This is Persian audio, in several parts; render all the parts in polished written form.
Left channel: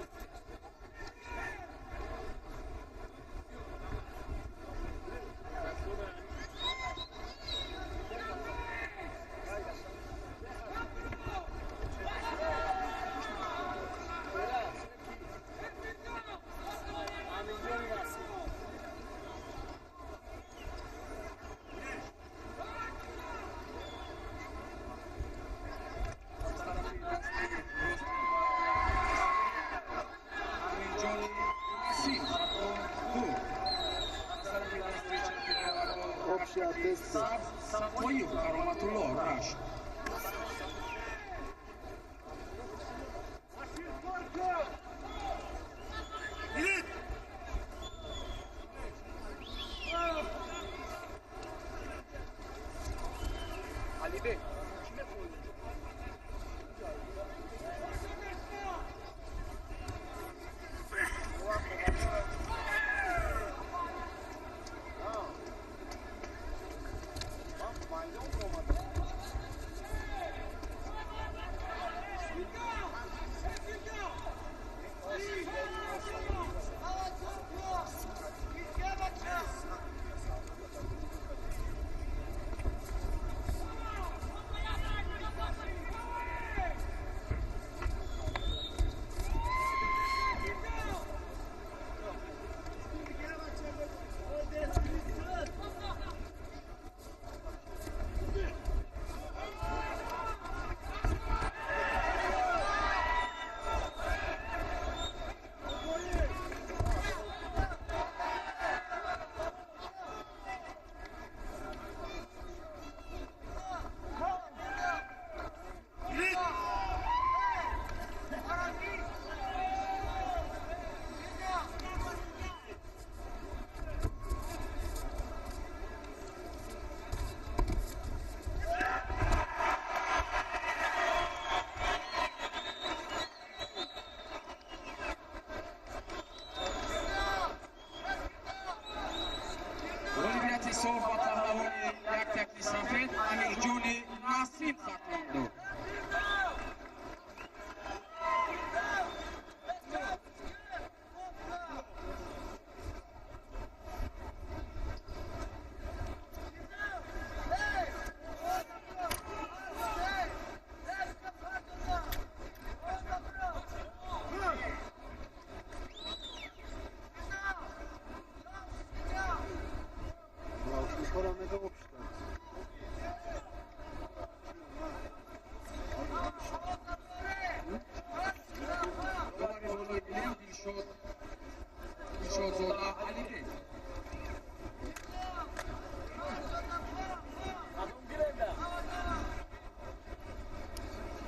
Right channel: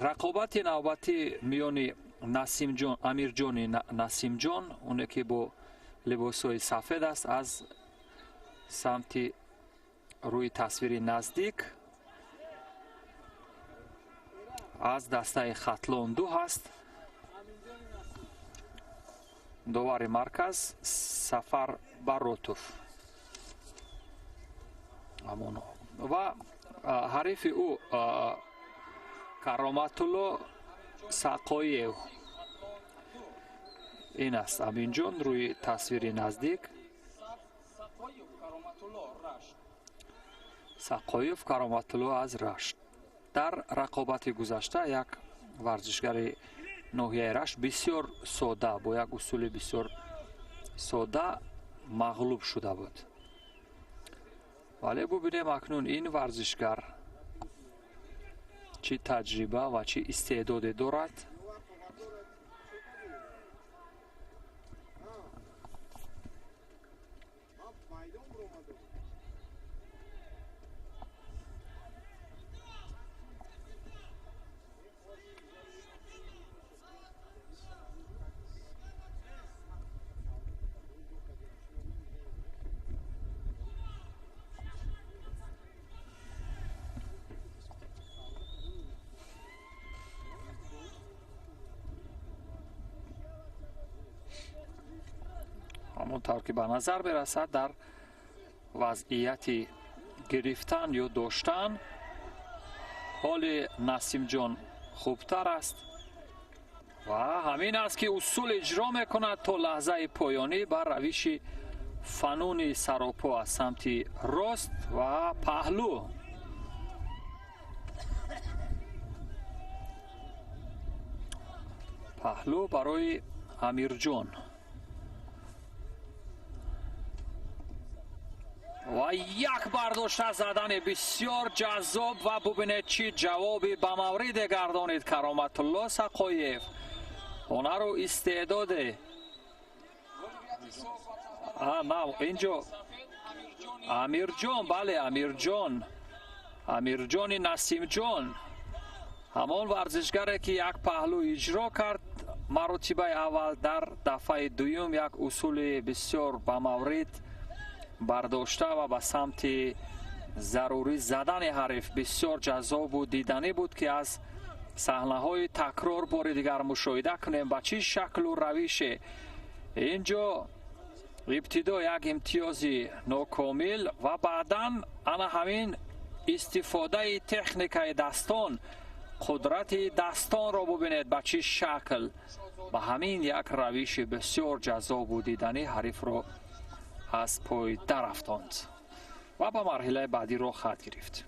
رقابت نوبتی میان نسیم جان امیر جان نسیم جان اونه که با لباسای سفید است از سمت روی تصویر نزدیک از دسته خطلون دو هست. دوار مرکز سفر باروتوف و حریف او کرامت‌الله ساقویف این است. امین جان روی تصویر نزدیک ساقویف کرامت‌الله از رشت. در رقابت گذشته یک ورزشگر ناحیه رشت بسیار ساده با یک اصول بسیار ساده مغلوب شده بود. ولی ببینیم اکنون این ورزشگر چی تجربه و چی استعداد دارد. همونطور که به نظر برسد در وضعیت گرفتن یا داشتن حال نسیم جان خوبتر است و همین است که اصول اجرا میکند تا لحظه پایانی بر روش فنون سراپا از سمت راست و پهلو. پهلو برای امیر جان و یک برداشت زدن بسیار جذاب و ببینید چی جوابی به مورد گردانید کرامت‌الله ساقویف. هنر و استعداد اینجا امیر جان، بله امیر جان نسیم جان همان ورزشگری که یک پهلو اجرا کرد مرتبه اول در دفعه دوم یک اصول بسیار به مورد برداشته و به سمت ضروری زدن حریف بسیار جذاب و دیدنی بود که از صحنه های تکرار بار دیگر مشاهده کنیم به چه شکل و روش. اینجا ابتدا یک امتیازی ناکامل و بعدا انا همین استفاده تکنیک دستان قدرت دستان را ببینید به چه شکل و همین یک روش بسیار جذاب و دیدنی حریف را از پای درفتاند و به مرحله بعدی را خط گرفت.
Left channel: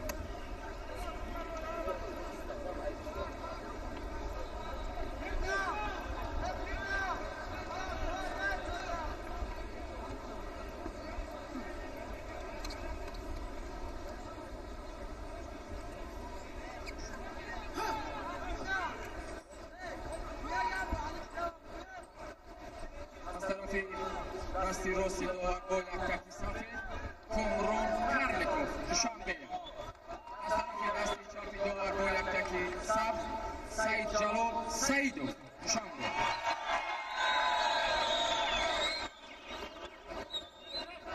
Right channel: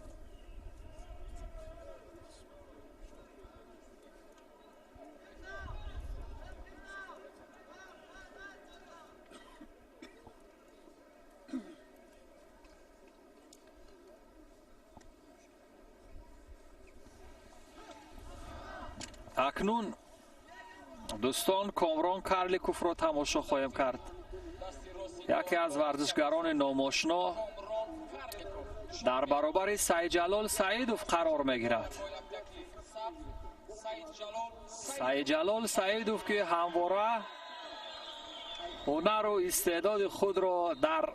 اکنون دوستان کامران کارلیکوف را تماشا خواهیم کرد. یکی از ورزشگران ناماشنا در برابر سعید جلال سعیدوف قرار میگیرد. سعید جلال سعیدوف که همواره هنر و استعداد خود را در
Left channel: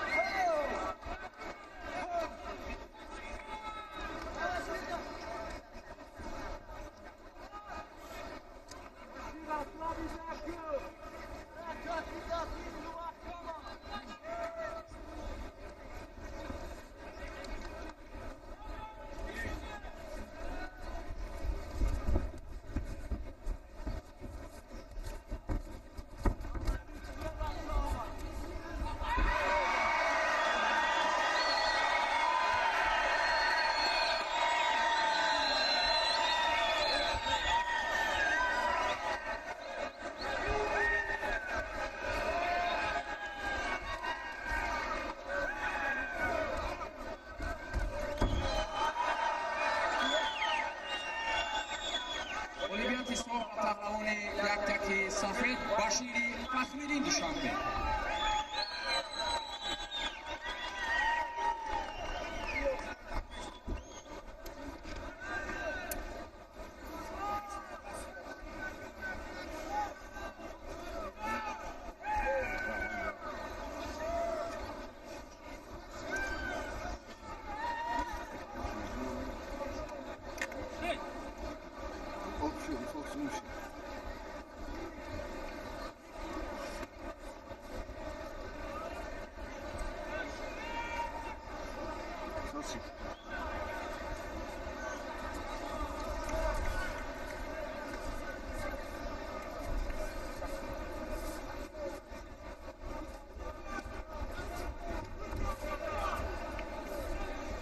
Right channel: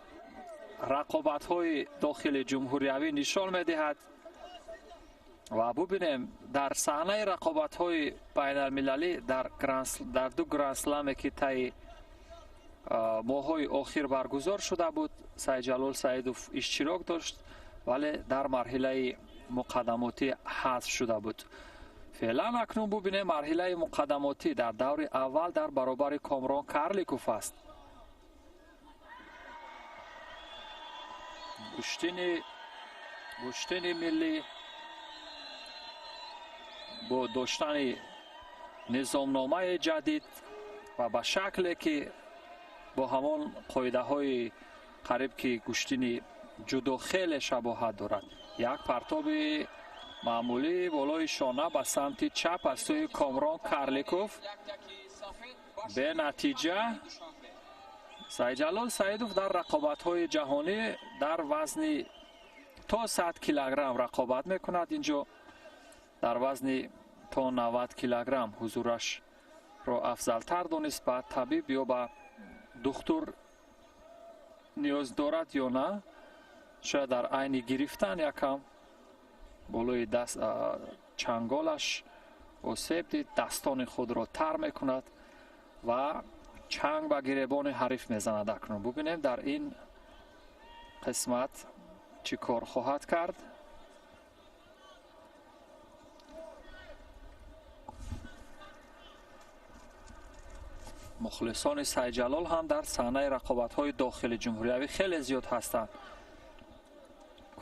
رقابت‌های داخل جمهوری نشان می‌دهد و ببینیم در صحنه رقابت‌های بین المللی در دو گرند اسلم که طی ماه‌های اخیر برگزار شده بود سعید جلال سعیدوف اشتراک داشت ولی در مرحله مقدماتی حذف شده بود. فعلا اکنون ببینیم مرحله مقدماتی در دور اول در برابر کامران کارلیکوف است. کشتین ملی با داشتن نظامنامه جدید و به شکلی که با همان قاعده های قریب که کشتین جودو خیلی شباهت دارد. یک پرتاب معمولی بالای شانه به سمت چپ از سوی کامران کارلیکوف. به نتیجه سعید جلال سعیدوف در رقابت‌های جهانی در وزن تا 100 کیلوگرم رقابت میکند. اینجا در وزن تا 90 کیلوگرم حضورش را افضلتر دانست. بعد طبیب یا با دکتر نیاز دارد یا نه، شاید در عین گرفتن یکم بالای دست چنگالش و سفت این دستان خود را تر میکند و چنگ و گریبان حریف میزند. اکنون ببینیم در این قسمت چی کار خواهد کرد. مخلصان سعید جلال هم در صحنه رقابت‌های داخل جمهوری خیلی زیاد هستند.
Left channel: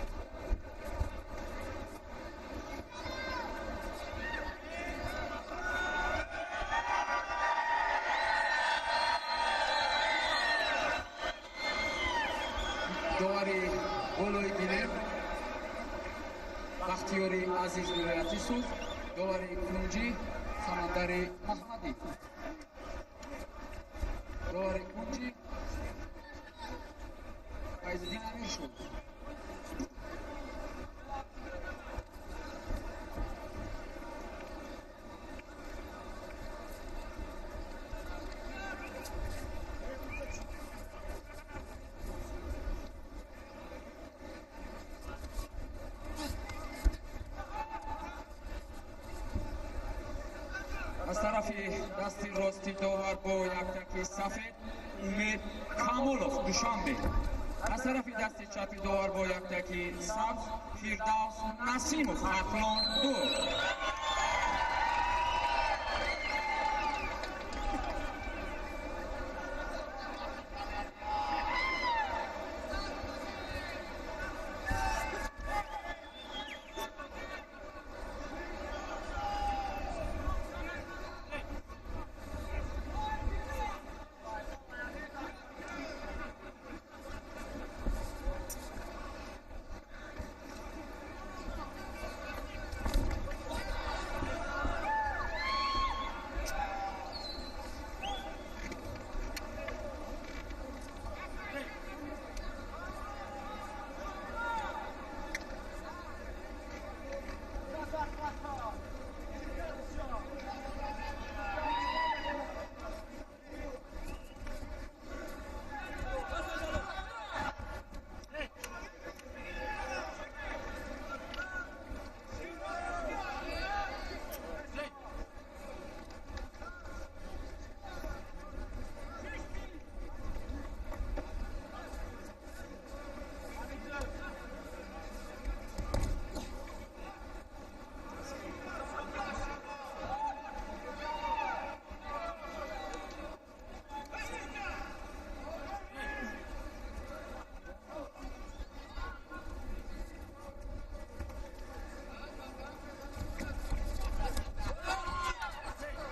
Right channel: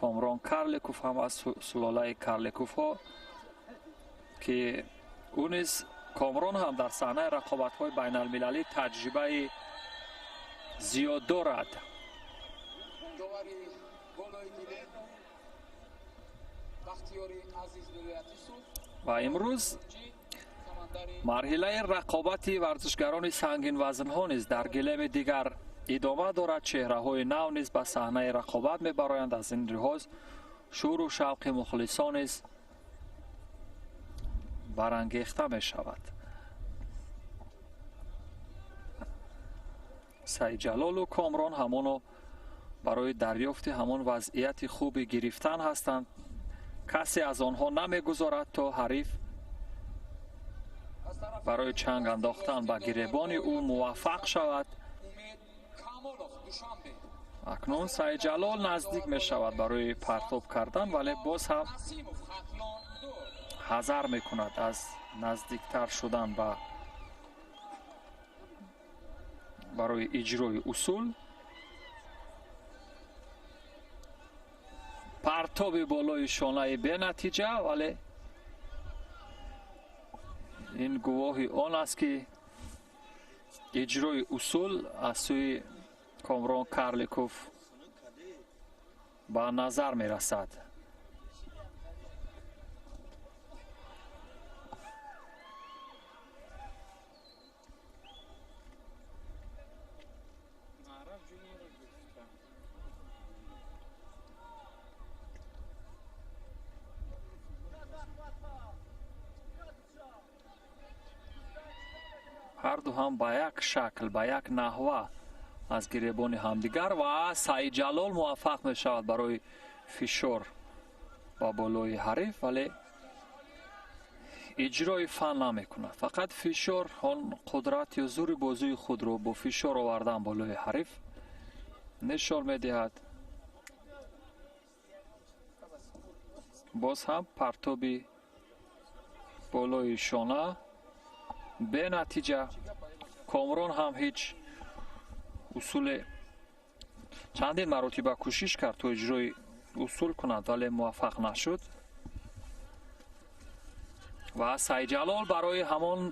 کامران کارلیکوف هم از سلاله کارلیکوف ها که اون نیز کامران هم در صحنه رقابت‌های بین المللی تجربه زیاد دارد. داوری بالای گیره بختیاری عزیز نورعزیزوف و امروز مرحله رقابتی ورزشگران سنگین وزن ها نیز در گلیم دیگر ادامه دارد. چهره های نو نیز به صحنه رقابت میبرایند. از این لحاظ شور و شوق مخلصان نیز برانگیخته می شود. سعید جلال و کامران همانو برای دریافت همان وضعیت خوبی گرفتن هستند. کسی از آنها نمیگذارد تا حریف برای چنگ انداختن و گریبان او موفق شود. اکنون سعید جلال نزدیک می شود برای پرتاب کردن، ولی باز هم حذر می کند از نزدیکتر شدن برای اجرای اصول. پرتاب بالای شانه به نتیجه، ولی این گواهی آن است که اجرای اصول از سوی کامران کارلیکوف به نظر می رسد. هر دو هم با یک شکل، با یک نحوه از گریبان همدیگر و سعید جلال موفق می شود برای فشار و بالای حریف، ولی اجرای فن نمی کند. فقط فشار آن قدرت یا زور بازوی خود را با فشار آوردن بالای حریف نشان می دهد. باز هم پرتابی بالای شانه به نتیجه. کامران هم هیچ اصول چندین مراتبه کوشش کرد تا اجرای اصول کند، ولی موفق نشد. و سعید جلال برای همان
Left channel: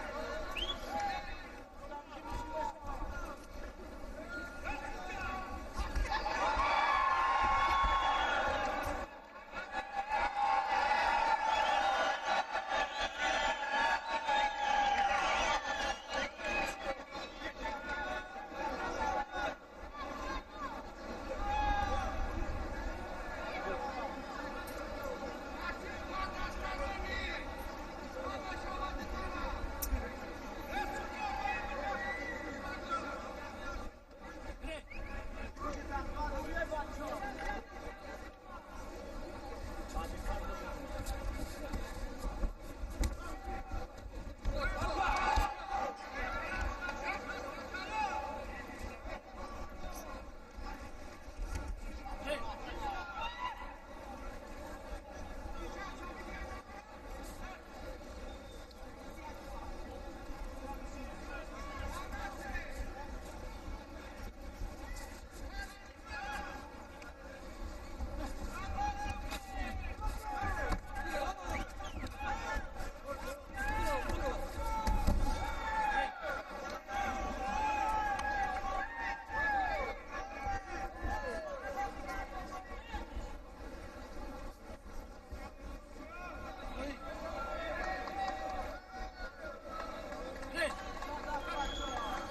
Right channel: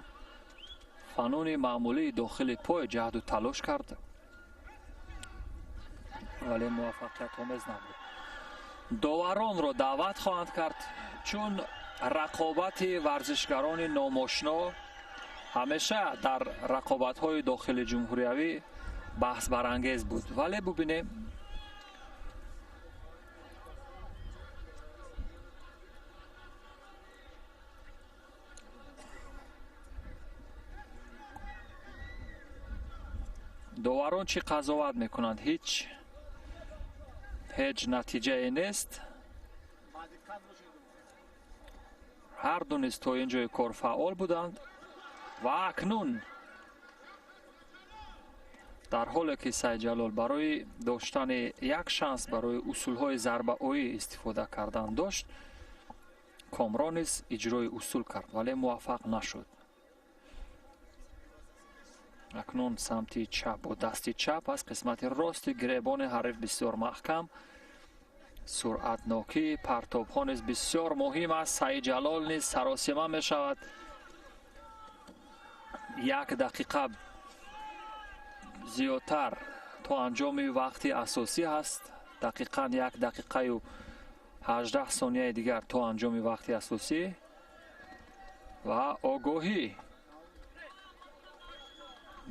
فنون معمولی داخل پای جهد و تلاش کرد، ولی موفقیت نکرد. داوران را دعوت خواهند کرد، چون رقابت ورزشگران ناماشنا همیشه در رقابت‌های داخل جمهوری بحث برانگیز بود. ولی ببینیم داوران چی قضاوت میکنند. هیچ نتیجه نیست. هر دو نیز تا اینجای کار فعال بودند و اکنون در حالی که سعید جلال برای داشتن یک شانس برای اصولهای ضربه آیی استفاده کردن داشت، کامران نیز اجرای اصول کرد، ولی موفق نشد. اکنون سمت چپ و دست چپ از قسمت راست گریبان حریف بسیار محکم، سرعتناکی پرتاب ها نیز بسیار مهم است. سعید جلال نیز سراسیمه می شود. 1 دقیقه زیادتر تا انجام وقتی اساسی است. دقیقاً 1 دقیقه و 18 ثانیه دیگر تا انجام وقتی اساسی و آگاهی.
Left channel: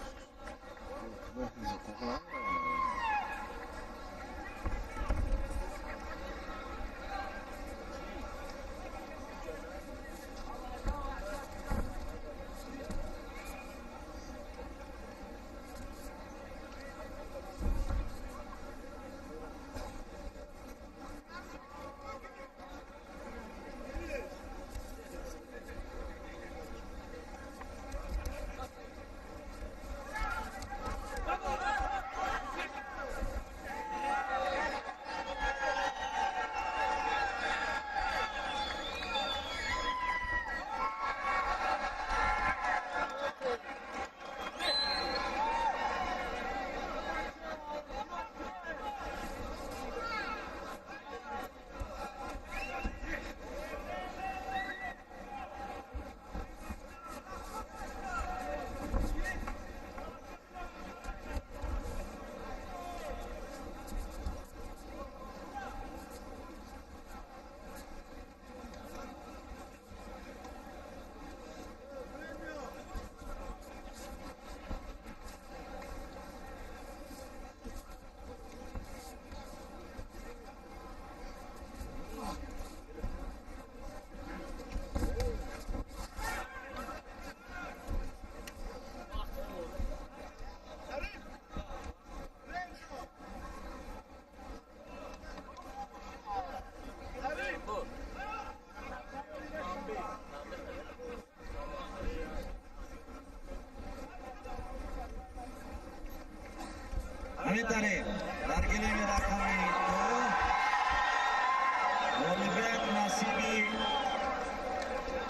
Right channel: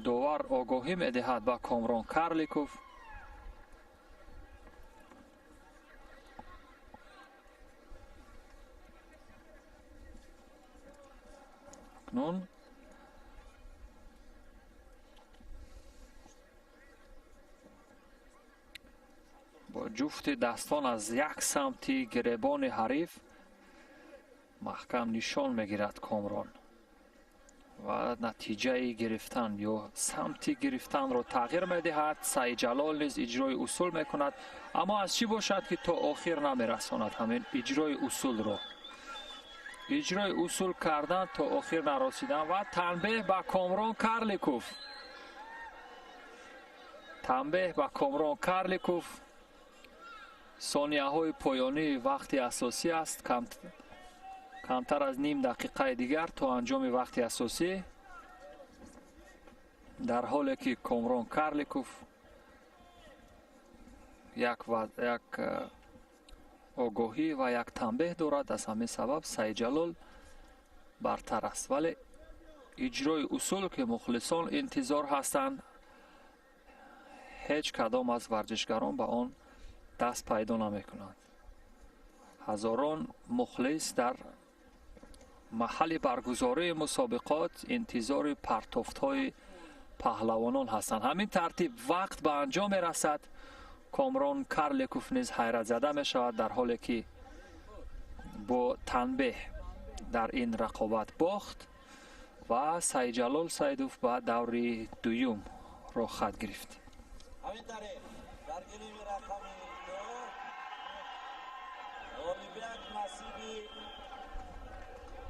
داور آگاهی می دهد به کامران کارلیکوف. اکنون. با جفت دستان از یک سمتی گریبان حریف محکم نشان میگیرد کامران و نتیجه گرفتن یا سمتی گرفتن را تغییر میدهد. سعید جلال نیز اجرای اصول میکند، اما از چی باشد که تا آخر نمیرساند همین اجرای اصول را. اجرای اصول کردن تا آخر نرسیدن و تنبیه با کامران کارلیکوف. تنبیه با کامران کارلیکوف. ثانیه های پایانی وقت اساسی است، کمتر از نیم دقیقه دیگر تا انجام وقت اساسی، در حالی که کامران کارلیکوف یک آگاهی و یک تنبیه دارد. از همین سبب سعید جلال برتر است، ولی اجرای اصول که مخلصان انتظار هستند هیچ کدام از ورزشگران به آن دست پیدا نمیکنند. هزاران مخلص در محل برگزاری مسابقات انتظار پرتافت‌های پهلوانان هستند. همین ترتیب وقت به انجام میرسد. کامران کارلیکوف نیز حیرت زده می شود در حالی که با تنبیه در این رقابت باخت و سعید جلال سیدوف به دور دوم را خط گرفت. همین طریق در گلیم رقم 2 غالبیت نصیبی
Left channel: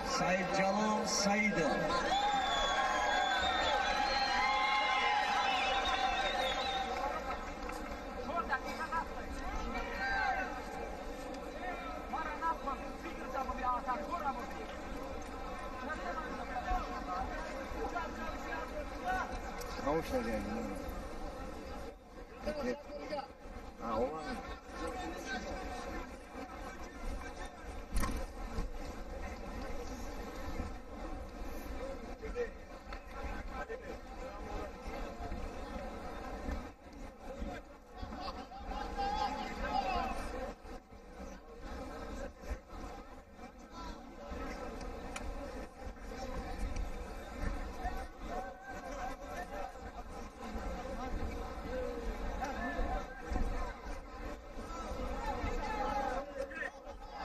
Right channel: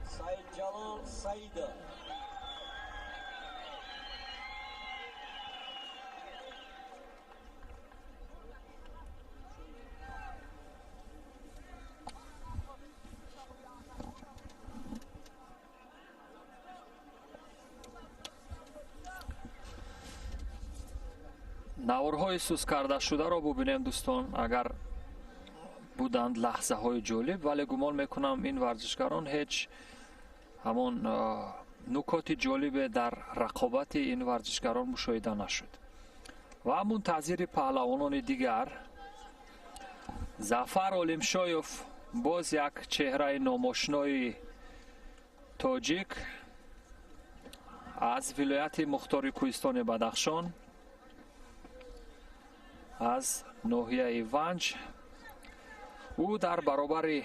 سعید جلال سیدوف. نوارهای سوز کرده شده را ببینیم دوستان. اگر بودند لحظه های جالب، ولی گمان میکنم این ورزشکاران هیچ همون نکات جالب در رقابت این ورزشکاران مشاهده نشد. و منتظر پهلوانان دیگر ظفر عالمشایف، باز یک چهره ناماشنای تاجیک از ولایت مختار کوهستان بدخشان، از ناحیه ونج. او در برابر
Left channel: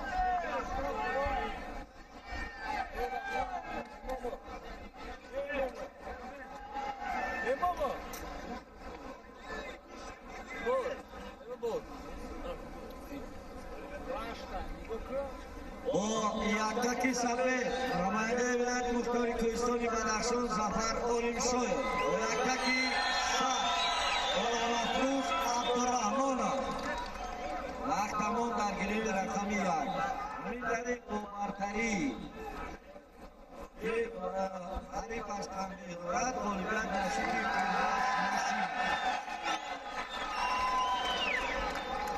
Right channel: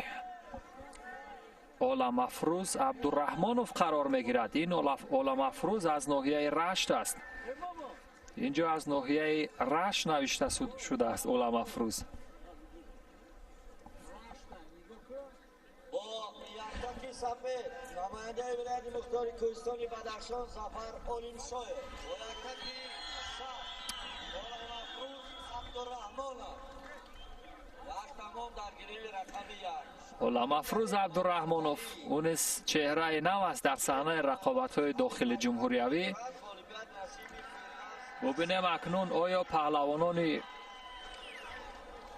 عالم افروز عبدالرحمانوف قرار میگیرد. این عالم افروز از ناحیه رشت است. اینجا از ناحیه رشت نوشته شده است عالم افروز. با یکتکی سبه نماینده ولایت مختار کوهستان بدخشان ظفر عالمشایف با یکتکی عالم افروز عبدالرحمانوف. وقت تمام در گلیم رقم 1. عالم افروز عبدالرحمانوف اون چهره نو است در صحنه رقابت‌های داخل جمهوریوی. ببینیم اکنون آیا پهلوانان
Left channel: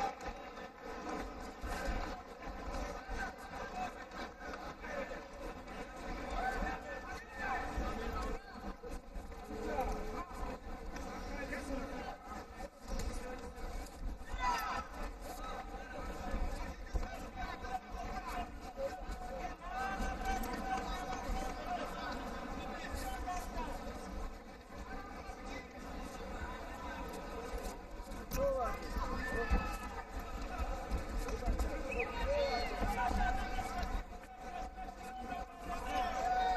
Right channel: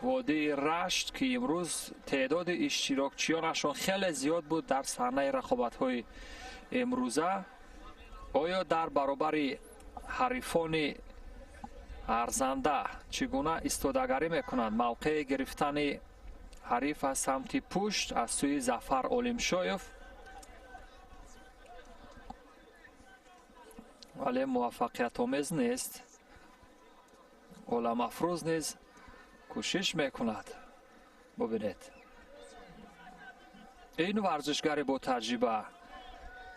وادی رشت که امروز تعداد اشتراکچیانشان خیلی زیاد بود در صحنه رقابت‌های امروزه، آیا در برابر حریفان ارزنده چگونه ایستادگی میکنند؟ موقع گرفتن حریف از سمت پشت از سوی ظفر عالمشایف، ولی موفقیت آمیز نیست. عالم افروز نیز کوشش میکند. ببینید این ورزشگر با تجربه،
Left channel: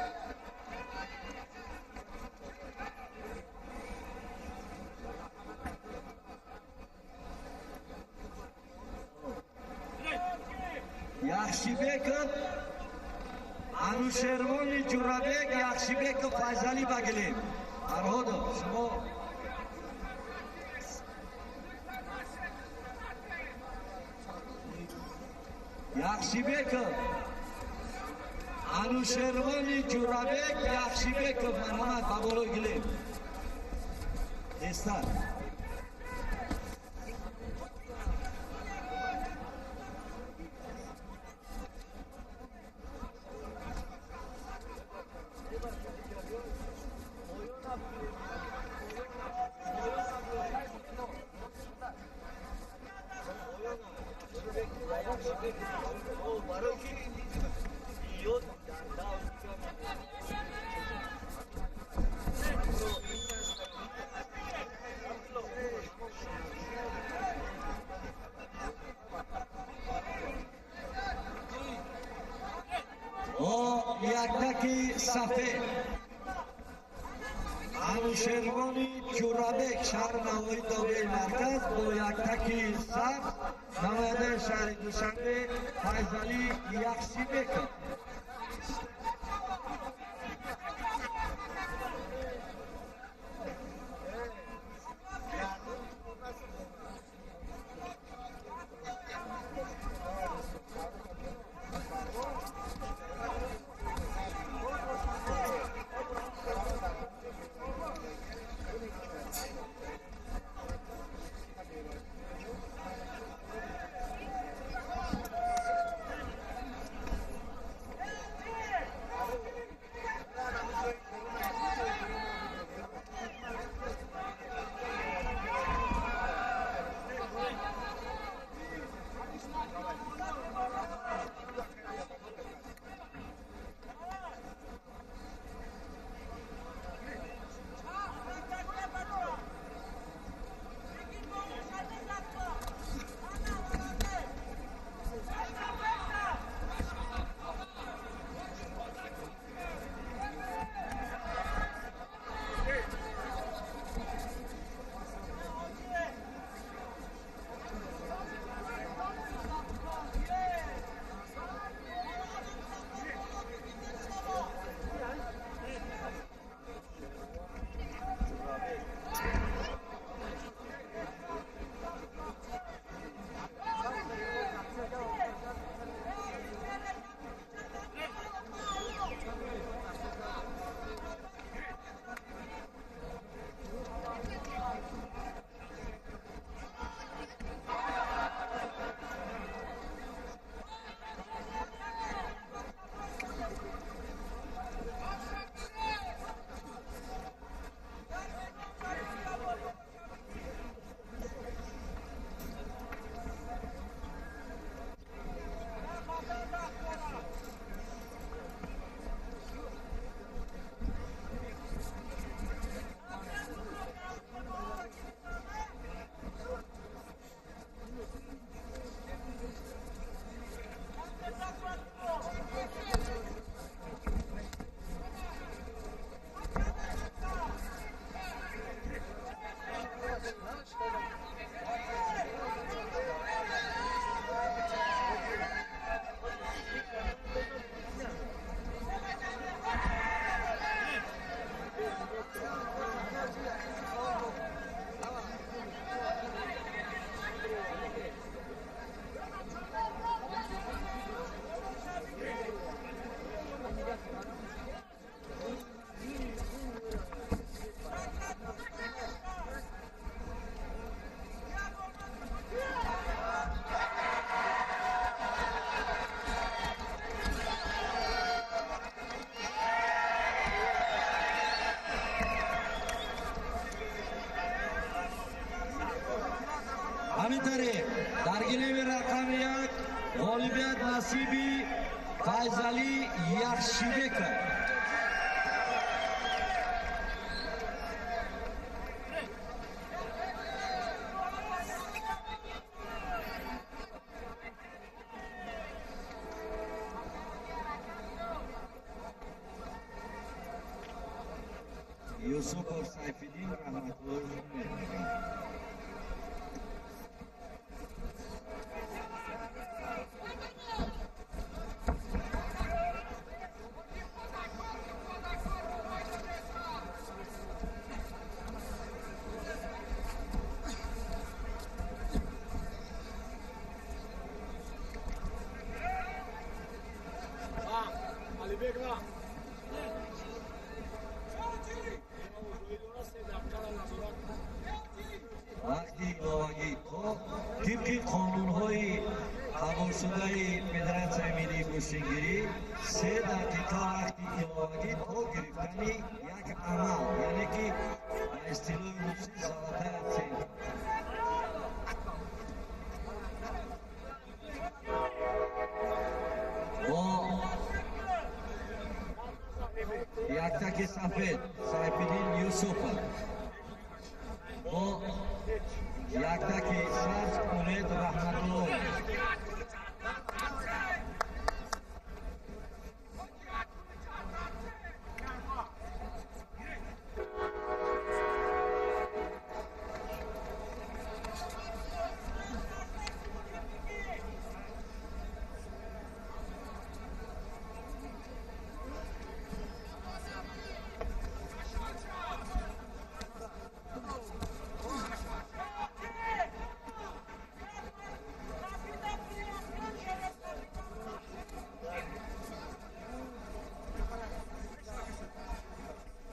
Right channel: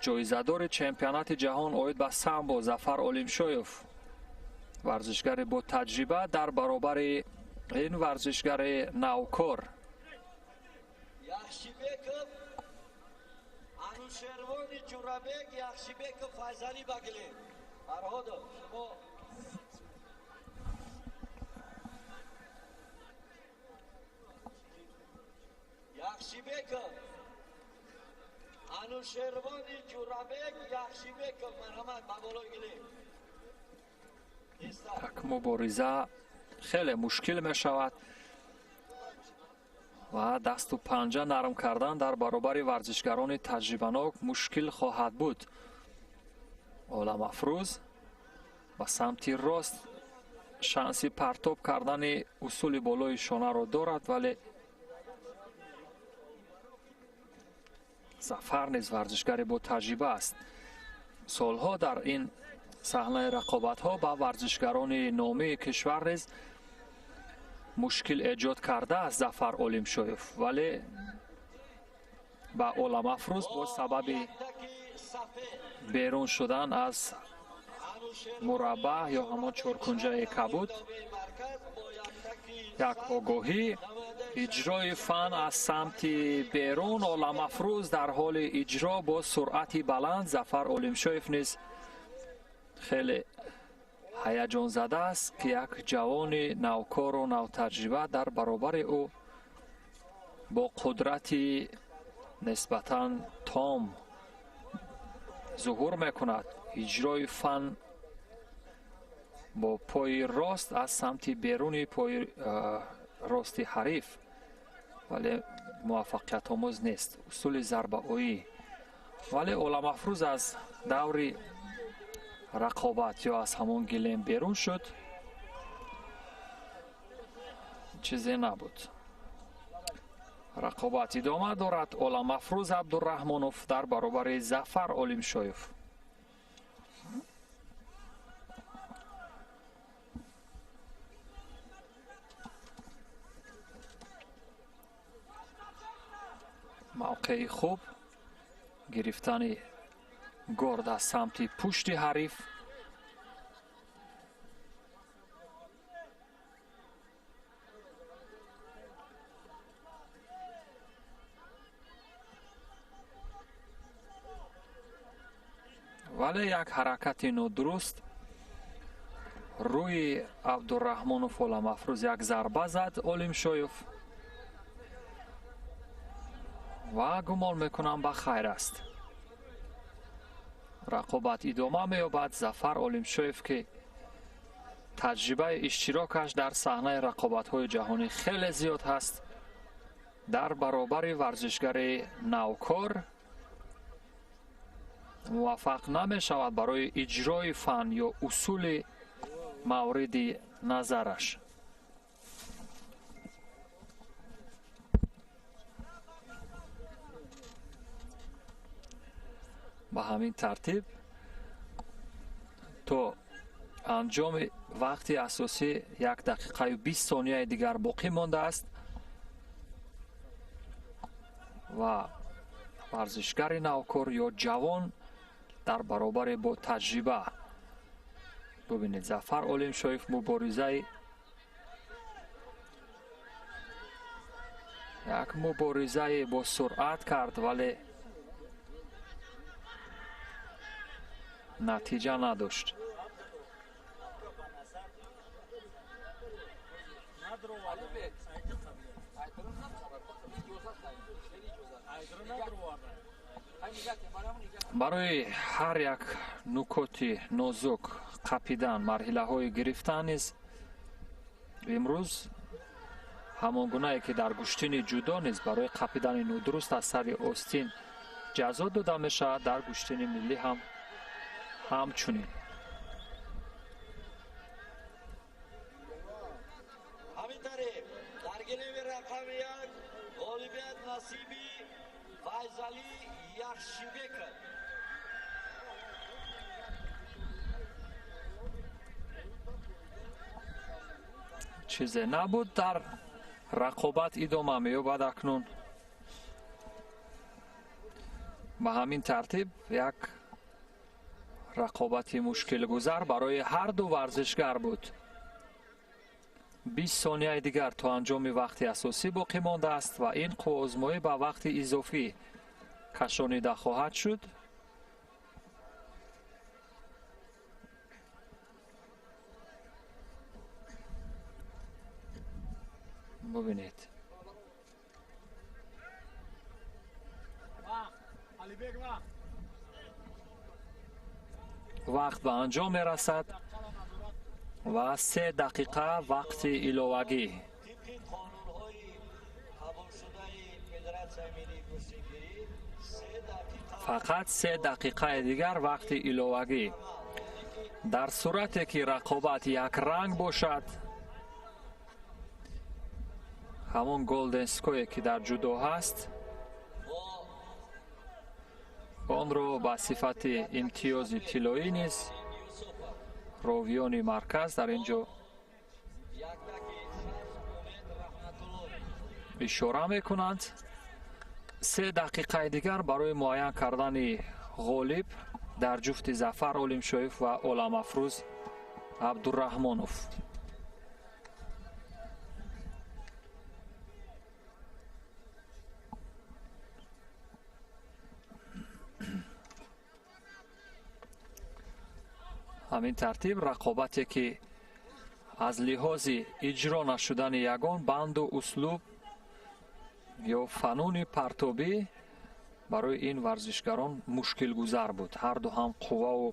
جایزه‌دار چمپیونات جهان اوید به سامبو ظفر عالمشایف، ورزشگر با تجربه در برابر این ورزشگر نوکار. یخشیبک انوشروان جورابک یخشیبک فیضلی بگلیم. فرهاد شما یخشیبک انوشروان جورابک یخشیبک مرحمت بابالو گلیم. مبارزه خیلی مشکل می شود و دست و پنجه نرم کردن در برابر ورزشگران تجربه‌ناک مشکل خواهد بود. عالم افروز و سمت راست شانسی پرتاب کردن اصول بالای شانه را دارد، ولی ظفر نیز ورزشگر با تجربه است. سالها در این صحنه رقابت‌ها با ورزشکاران نامی کشور نیز مشکل ایجاد کرده است ظفر علیمشایف، ولی با علم افروز با سبب بیرون شدن از مربع یا کنجه کبود یک آگاهی اجرای فن از سمت بیرون علم افروز در حال اجرا با سرعت بلند ظفر علیمشایف نیز خیلی هیجان زده است که یک جوان نوکار و نوتجربه در برابر او با قدرت نسبتاً تام ظهور میکند. اجرای فن با پای راست از سمت بیرون پای راست حریف، ولی موفقیت آموز نیست. اصول ضربه هایی، ولی علم افروز از دور رقابت یا از همون گلیم بیرون شد، چیزی نبود. رقابت ادامه دارد. علم افروز عبدالرحمانوف در برابر ظفر علیمشایف. موقع خوب گرفتن گارد از سمت پشت حریف. ولی یک حرکت نادرست روی عبدالرحمانوف علم افروز یک ضربه زد علیمشایف و گمان میکنم به خیر است. رقابت ادامه مییابد. ظفر علیمشایف که تجربه اشتراکش در صحنه رقابت‌های جهانی خیلی زیاد هست، در برابر ورزشگر نوکار موفق نمی شود برای اجرای فن یا اصول مورد نظرش. به همین ترتیب تا انجام وقت اساسی 1 دقیقه و 20 ثانیه دیگر باقی مانده است و ورزشگر نوکار یا جوان در برابر با تجربه. ببینید ظفر علیمشایف مبارزه با سرعت کرد ولی نتیجه نداشت. برای هر یک نکات نازک قپیدن مرحله های گرفتن نیز امروز همون گونه که در گشتین جدا نیز برای قپیدن نادرست از سر آستین جزا داده می شود، در گشتین ملی هم همچنین. همین طریق در گلیم رقم 1 غالبیت نصیبی فیضعلی یخشیبک. چیزی نبود. در رقابت ادامه می‌یابد. اکنون به همین ترتیب یک رقابت مشکل گذار برای هر دو ورزشگر بود. 20 ثانیه دیگر تا انجام وقت اساسی باقی مانده است و این آزمایش به وقت اضافی کشانیده خواهد شد. ببینید وقت به انجام میرسد و 3 دقیقه وقت ایلوگی. طبق قانون‌های قبول شده فدراسیون ملی کشتیگیری 3 دقیقه فقط 3 دقیقه دیگر وقت ایلوگی. در صورتی که رقابت یک رنگ باشد، همون گلدن اسکوی که در جودو هست، آن را به صفت امتیاز کیلویی نیز راویان مرکز در اینجا اشاره میکنند. 3 دقیقه دیگر برای معین کردن غالب در جفت ظفر عالمشایف و علم‌افروز عبدالرحمانوف. همین ترتیب رقابتی که از لحاظ اجرا نشدن یگان بند و اسلوب یا فنون پرتابی برای این ورزشکاران مشکل گذر بود. هر دو هم قوه و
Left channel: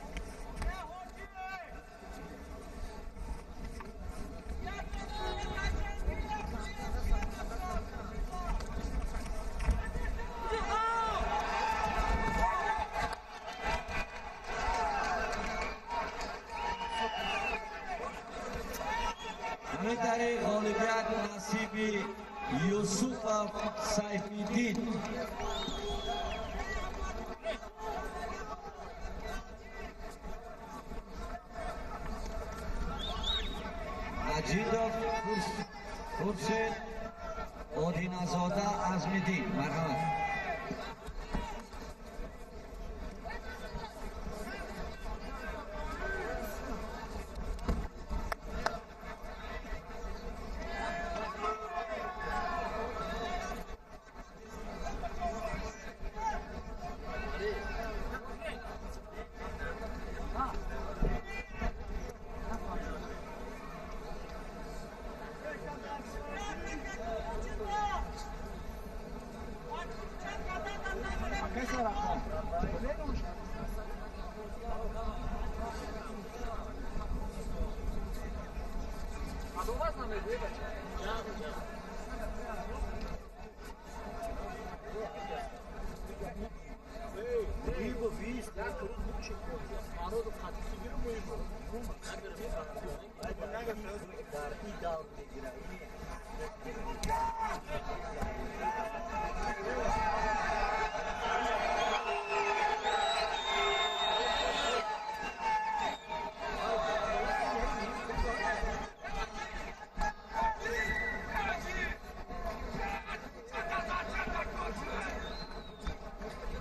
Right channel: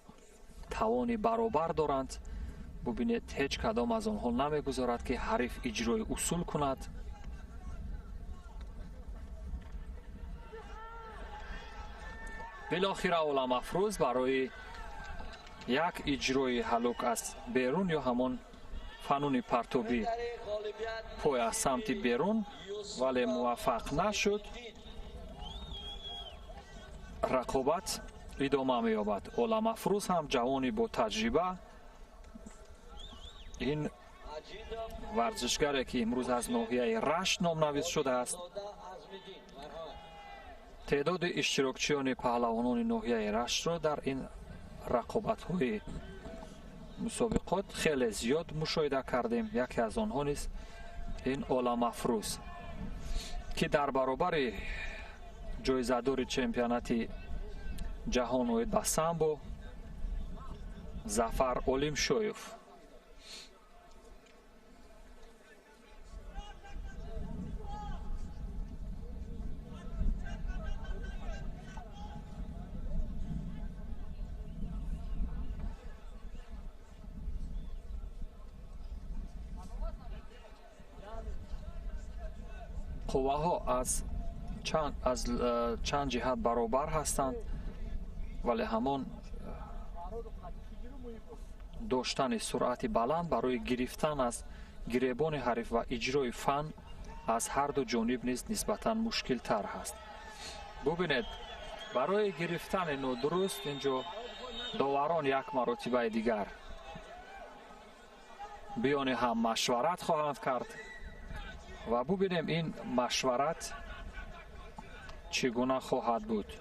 توان برابر دارند. ببینید هیچ کدام از آنها نمیگذارد که حریف اجرای اصول کند. بالاخره علم‌افروز برای یک اجرای هلوک از بیرون یا همان فنون پرتابی پای از سمت بیرون ولی موفق نشد. رقابت ادامه می‌یابد. علم‌افروز هم جوانی با تجربه، این ورزشکاری که امروز از ناحیه رشت نامنویس شده است. تعداد اشتراکچیان پهلوانان ناحیه رشت را در این رقابت‌های مسابقات خیلی زیاد مشاهده کردیم. یکی از آنها نیست این علم‌افروز که در برابر جایزه‌دار چمپیونات جهان و به سامبو ظفر عالمشایف قوه ها از چند جهت برابر هستند ولی همان داشتن سرعت بلند برای گرفتن از گریبان حریف و اجرای فن از هر دو جانب نیز نسبتا مشکل تر است. ببینید برای گرفتن نادرست اینجا داوران یک مرتبه دیگر بیان هم مشورت خواهند کرد و ببینیم این مشورت چگونه خواهد بود.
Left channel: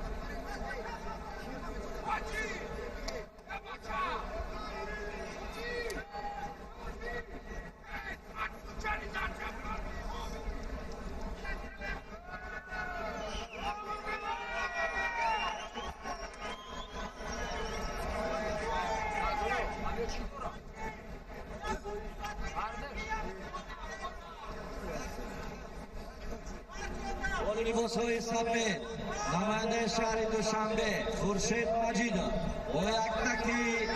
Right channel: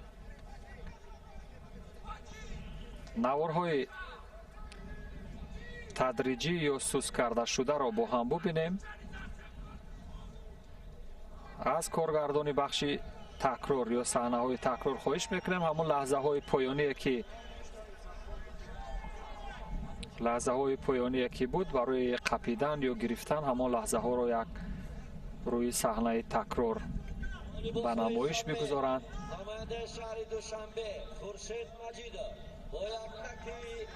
نوارهای تدریجی یا سست کرده شده را با هم ببینیم. از کارگردان بخش تکرار یا صحنه‌های تکرار خواهش میکنیم همون لحظه های پایانی که بود برای قپیدن یا گرفتن همون لحظه ها را یک روی صحنه تکرار به نمایش میگذارند. نماینده شهر دوشنبه خورشید مجیدا با یک تکی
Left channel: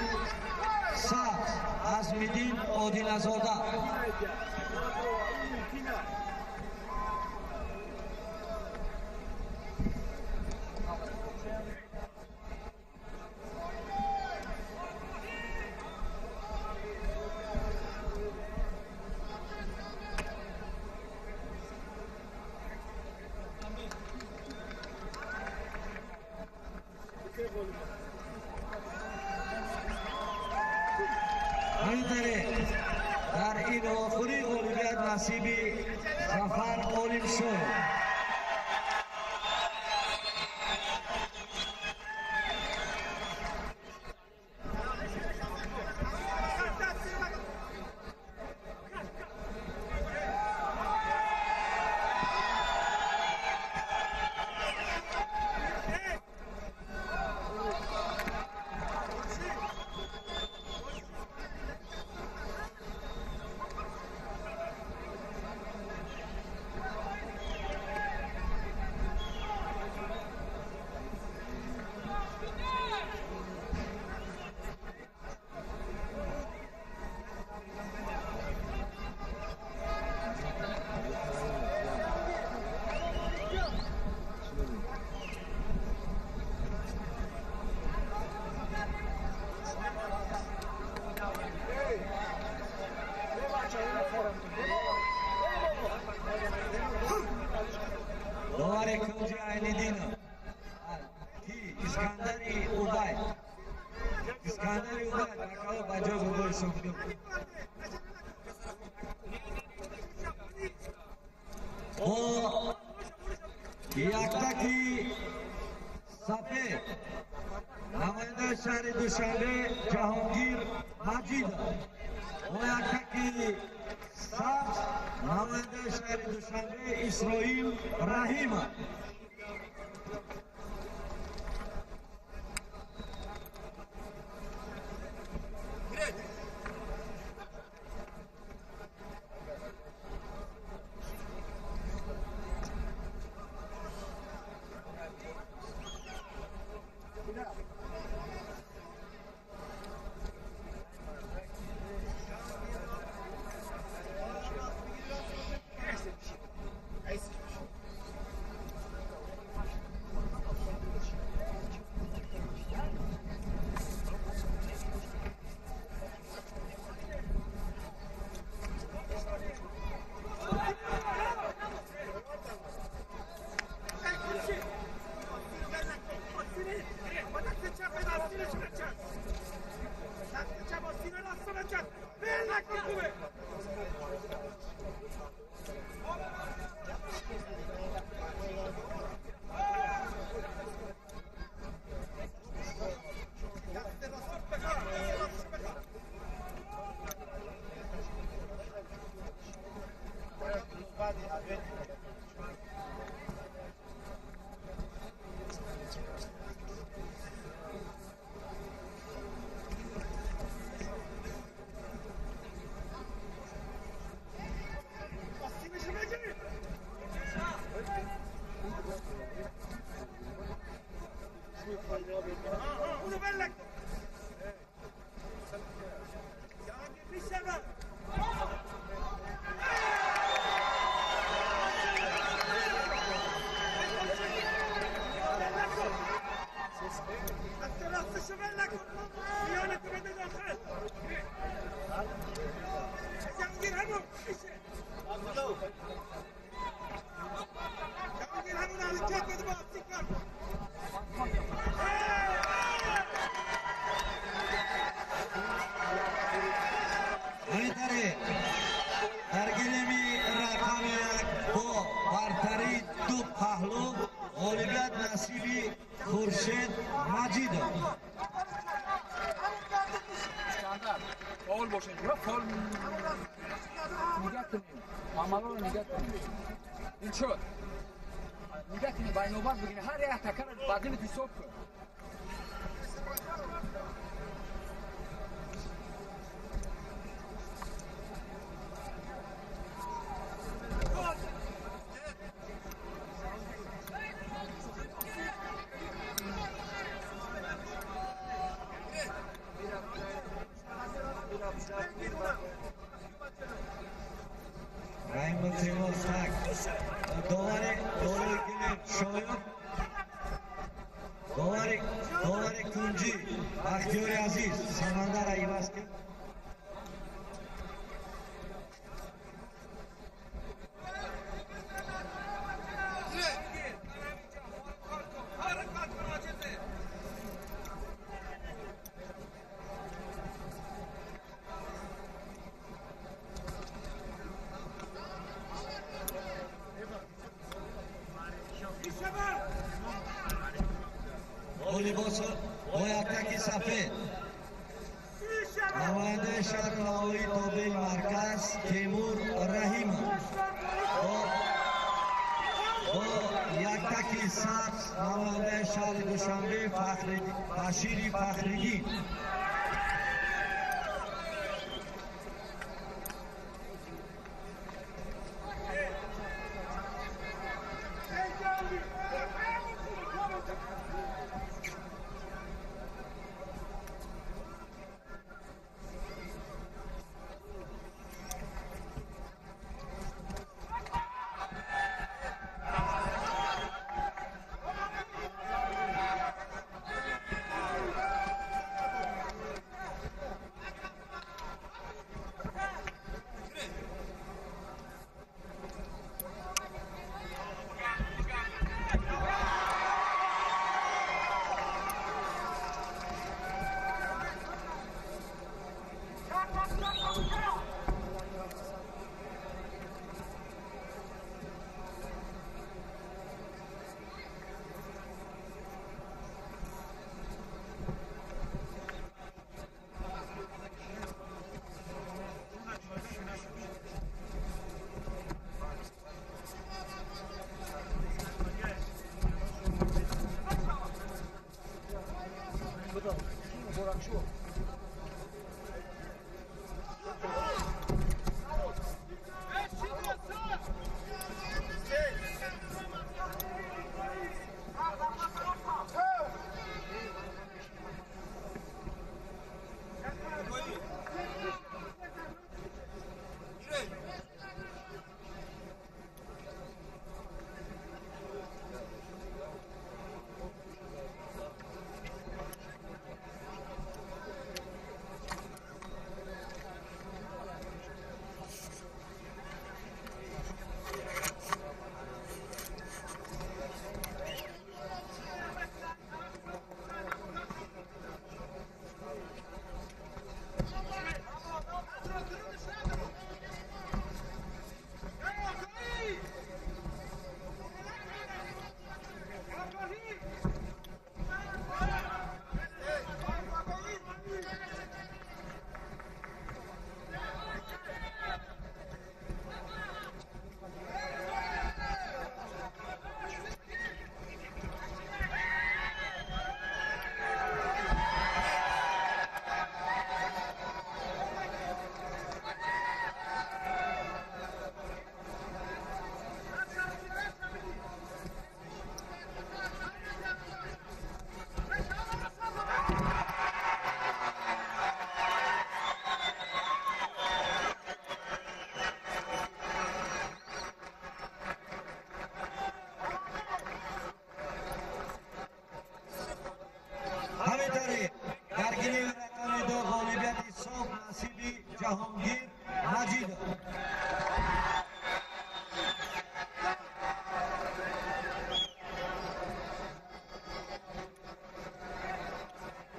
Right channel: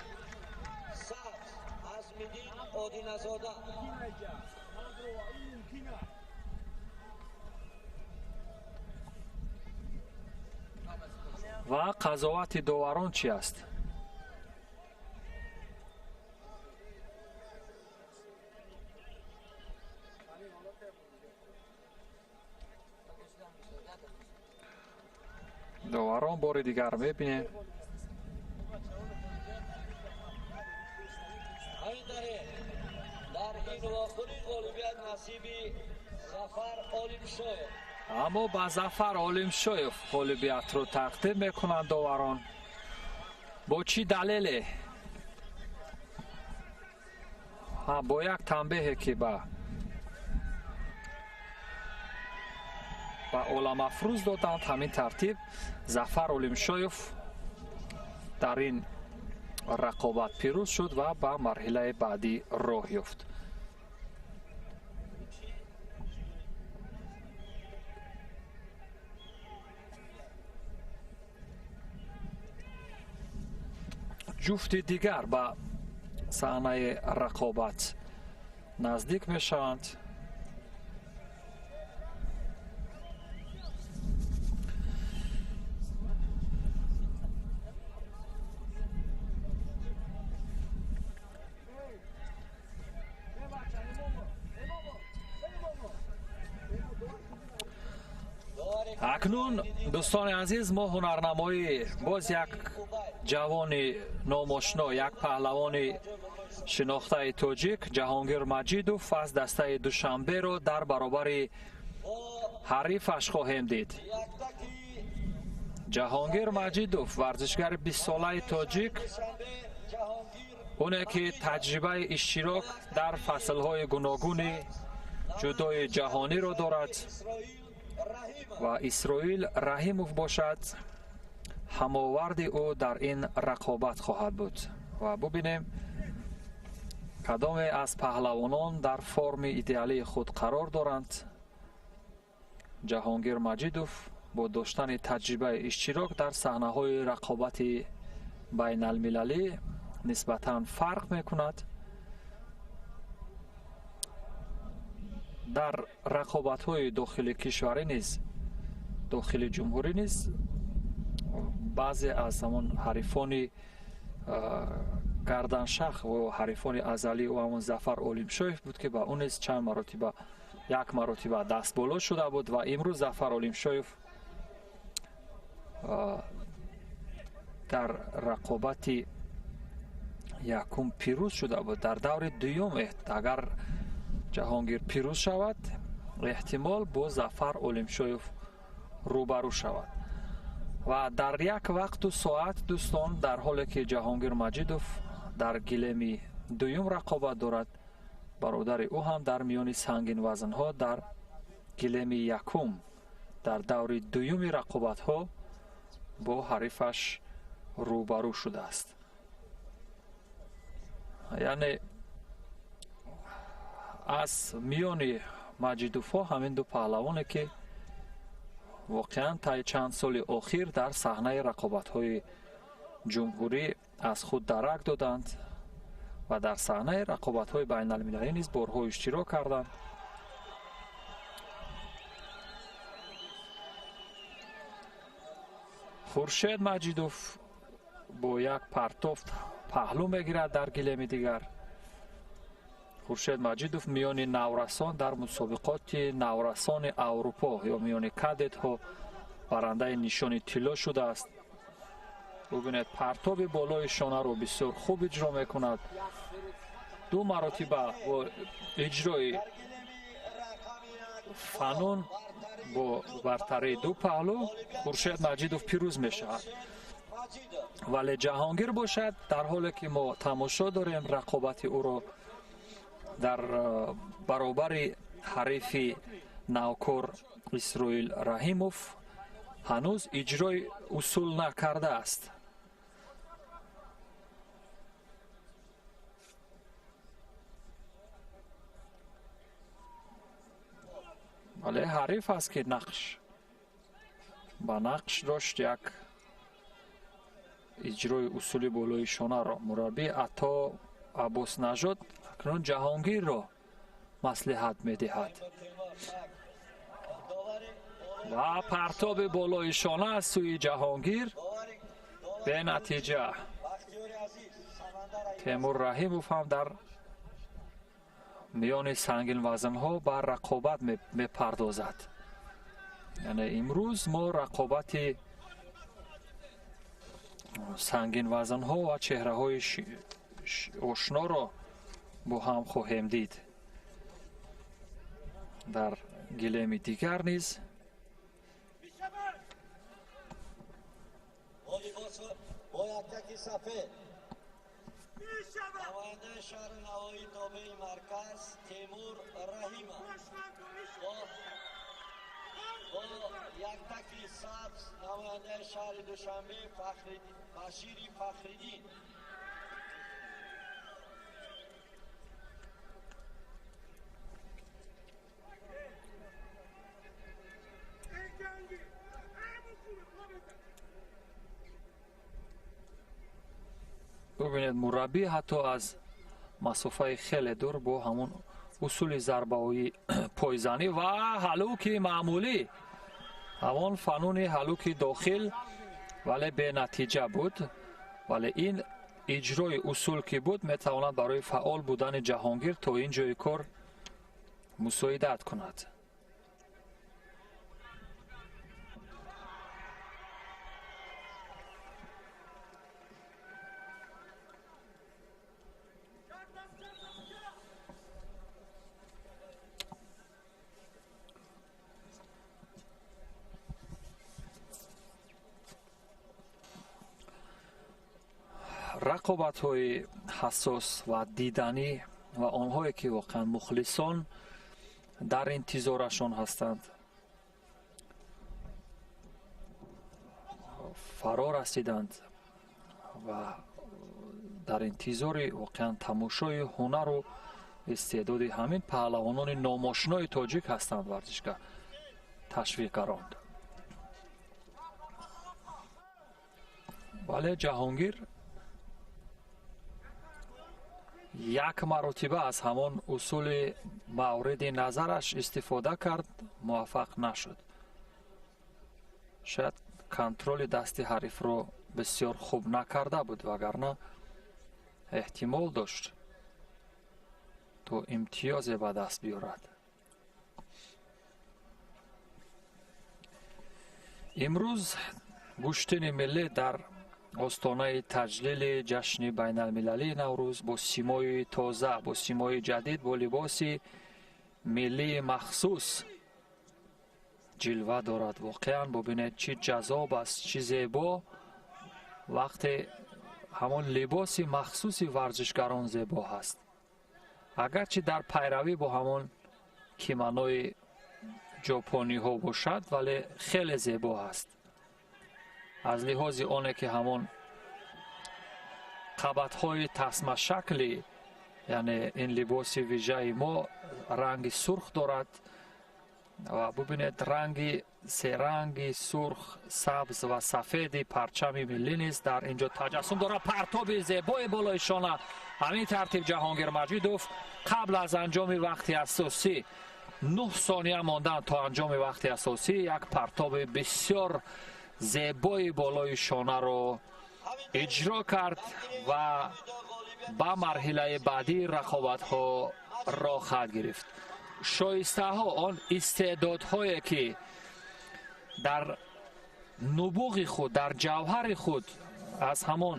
سبز عزم‌الدین عادل‌زاده و قضاوت داوران چی است؟ داوران بار دیگر میبینیم. همینطوری در این آخری غالبیت نصیبی ظفر عالمشایف اما با ظفر عالمشایف غالبیت رو تقدیم میکنند داوران. با چی دلیله؟ با یک تنبیه که با علم‌افروز دادند. همین ترتیب ظفر عالمشایف در این رقابت پیروز شد و به مرحله بعدی راه یافت. جفت دیگر به صحنه رقابت نزدیک می شوند. اکنون دوستان عزیز، ما هنرنمایی باز یک جوان ناماشنا، یک پهلوان شناخته تاجیک جهانگیر مجیدوف از دسته دوشنبه رو در برابر حریفش خواهیم دید. جهانگیر مجیدوف ورزشگر 20 ساله تاجیک، اونه که تجربه اشتراک در فصلهای گوناگون جودوی جهانی رو دارد و اسرائیل رحیموف باشد هماورد او در این رقابت خواهد بود. و ببینیم کدام از پهلوانان در فرم ایدئالی خود قرار دارند. جهانگیر مجیدوف با داشتن تجربه اشتراک در صحنه‌های رقابت بین المللی نسبتاً فرق می‌کند. در رقابت‌های داخل کشوری نیز داخل جمهوری نیز بعضی از همان حریفان گردنشخ و حریفان ازلی و همون ظفر اولیمشویف بود که با اون نیز چند مرتبه یک مرتبه دست بالا شده بود و امروز ظفر اولیمشویف در رقابت یکم پیروز شده بود. در دور دوم اگر جهانگیر پیروز شود احتمال با ظفر اولیمشویف روبرو شود و در یک وقت و ساعت دوستان، در حالی که جهانگیر مجیدوف در گلمی دوم رقابت دارد، برادر او هم در میان سنگین وزن ها در گلمی یکم در دور دوم رقابت ها با حریفش روبرو شده است. یعنی از میان مجیدوف ها همین دو پهلوانه که واقعا تا چند سال اخیر در صحنه رقابت های جمهوری از خود درک دادند و در صحنه رقابت های بین المللی نیز بارها اشتراک کردند. خورشید مجیدوف با یک پرتاب پهلو میگیرد در گلیم دیگر. خورشید مجیدوف میان نورسان در مسابقات نورسان اروپا یا میان کادت ها برنده نشان طلا شده است. ببینید پرتاب بالای شانه رو بسیار خوب اجرا میکند. دو مراتب با اجرای قانون با برتری دو پهلو خورشید مجیدوف پیروز میشه. ولی جهانگیر باشد در حالی که ما تماشا داریم رقابت او رو در برابر حریف نوکر اسرائیل رحیموف هنوز اجرای اصول نکرده است. ولی حریف است که نقش با نقش داشت یک اجرای اصول بالای شانه را. مربی عطا عباس نژاد کنون جهانگیر را مصلحت می‌دهد. پرتاب بالای شانه از سوی جهانگیر به نتیجه تیمور رحیموف هم در میان سنگین وزن ها بر رقابت می‌پردازد. یعنی امروز ما رقابت سنگین وزن ها و چهره های آشنا را با هم خواهیم دید. در گلیم دیگر نیز با یکتکی سفید نماینده شهر نهایی تابع مرکز تیمور رحیموف با یکتکی سبز نماینده شهر دوشنبه بشیر فخریگی. ببینید مربی حتی از مسافه خیلی دور با همون اصول ضربه‌های پایزنی و هلوک معمولی، همون فنون هلوک داخل ولی به نتیجه بود. ولی این اجرای اصول که بود میتواند برای فعال بودن جهانگیر تا این جای کار مساعدت کند. рақобатҳои ҳассос ва диданӣ ва онҳое ки воқеан мухлисон дар интизорашон ҳастанд. Фаро расиданд ва дар интизори воқеан тамошои ҳунару истеъдоди ҳамин паҳлавонони номошинои тоҷик ҳастанд. варзишгар ташвиқгарон, вале ҷаҳонгир як маротиба аз ҳамон усули мавриди назараш истифода кард, муваффақ нашуд. шояд контроли дасти ҳарифро бисёр хуб накарда буд, вагарна эҳтимол дошт то имтиёзе ба даст биёрад. имрӯз гӯштини миллӣ дар остонаи таҷлили ҷашни байналмилалии Наврӯз бо симои тоза, бо симои ҷадид, бо либоси миллии махсус ҷилва дорад. воқеан бубинед чӣ ҷазоб аст, чӣ зебо вақте ҳамон либоси махсуси варзишгарон зебо ҳаст. агарчи дар пайравӣ бо ҳамон киманои ҷопониҳо бошад, вале хеле зебо аст. аз лиҳози оне ки ҳамон қабатҳои тасмашакли, яъне ин либоси вижаи мо ранги сурх дорад ва бубинед ранги серанги сурх, сабз ва сафеди парчами миллӣ низ дар инҷо таҷассум дорад. партоби зебои болои шона. ҳамин тартиб ҷаҳонгир маҷидов қабл аз анҷоми вақти асосӣ 9 сония мондан то анҷоми вақти асосӣ як партоби бисёр зебои болои шонаро иҷро кард ва ба марҳилаи баъдии рақобатҳо роҳ гирифт. шоистаҳо, он истеъдодҳое ки дар нубуғи худ, дар ҷавҳари худ аз ҳамон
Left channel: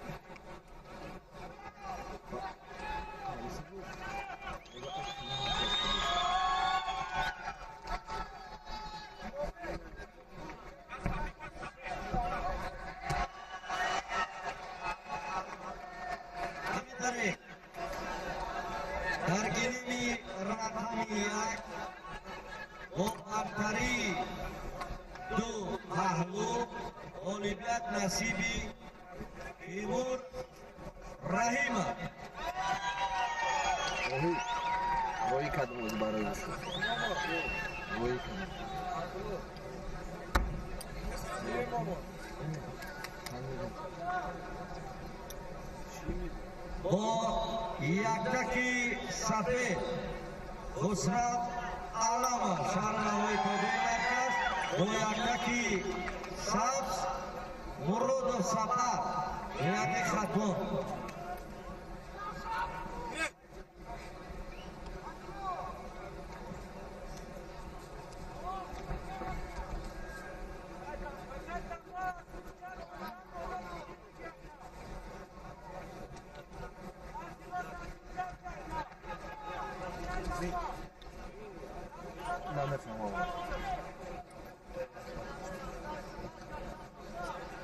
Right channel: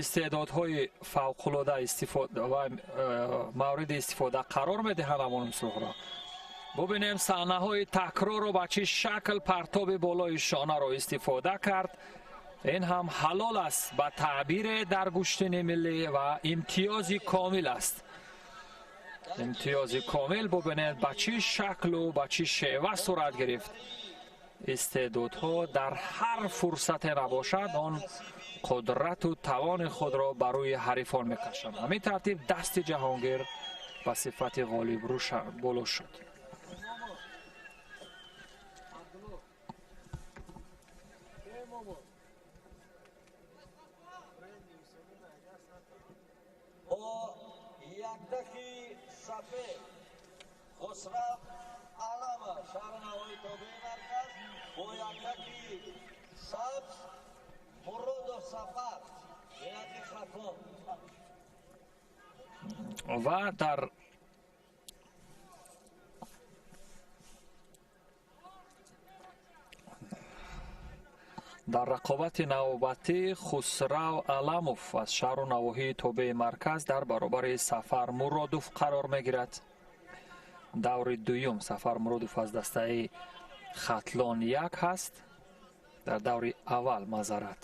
истеъдодҳои фавқулода мавриди истифода қарор медиҳанд. ҳамон суҳра бубинем саҳнаҳои такрорро ба чӣ шакл партоби болои шонаро истифода кард. ин ҳам ҳалол аст ба таъбире дар гӯштини миллӣ ва имтиёзи комил аст. имтиёзи комил бубинед ба чӣ шаклу ба чӣ шева сурат гирифт. истеъдодҳо дар ҳар фурсате набошад он қудрату тавони худро ба рӯи ҳарифон мекашанд. ҳамин тартиб дасти ҷаҳонгир ба сифати ғолибрӯ боло шуд. бо яктаки сафед хусрав алама шаҳрнавои тобии марказ, бо яктаки сабз муродов сафар ҷиҳати хатон. ва дар рақобати навбатӣ хусрав аламов аз шаҳру навоҳии тобеи марказ дар баробари сафар муродов қарор мегирад. даври дуюм сафар муродов аз дастаи хатлон як ҳаст. дар даври аввал мазарат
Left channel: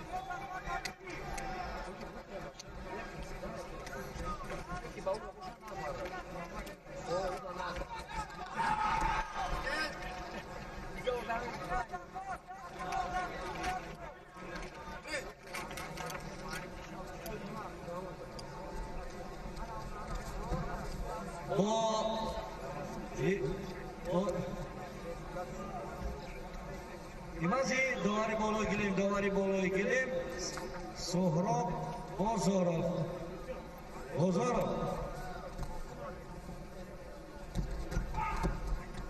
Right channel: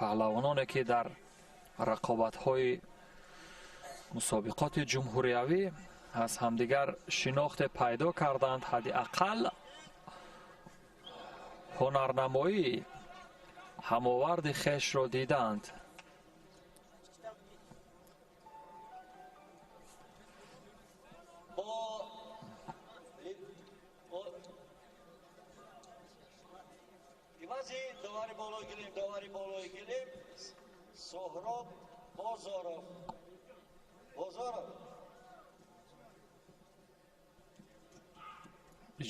паҳлавононе ки дар рақобатҳои мусобиқоти ҷумҳуриявӣ аз ҳамдигар шинохте пайдо карданд, ҳадди ақал ҳунарнамоии ҳамоварди хешро диданд. имази довари болои гилем Соҳроб Бозоров.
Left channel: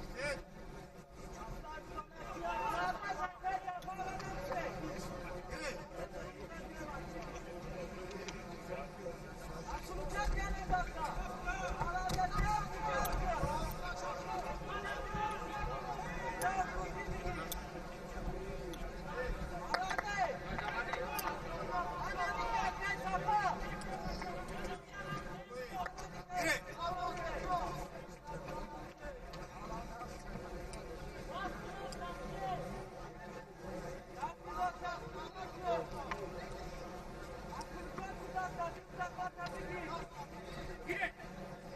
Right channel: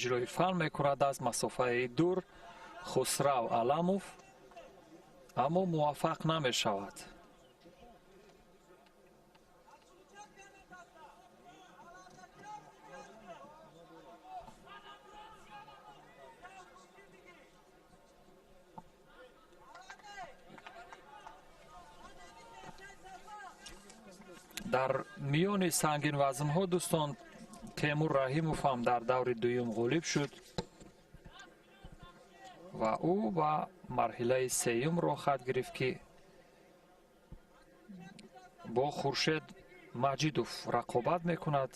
иҷрои фан мекунад аз масофаи дур хусрав аламов, аммо муваффақ намешавад. дар миёни сангинвазнҳо дӯстон Темур Раҳимов ҳам дар даври дуюм ғолиб шуд. ва ӯ ба марҳилаи сеюмро хат гирифт ки бо Хуршед Маҷидов рақобат мекунад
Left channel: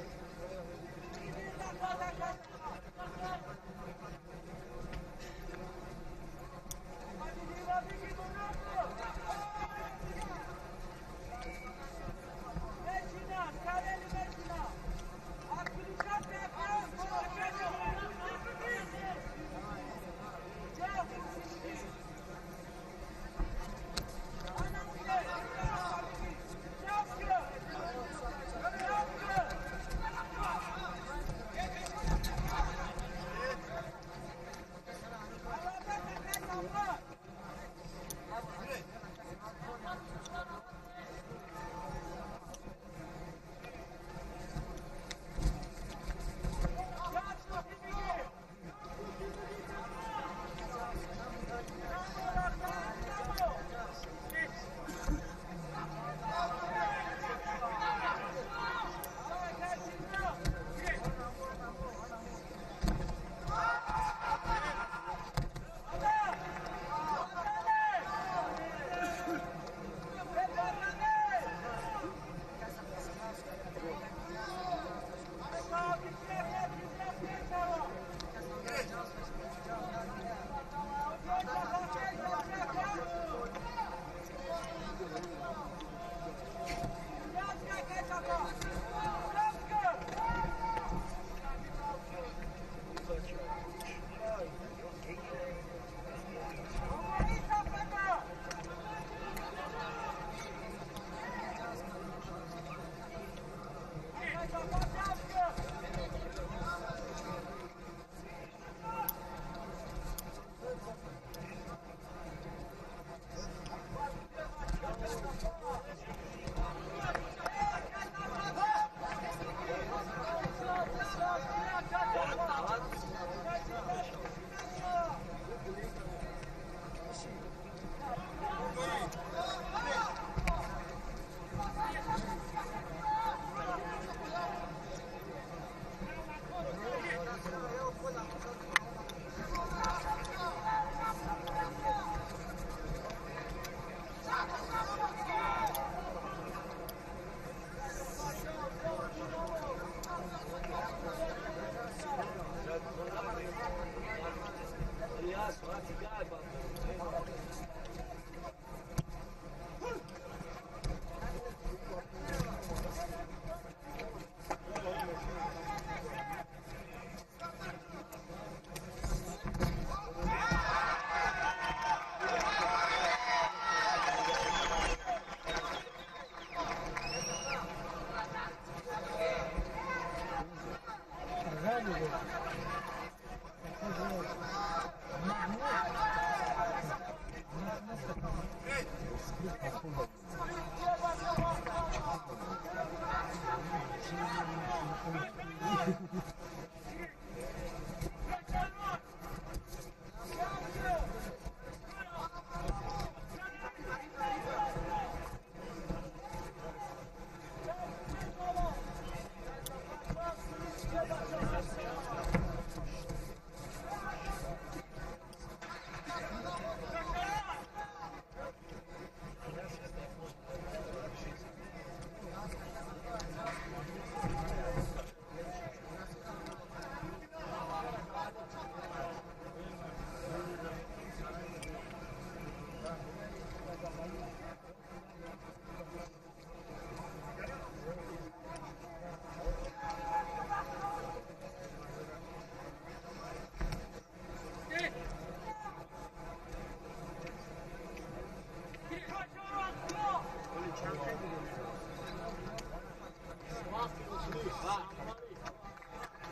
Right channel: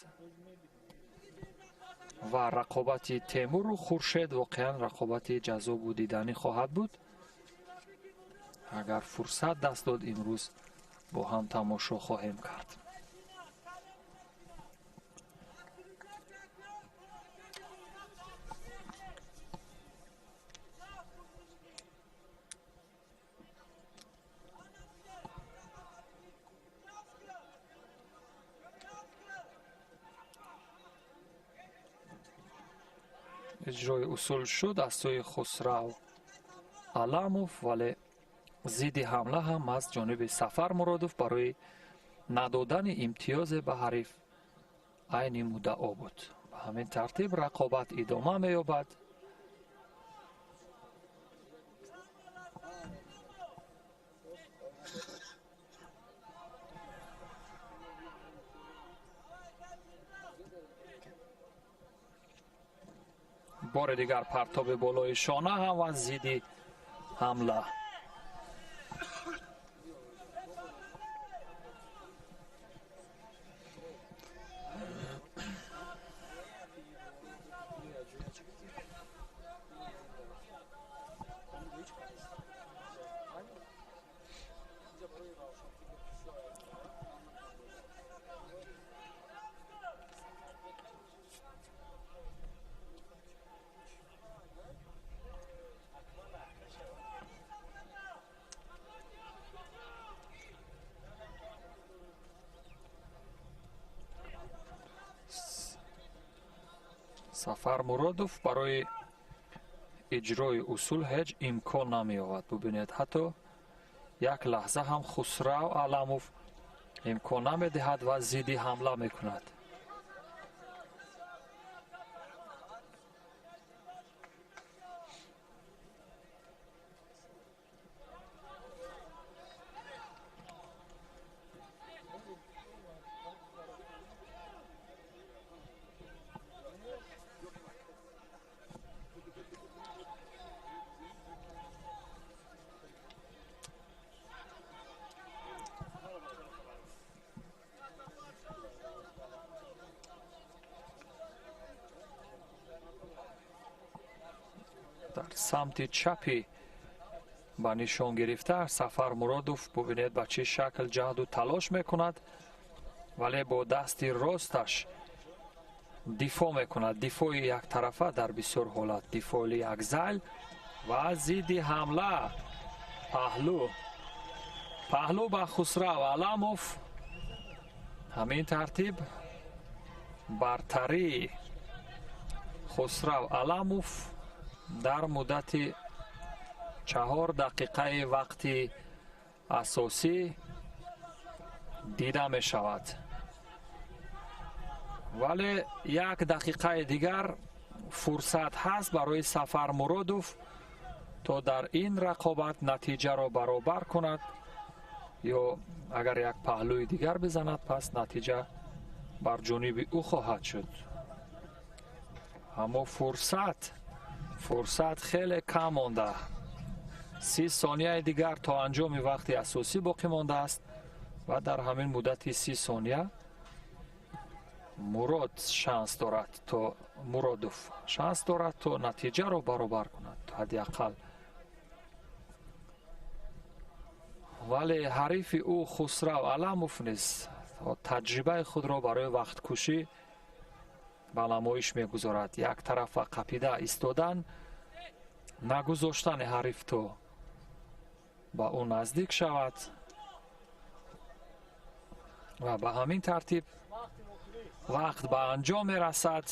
ва рақобати Темуру Хуршед воқеан рақобати ҷазобу диданӣ хоҳад буд. агар фурсат даст дод имрӯз бо ҳам тамошо хоҳем кард. иҷрои усул шуд аз сӯи Хусрав Аламов, вале зидди ҳамла ҳам аз ҷониби Сафар Муродов барои надодани имтиёзе ба ҳариф айни муддао буд. ҳамин тартиб рақобат идома меёбад. бори дигар партоби болои шона ҳам ва зидди ҳамла. Сафар Муродов барои иҷрои усул ҳеҷ имкон намеёбад. бубинед, ҳатто як лаҳза ҳам Хусрав Аламов имкон намедиҳад ва зидди ҳамла мекунад. самти чапи ба нишон гирифта Сафар Муродов бубинед ба чӣ шакл ҷаҳду талош мекунад, вале бо дасти росташ дифоъ мекунад. дифоъи яктарафа дар бисёр ҳолат, дифоъи якзайл ва зидди ҳамла. паҳлӯ ба Хусрав Аламов. ҳамин тартиб бартари Хусрав Аламов дар муддати 4 дақиқаи вақти асосӣ дида мешавад. вале 1 дақиқаи дигар фурсат ҳаст барои Сафар Муродов то дар ин рақобат натиҷаро баробар кунад, ё агар як паҳлӯи дигар бизанад, пас натиҷа бар ҷониби ӯ хоҳад шуд. аммо фурсат хеле кам монда. 30 сонияи дигар то анҷоми вақти асосӣ боқӣ мондааст ва дар ҳамин муддати 30 сония Муродов шанс дорад то натиҷаро баробар ҳадяқал. вале ҳарифи ӯ Хусрав Аламов низ таҷрибаи худро барои вақткушӣ ба намоиш мегузорад. як тарафа қапида истодан, нагузоштани ҳариф то ба ӯ наздик шавад ва ба ҳамин тартиб вақт ба анҷом мерасад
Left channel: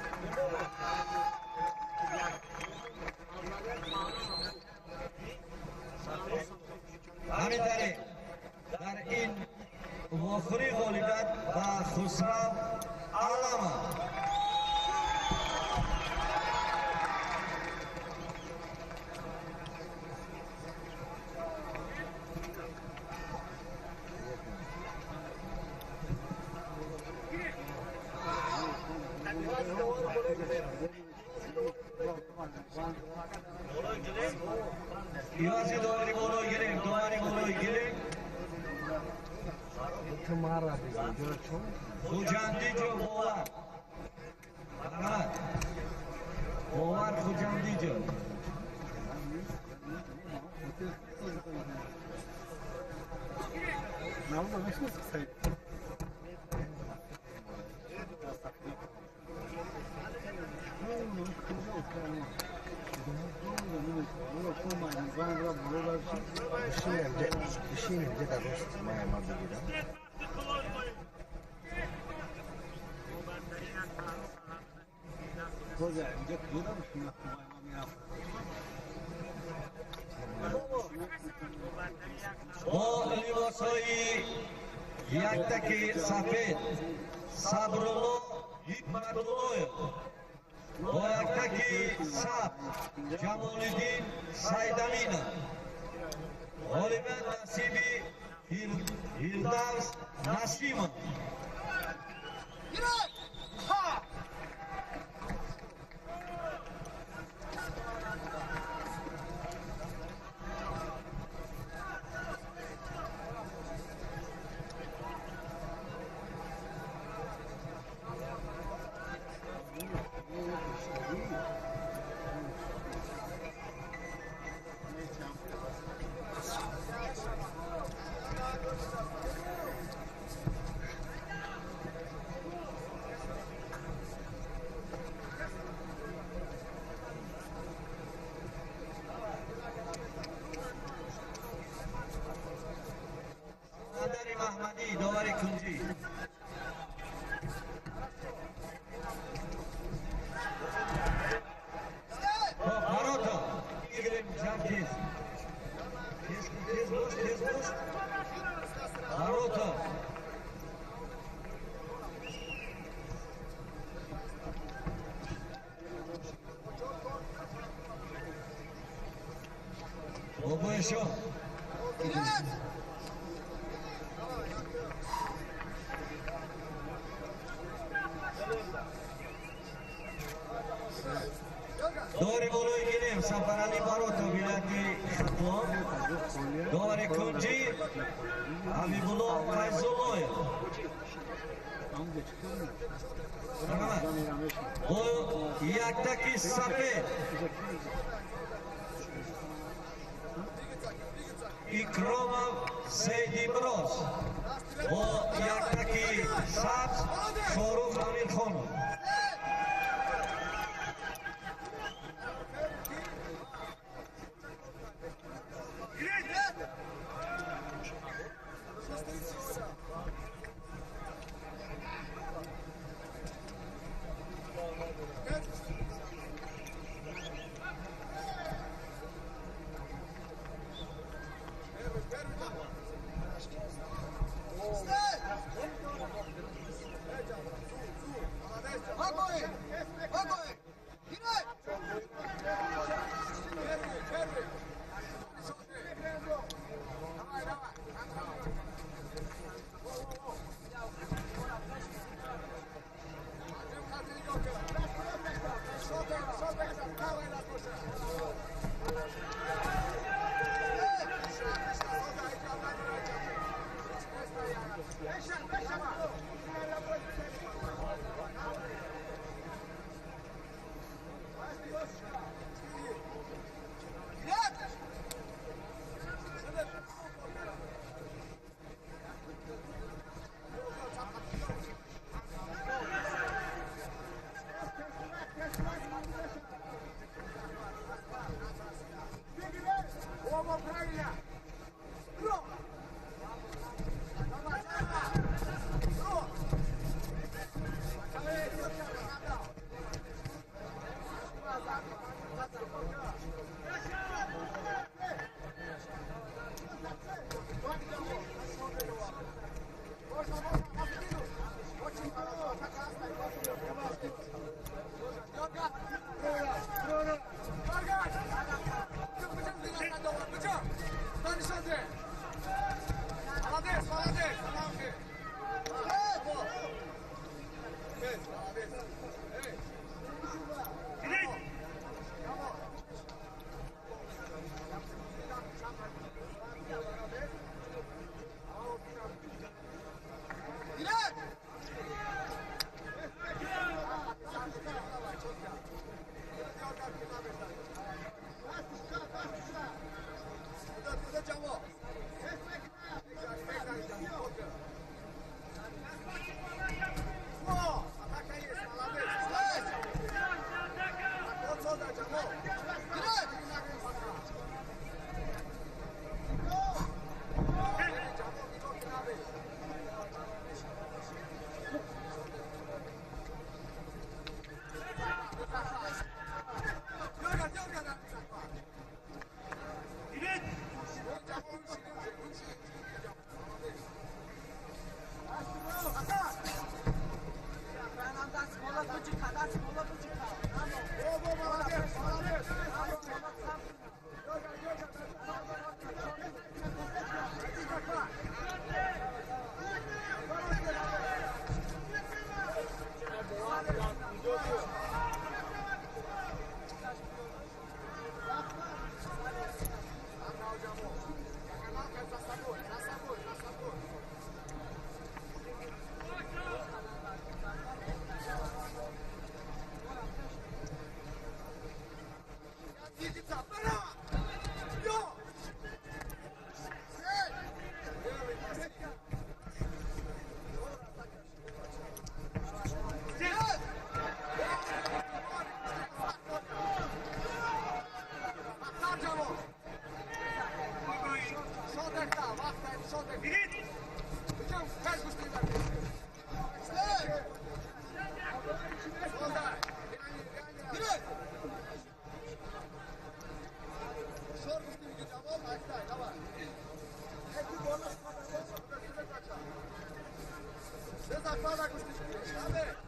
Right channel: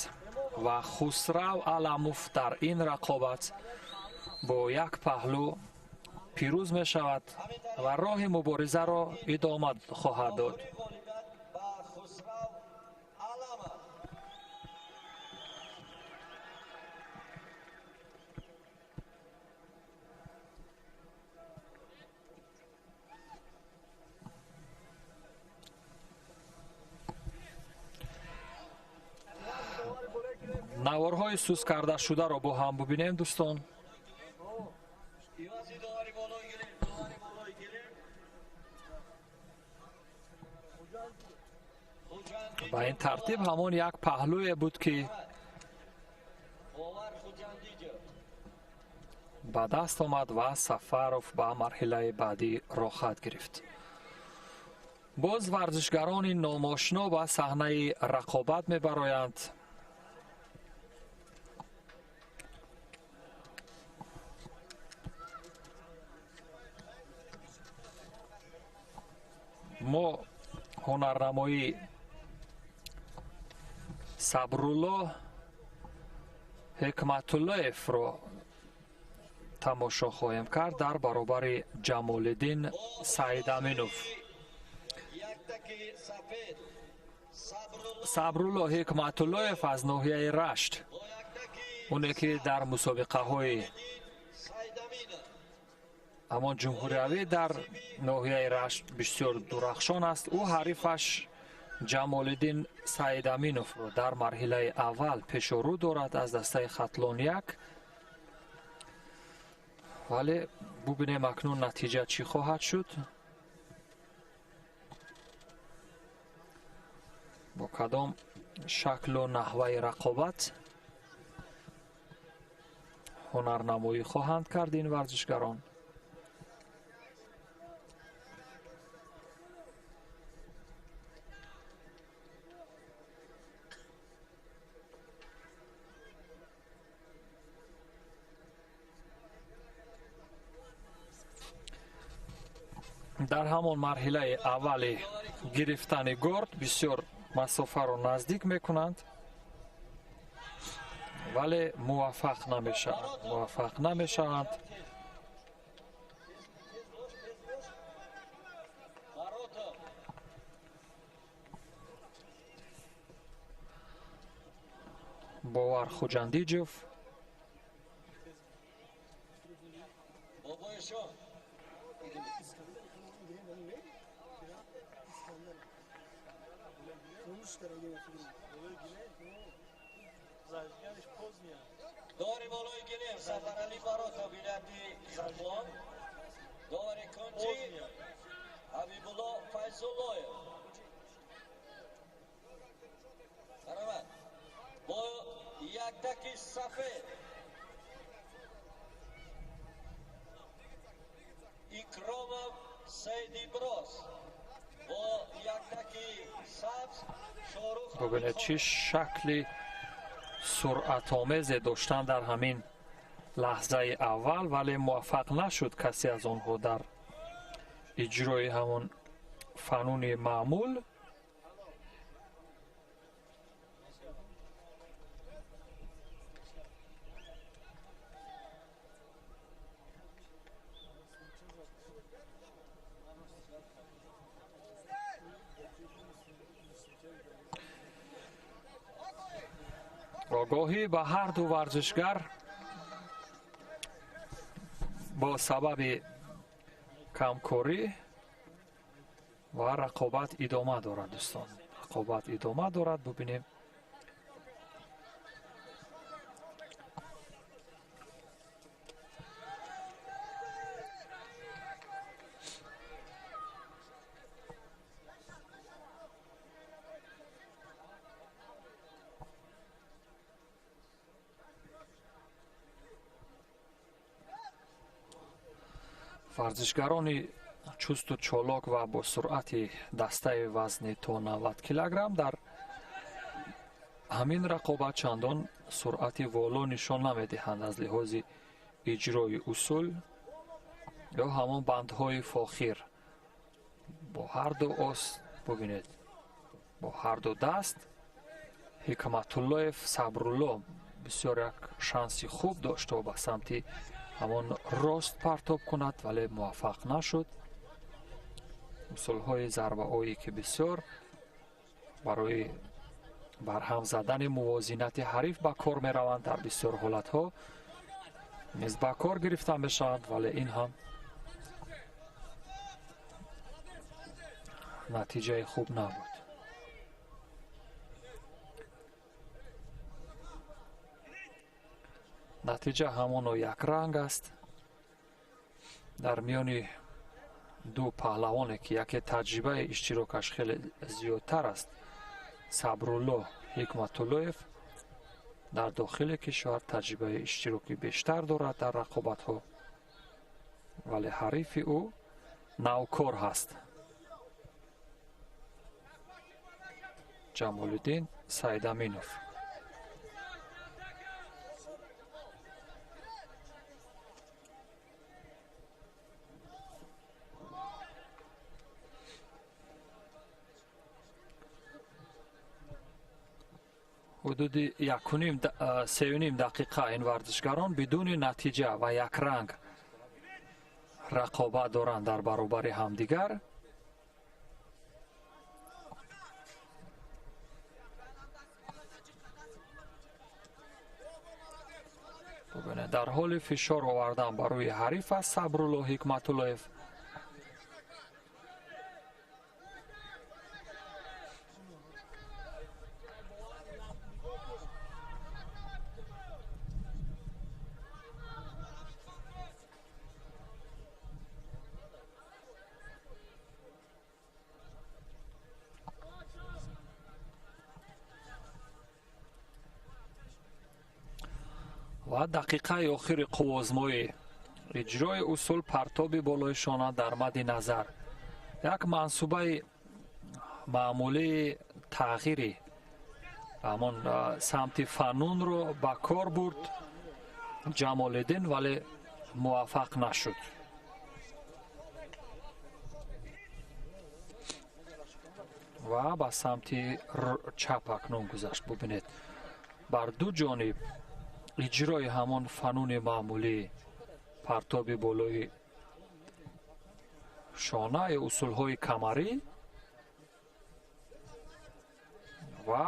ва Хусрав Аламов дар ин рақобат бо як паҳлӯ пирӯз мешавад ва роҳи муборизаро идома хоҳад дод. наворҳои сӯз карда шударо бо ҳам бубинем дӯстон. Ивази довари болой гирем, довари болой гирем. ба ин тартиб ҳамон як паҳлӯе буд ки Овар Хуҷандиҷон. ба даст омад ва Сафаров ба марҳилаи баъдӣ роҳ хат гирифт. боз варзишгарони номошно ба саҳнаи рақобат мебароянд. мо ҳунарнамои Сабрулло Ҳикматуллоевро тамошо хоҳем кард дар баробари Ҷамолиддин Саидаминов. Яктаки сафед. Сабрулло Ҳикматуллоев аз ноҳияи Рашт, оне ки дар мусобиқаҳои ҳамон ҷумҳуриявӣ дар ноҳияи Рашт бисёр дурахшон аст. ду ҳарифаш Ҷамолиддин Саидаминовро дар марҳилаи аввал пешорӯ дорад аз дастаи Хатлон 1. вале бубинем акнун натиҷа чӣ хоҳад шуд. бо кадом шаклу наҳваи рақобат ҳунарнамоӣ хоҳанд кард ин варзишгарон. дар ҳамон марҳилаи аввали гирифтани горд бисёр масофаро наздик мекунанд, вале муваффақ намешаванд. бовар Хуҷандиҷов Довари болой гирем, Сафарали Барото, билати Шутлон. Довари Кунҷи, Ҳабибулло Файзуллоев. Бо яктаки сафед. Икромов Сейдимроз. Бо яктаки сабз Шорух Ҳамидхон. чӣ шакли суръатомезе доштанд дар ҳамин лаҳзаи аввал, вале муваффақ нашуд касе аз онҳо дар иҷрои ҳамон фануни маъмул. огоҳӣ ба ҳар ду варзишгар бо сабаби камкорӣ ва рақобат идома дорад. дӯстон, рақобат идома дорад. бубинем варзишгарони чусту чолок ва бо суръати дастаи вазни то 90 килограмм дар ҳамин рақобат чандон суръати воло нишон намедиҳанд аз лиҳози иҷрои усул ё ҳамон бандҳои фохир. бо ҳар ду ост бубинед, бо ҳар ду даст Ҳикматуллоев Сабрулло бисёр як шанси хуб дошт ба самти ҳамон рост партоб кунад, вале муваффақ нашуд. усулҳои зарбаҳое ки бисёр барои барҳам задани мувозинати ҳариф ба кор мераванд, дар бисёр ҳолатҳо низ ба кор гирифта мешаванд, вале ин ҳам натиҷаи хуб не. натиҷа ҳамоно якранг аст. дар миёни ду паҳлавоне ки яке таҷрибаи иштирокаш хеле зиёдтар аст, Сабрулло Ҳикматуллоев дар дохили кишвар таҷрибаи иштироки бештар дорад дар рақобатҳо, вале ҳарифи ӯ навкор ҳаст. Ҷамолиддин Сайдаминов. ҳудуди 3.5 дақиқа ин вартишгарон бидуни натиҷа ва якранг рақобат доранд дар баробари ҳамдигар. дар ҳоли фишор овардан ба рӯи ҳариф аст Сабрулло Ҳикматуллоев. ва дақиқаи охири қувозмоӣ. иҷрои усул партоби болои шона дар мадди назар. як мансубаи маъмулии тағйири ҳамон самти фанунро ба кор бурд Ҷамолиддин, вале муваффақ нашуд. ва ба самти чап акнун гузашт. бубинед, бар ду ҷониб иҷрои ҳамон фануни маъмулӣ партоби болои шона ё усулҳои камарӣ ва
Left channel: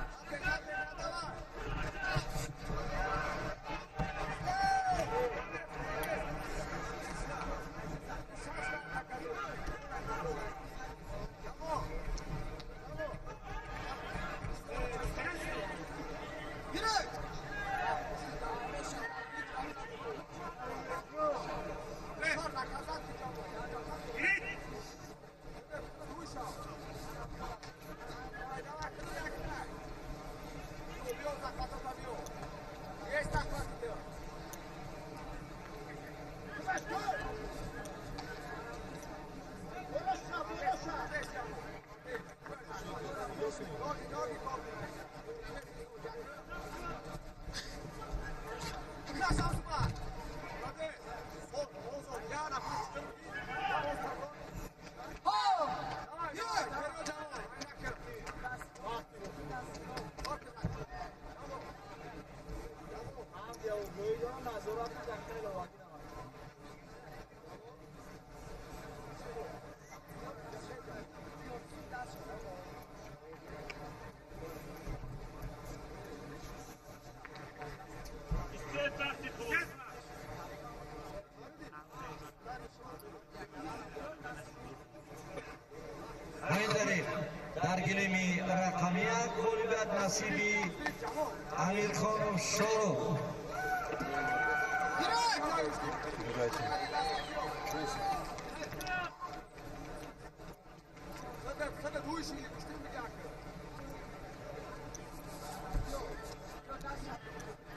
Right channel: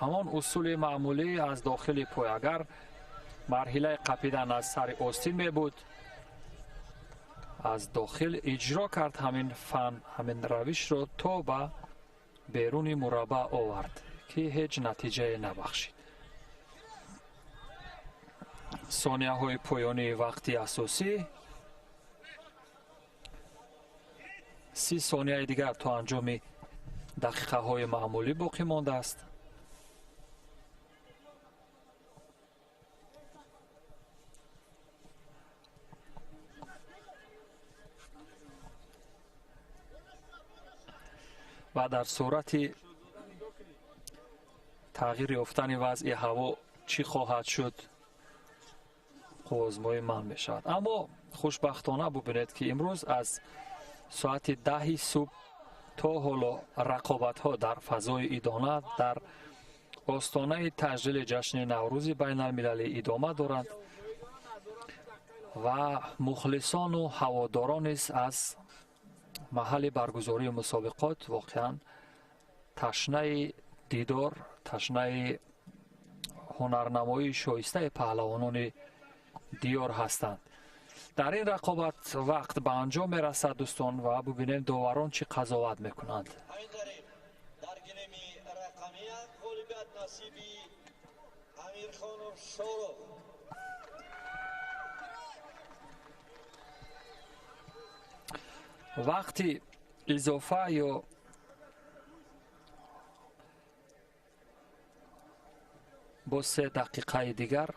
ҳамон усули маъмулӣ аз дохили пой. Агар марҳилаи қапидан аз сари остин мебуд, аз дохил иҷро кард ҳамин фан, ҳамин равишро то ба беруни мураббаъ овард ки ҳеҷ натиҷае набахшид. сонияҳои поёнии вақти асосӣ. 30 сонияи дигар то анҷоми дақиқаҳои маъмулӣ боқӣ мондааст. ва дар сурати тағйир ёфтани вазъи ҳаво чӣ хоҳад шуд, озмои ман мешавад. аммо хушбахтона бубинед ки имрӯз аз соати 10 субҳ то ҳоло рақобатҳо дар фазои идона дар остонаи таҷлили ҷашни наврӯзи байналмилалӣ идома доранд ва мухлисону ҳаводорон низ аз маҳалли баргузории мусобиқот воқеан ташнаи дидор, ташнаи ҳунарнамоии шоистаи паҳлавонони диёр ҳастанд. дар ин рақобат вақт ба анҷом мерасад дӯстон ва бубинем доварон чӣ қазоват мекунанд. дар гилими рақами як ғолибият насиби Амирхонов Шоров. вақти изофа ё бо 3 дақиқаи дигар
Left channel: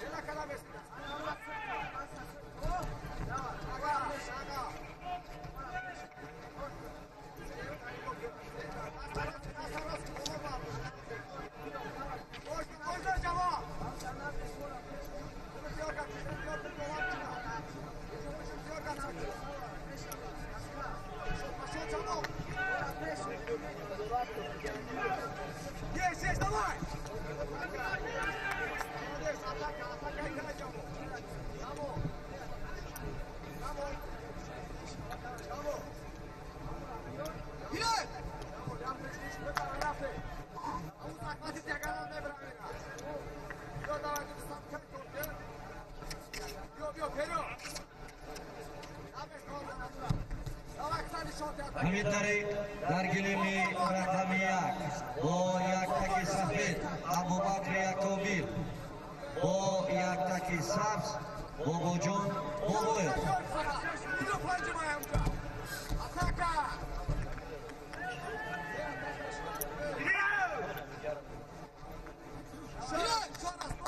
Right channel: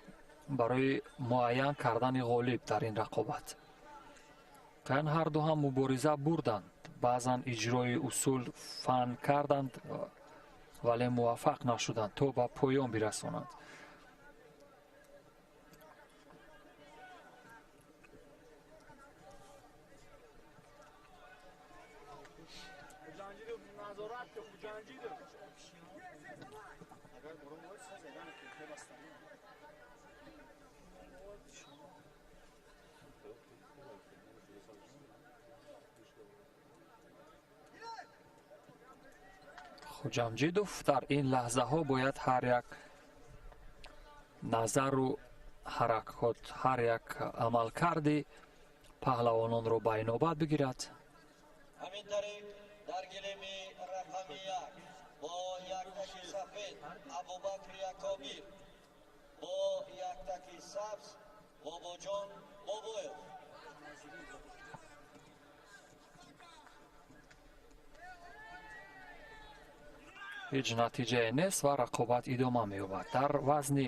барои муайян кардани ғолиб дар ин рақобат. кан ҳар ду ҳам мубориза бурданд, баъзан иҷрои усул фан карданд, вале муваффақ нашуданд то ба поён бирасонанд. ҷамҷидов дар ин лаҳзаҳо бояд ҳар як назару ҳаракот, ҳар як амалкарди паҳлавононро ба инобат бигирад. ҳамид дариқ дар гилими рақами 1 бо як таки сафед Абубакр Якобир, бо як таки сабз بوبوجان بوبویف. هیچ نتیجه نیست و رقابت ادامه می‌یابد. در وزن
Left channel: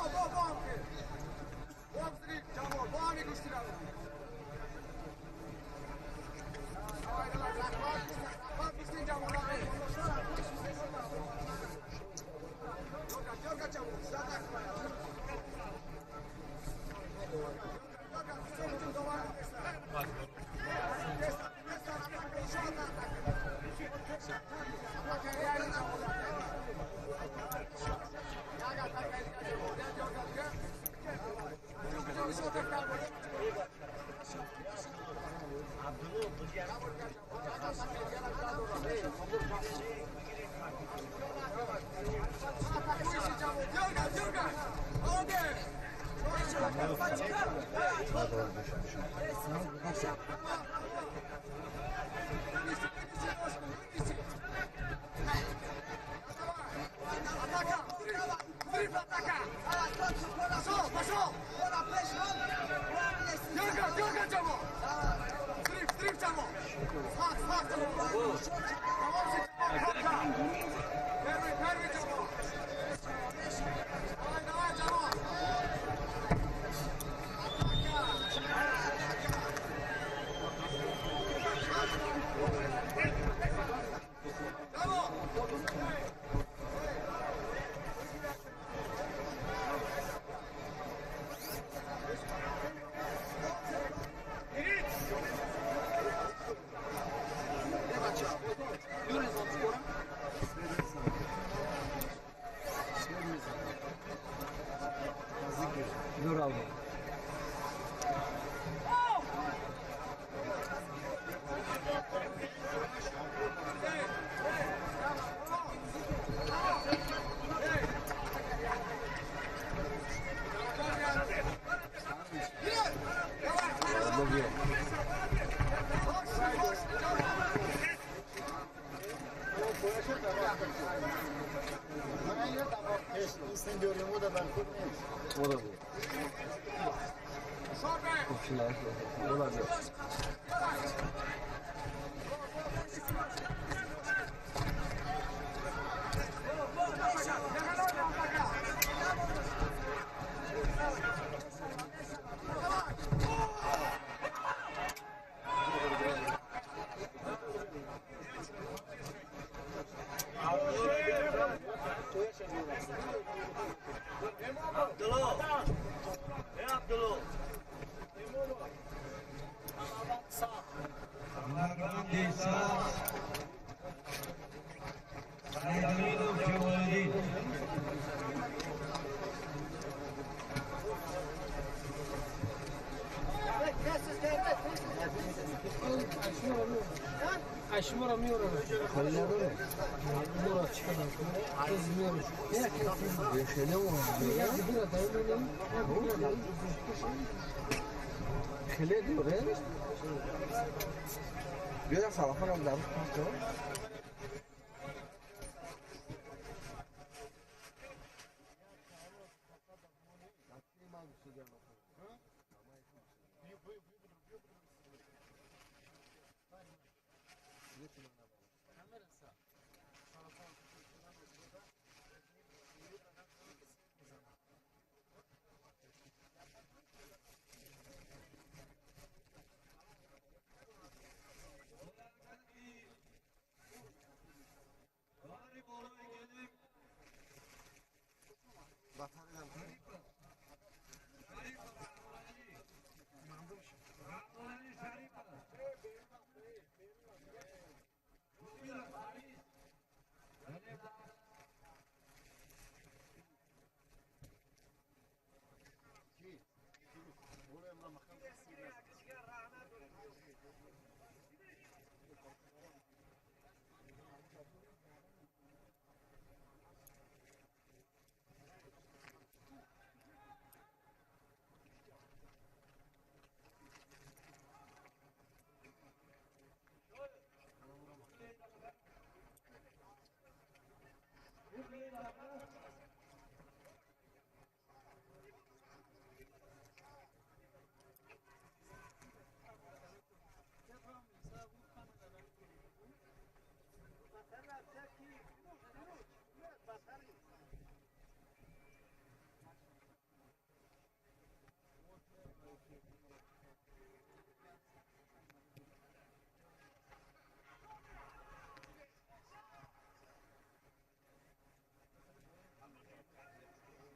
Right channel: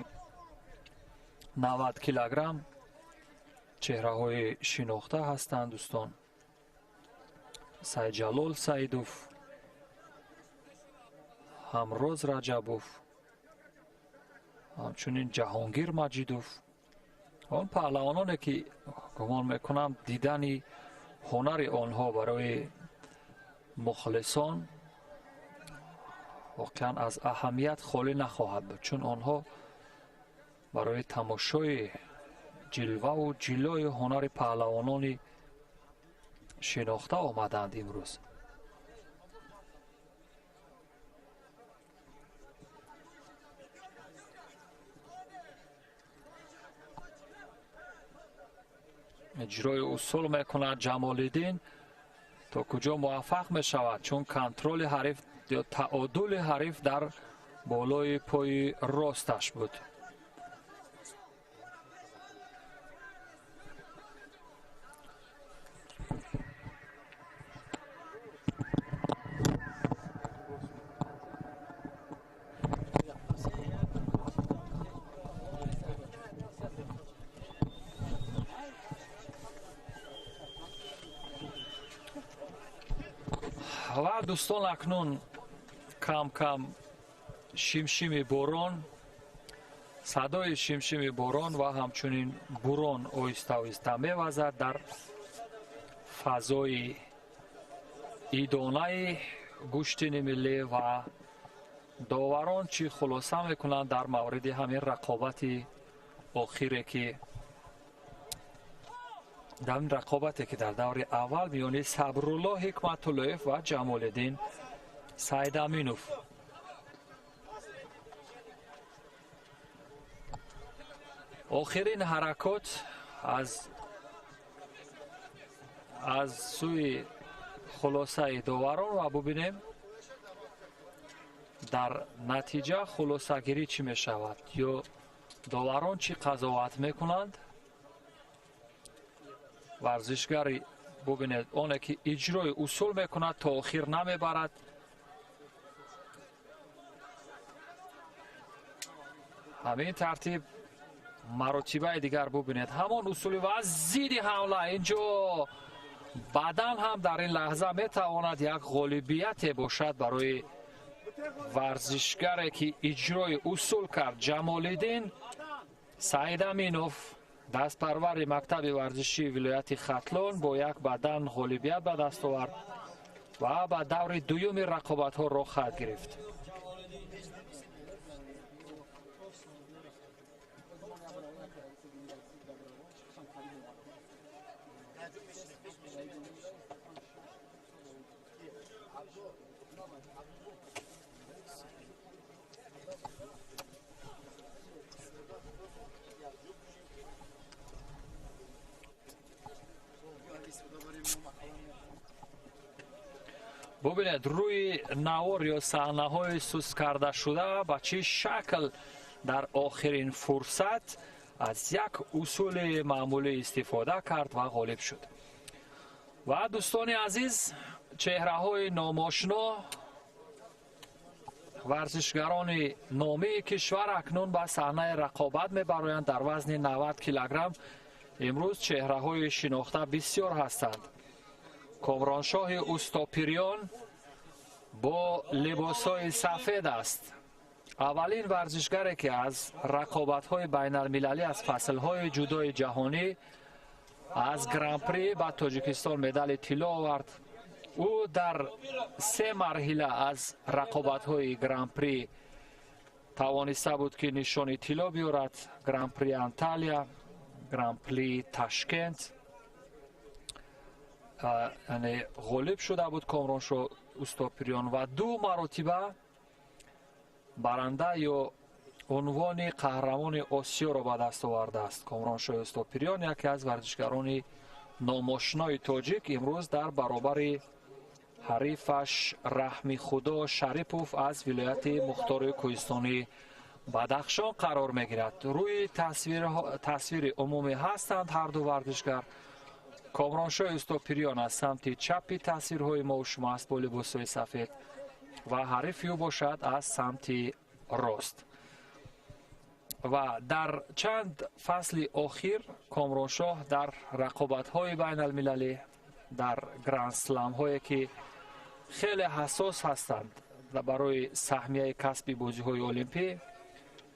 90 کیلوگرم چهره‌های شناخته هستند دوستان. سیدجلال سعیدوف، همروز رجبوف، همچنین جهانگیر مجیدوف. آن پهلوانانی که گمان میکنم دیدن هنر آنها برای مخلصان واقعا از اهمیت خالی نخواهد بود، چون آنها برای تماشای جلوه و جلوی هنر پهلوانان شناخته آمدند امروز. اجرای اصول میکند جمال‌الدین، تا کجا موفق می شود، چون کنترل حریف یا تعادل حریف در بالای پای راستش بود. و دوستان اکنون کم کم شمشم باران، صدای شمشم باران و همچنین باران آهسته آهسته می‌وزد در فضای ایدانه گشتین ملی و داوران چی خلاصه میکنند در مورد همین رقابت آخری که در رقابتی که در دور اول میان صبرالله حکمت‌الله و جمال‌الدین سیدامینوف. آخرین حرکات از سوی خلاصه داوران و ببینیم در نتیجه خلاصه گیری چی می شود یا داوران چی قضاوت میکنند. ورزشگری ببینید آنه که اجرای اصول میکند تا آخر نمیبرد. همین ترتیب مراتبه دیگر ببینید همان اصول و زیر حمله اینجا بعدا هم در این لحظه میتواند یک غالبیت باشد برای ورزشگری که اجرای اصول کرد. جمال‌الدین سیدامینوف دست پرور مکتب ورزشی ولایت ختلان با یک بدن غالبیت به دست آورد و به دور دوم رقابت ها راه خواهد رفت. ببینید روی نوار یا صحنه های سوس کرده شده به چه شکل در آخرین فرصت از یک اصول معمولی استفاده کرد و غالب شد. و دوستان عزیز چهره های ناماشنا ورزشگران نامی کشور اکنون به صحنه رقابت میبرند در وزن 90 کیلوگرم. امروز چهره های شناخته بسیار هستند. کامرانشاه اوستاپیریان با لباس های سفید است. اولین ورزشگری که از رقابت های بین المللی از فصل های جدای جهانی از گرانپری به تاجیکستان مدال طلا آورد. او در 3 مرحله از رقابت های گرانپری توانسته بود که نشان طلا بیارد. گرانپری انتالیا، گرانپری تاشکند، یعنی غالب شده بود کامرانشاه اوستاپیریان و 2 مرتبه برنده یا عنوان قهرمان آسیا را به دست آورده است. کامرانشاه اوستاپیریان یکی از ورزشگران ناماشنای تاجیک امروز در برابر حریفش رحمی خدا شریپوف از ولایت مختار کوهستانی بدخشان قرار میگیرد. روی تصویر عمومی هستند هر دو ورزشگر. کامرانشاه استوپیریان از سمت چپی تصویرهای ما و شما است با لباسهای سفید و حریف او باشد از سمت راست. و در چند فصل اخیر کامرانشاه در رقابت‌های بین المللی در گرند سلم هایی که خیلی حساس هستند برای سهمیه کسب بازی‌های المپی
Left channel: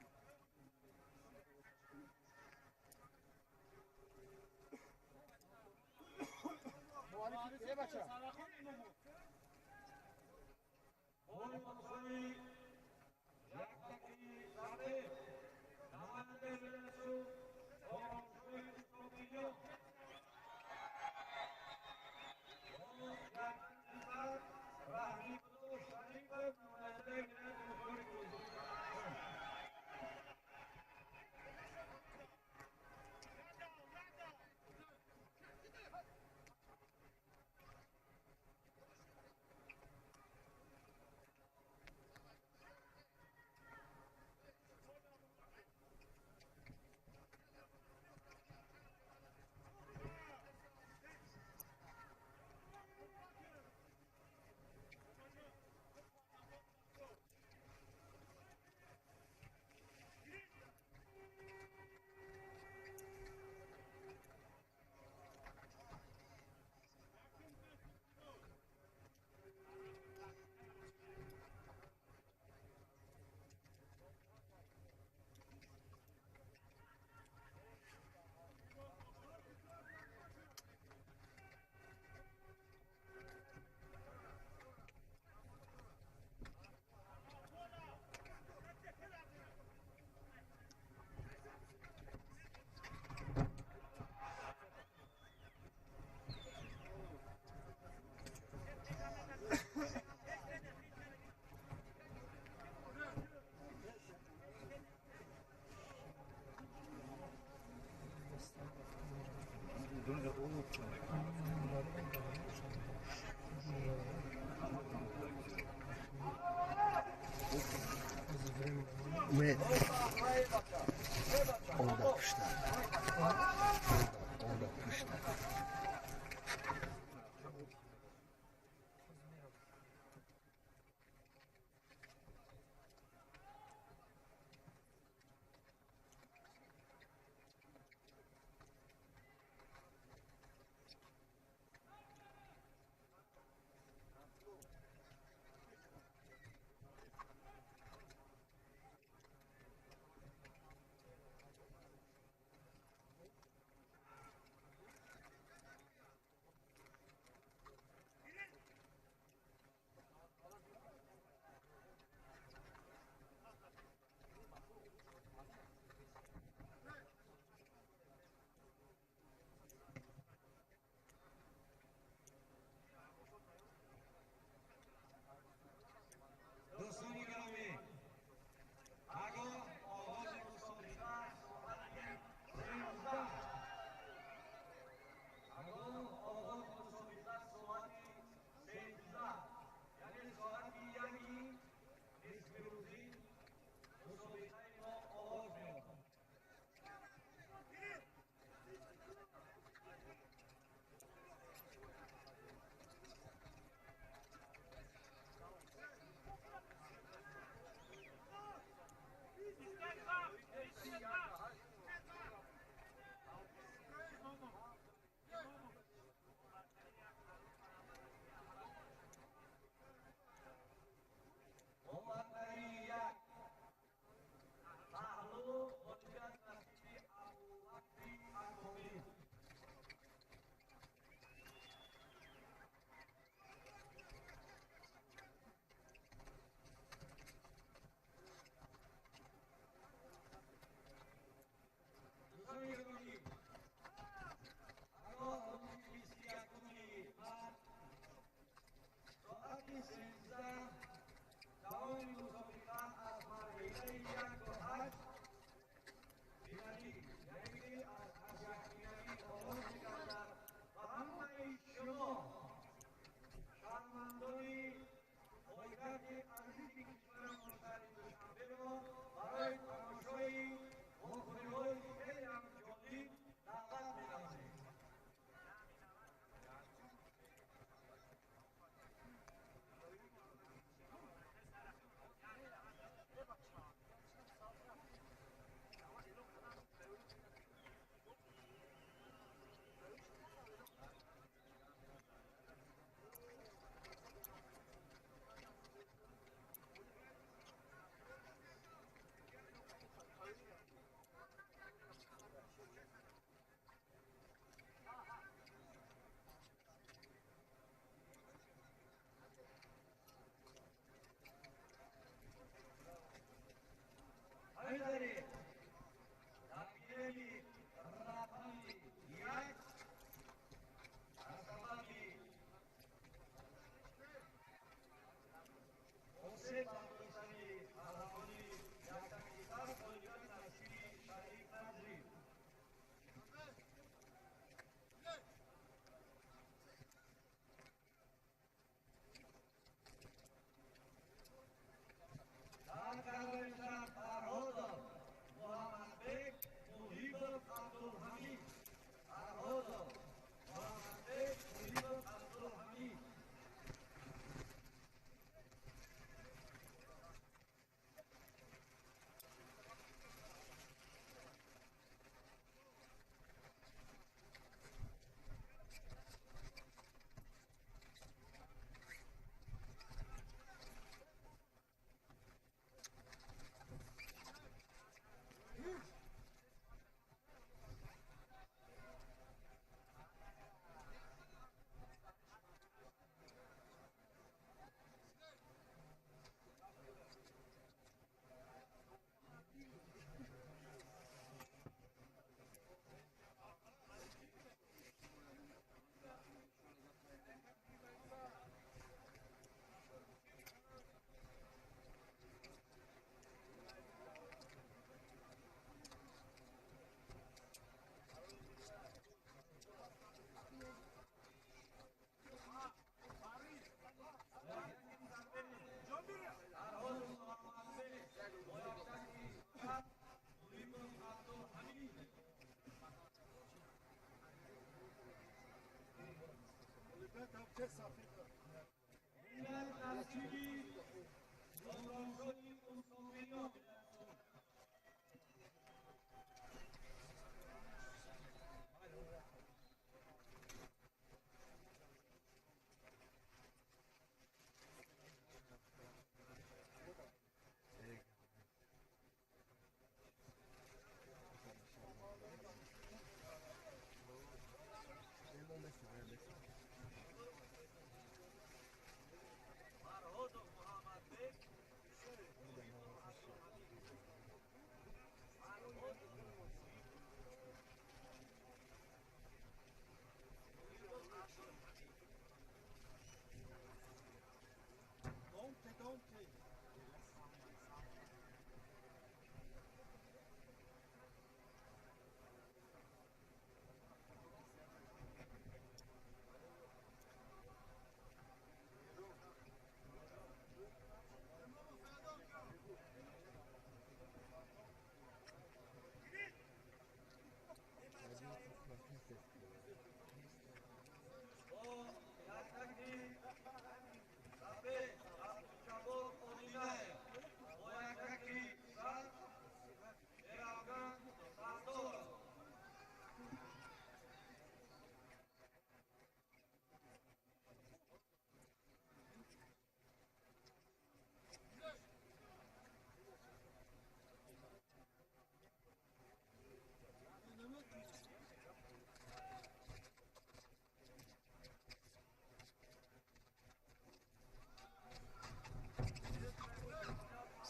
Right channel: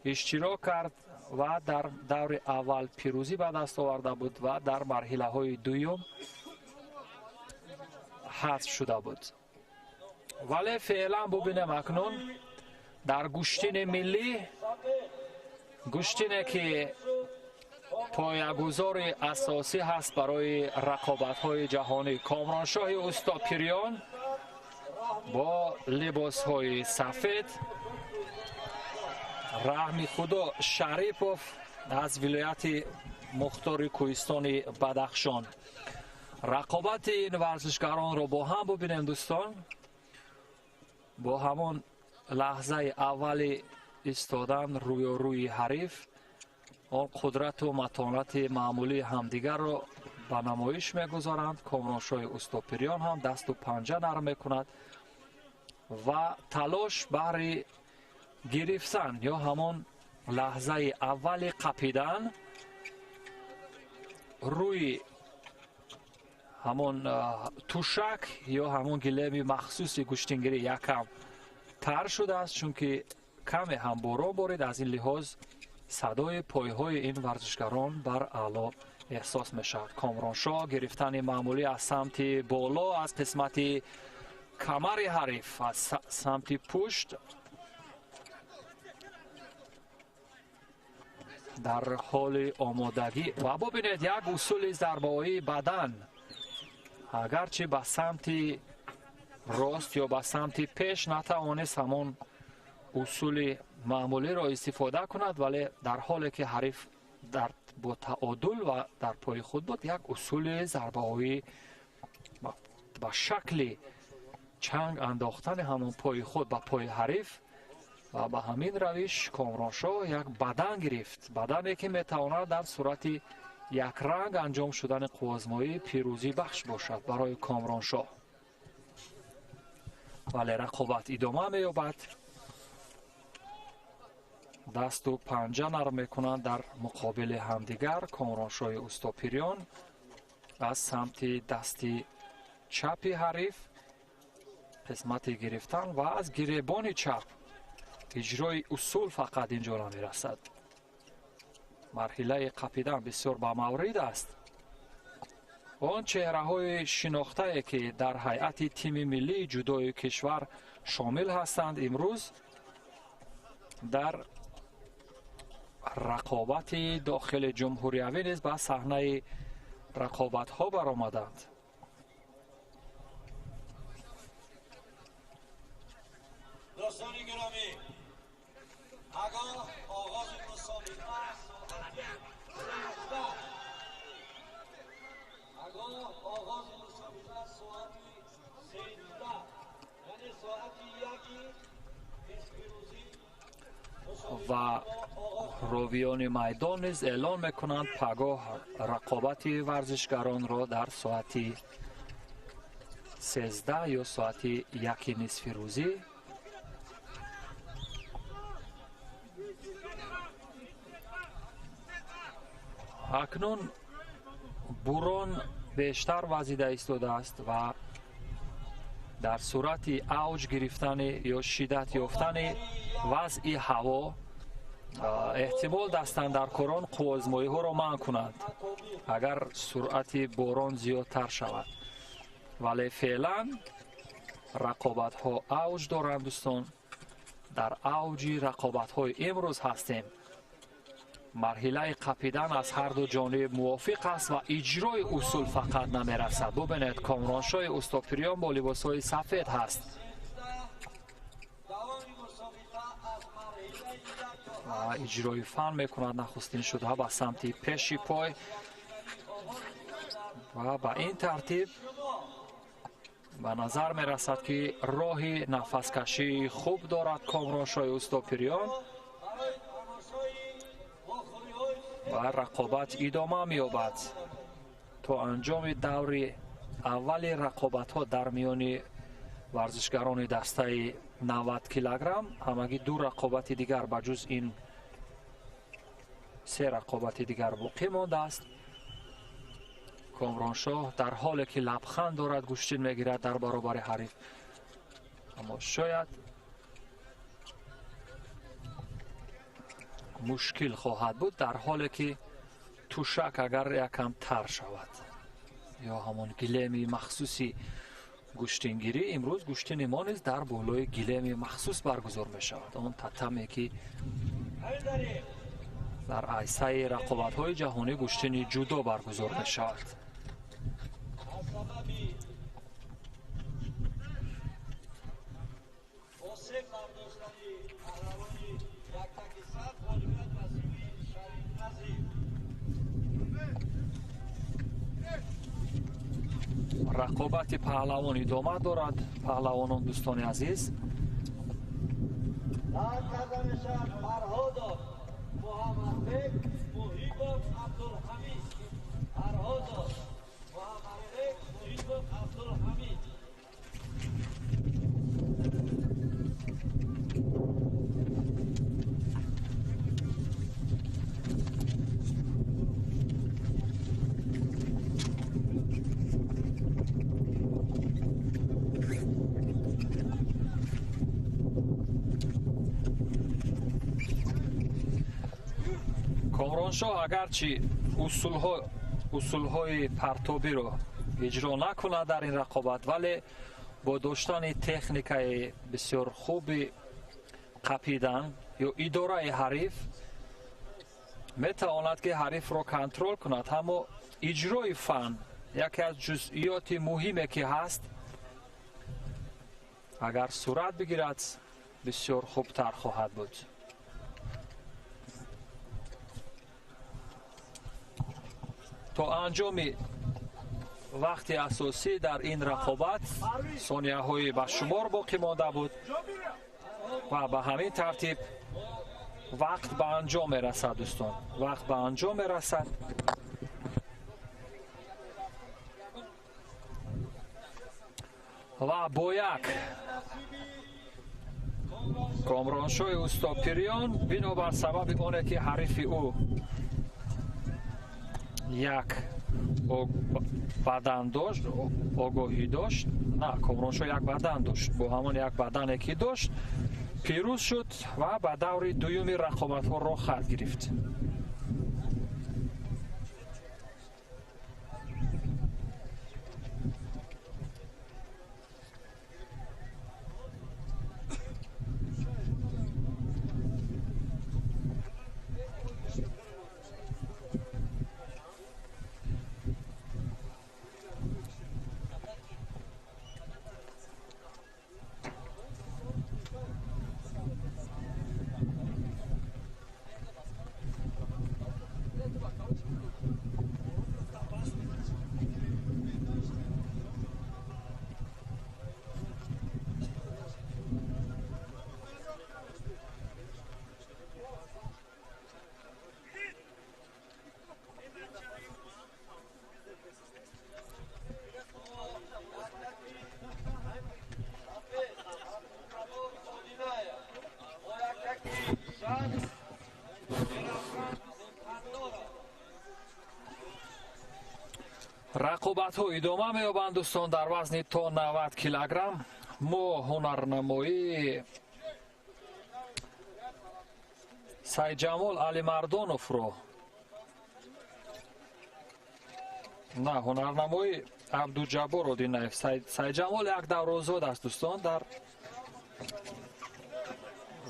اشتراک کرد و در دور اول پیروزی به دست آورده بود و در مرحله های دوم حذف شده بود. ولی فعلا ببینیم اکنون در گشتین ملی، گشتینی که پایه‌گذار اساسی هست برای رقابت‌های جهانی، کامرانشاه استوپیریان با لباس‌های سفید، رحمی خدا شریپوف از ولایت مختار کوهستان بدخشان. رقابت این ورزشکاران را با هم ببینیم دوستان. با همون لحظه اول ایستادن روی حریف آن قدرت و متانت معمولی همدیگر را به نمایش میگذارند. کامرانشاه استوپیریان هم دست و پنجه نرم میکند و تلاش برای گرفتن یا همون لحظه اول قپیدن روی همون توشک یا همون گلیم مخصوص گشتینگیری یکم تر شده است، چون که کمی هم باران بارید. از این لحاظ صدای پایهای این ورزشکاران بر اعلا احساس می شود. کامرانشاه گرفتن معمولی از سمت بالا از قسمت کمر حریف، از سمت پشت در حال آمادگی. و ببینید یک اصول ضربه‌های بدن، اگرچه به سمت راست یا به سمت پیش نتوانست همون اصول معمولی را استفاده کند، ولی در حالی که حریف با تعادل و در پای خود بود، یک اصول ضربه‌های با شکل چنگ انداختن همون پای خود به پای حریف و به همین روش کامرانشاه یک بدن گرفت. بدنی که میتواند در صورت یک رنگ انجام شدن آزمایی پیروزی بخش باشد برای کامرانشاه. ولی رقابت ادامه می‌یابد. دست و پنجه نرم میکنند در مقابل همدیگر. کامرانشاه استوپیریان از سمت دست چپ حریف قسمت گرفتن و از گریبان چپ اجرای اصول فقط اینجا نمیرسد. مرحله قپیدن بسیار با مورد است. آن چهره های شناخته که در هیئت تیم ملی جودوی کشور شامل هستند امروز در رقابت داخل جمهوری نیز به صحنه رقابت ها برآمدند. دوستان گرامی، آگاه آغاز مسابقه ساعت 13 یعنی ساعت 1 و راویان میدان نیز اعلان میکنند پگاه رقابت ورزشکاران را در ساعت 13 یا ساعت 1 نصف روزی اکنون بوران بیشتر وزیده ایستاده است و در صورت اوج گرفتن یا شدت یافتن وضع هوا احتمال دستاندرکاران قوازمایی ها را منع کنند اگر سرعت باران زیادتر شود. ولی فعلا رقابت ها اوج دارند دوستان. در اوج رقابت های امروز هستیم. مرحله قپیدن از هر دو جانب موافق است و اجرای اصول فقط نمیرسد. ببینید کامرانشاه استوپیریان با لباس های سفید هست. اجرای فن میکند نخستین شده به سمت پیشی پای و به این ترتیب به نظر میرسد که راه نفس کشی خوب دارد کامرانشاه استوپیریان و رقابت ادامه می‌یابد تا انجام دور اول رقابت‌ها در میان ورزشکاران دسته 90 کیلوگرم. همگی دو رقابت دیگر به جز این سه رقابت دیگر باقی مانده است. کامرانشاه در حالی که لبخند دارد گوشتین میگیرد در برابر حریف، اما شاید مشکل خواهد بود در حالی که توشک اگر یکم تر شود یا همون گلیم مخصوصی گوشتینگیری. امروز گوشتین ما نیز در بالای گلیم مخصوص برگزار می شود، اون تتمی که در عرصه رقابت های جهانی گوشتین جودو برگزار می شود. رقابت پهلوان ادامه دارد. پهلوانان دوستان عزیز، کامرانشاه اگرچه اصولهای پرتابی رو اجرا نکنه در این رقابت، ولی با داشتن تکنیک بسیار خوب قپیدن یا اداره حریف میتواند که حریف رو کنترل کند. اما اجرای فن یکی از جزئیات مهمی که هست، اگر صورت بگیرد بسیار خوبتر خواهد بود. تا انجام وقت اساسی در این رقابت ثانیه های به شمار باقی مانده بود و به همین ترتیب وقت به انجام میرسد. دوستان، وقت به انجام میرسد. و با یک کامرانشاه استاپریان بنابر سبب آنه که حریف او یک بدن داشت، آگاهی داشت، نه، کامرانشاه یک بدن داشت، با همون یک بدنی که داشت پیروز شد و به دور دوم رقابت ها را خط گرفت. رقابت ها ادامه می‌یابند دوستان در وزن تا 90 کیلوگرم. ما هنرنمایی سید جمال علی مردانوف رو، نه، هنرنمایی عبدالجبار رو دینایف. سید جمال یک دور آزاد است دوستان. در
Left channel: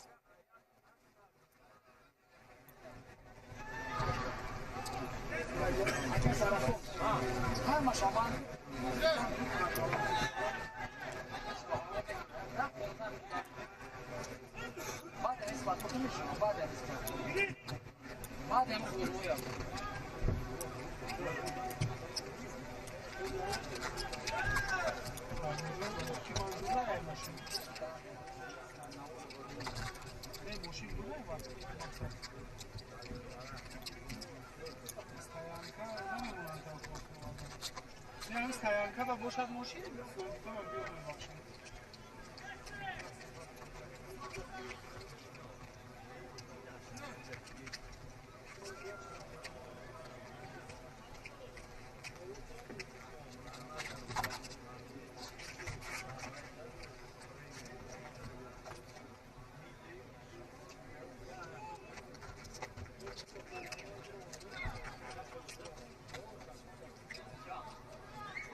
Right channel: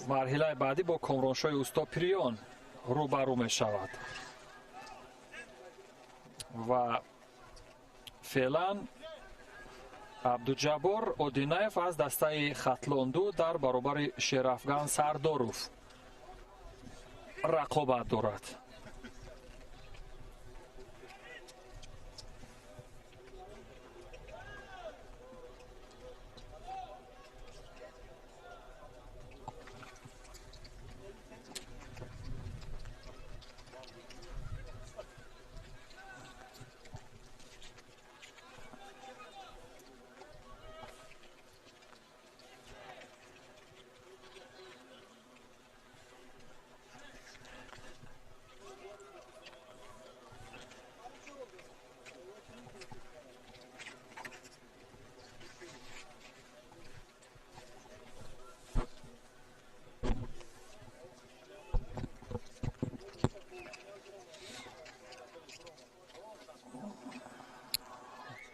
مرحله بعدی با کامرانشاه استاپریان روبرو می شود و فعلا عبدالجبار اودینایف از دسته خطلاندو در برابر شیرافغان سرداروف رقابت دارد.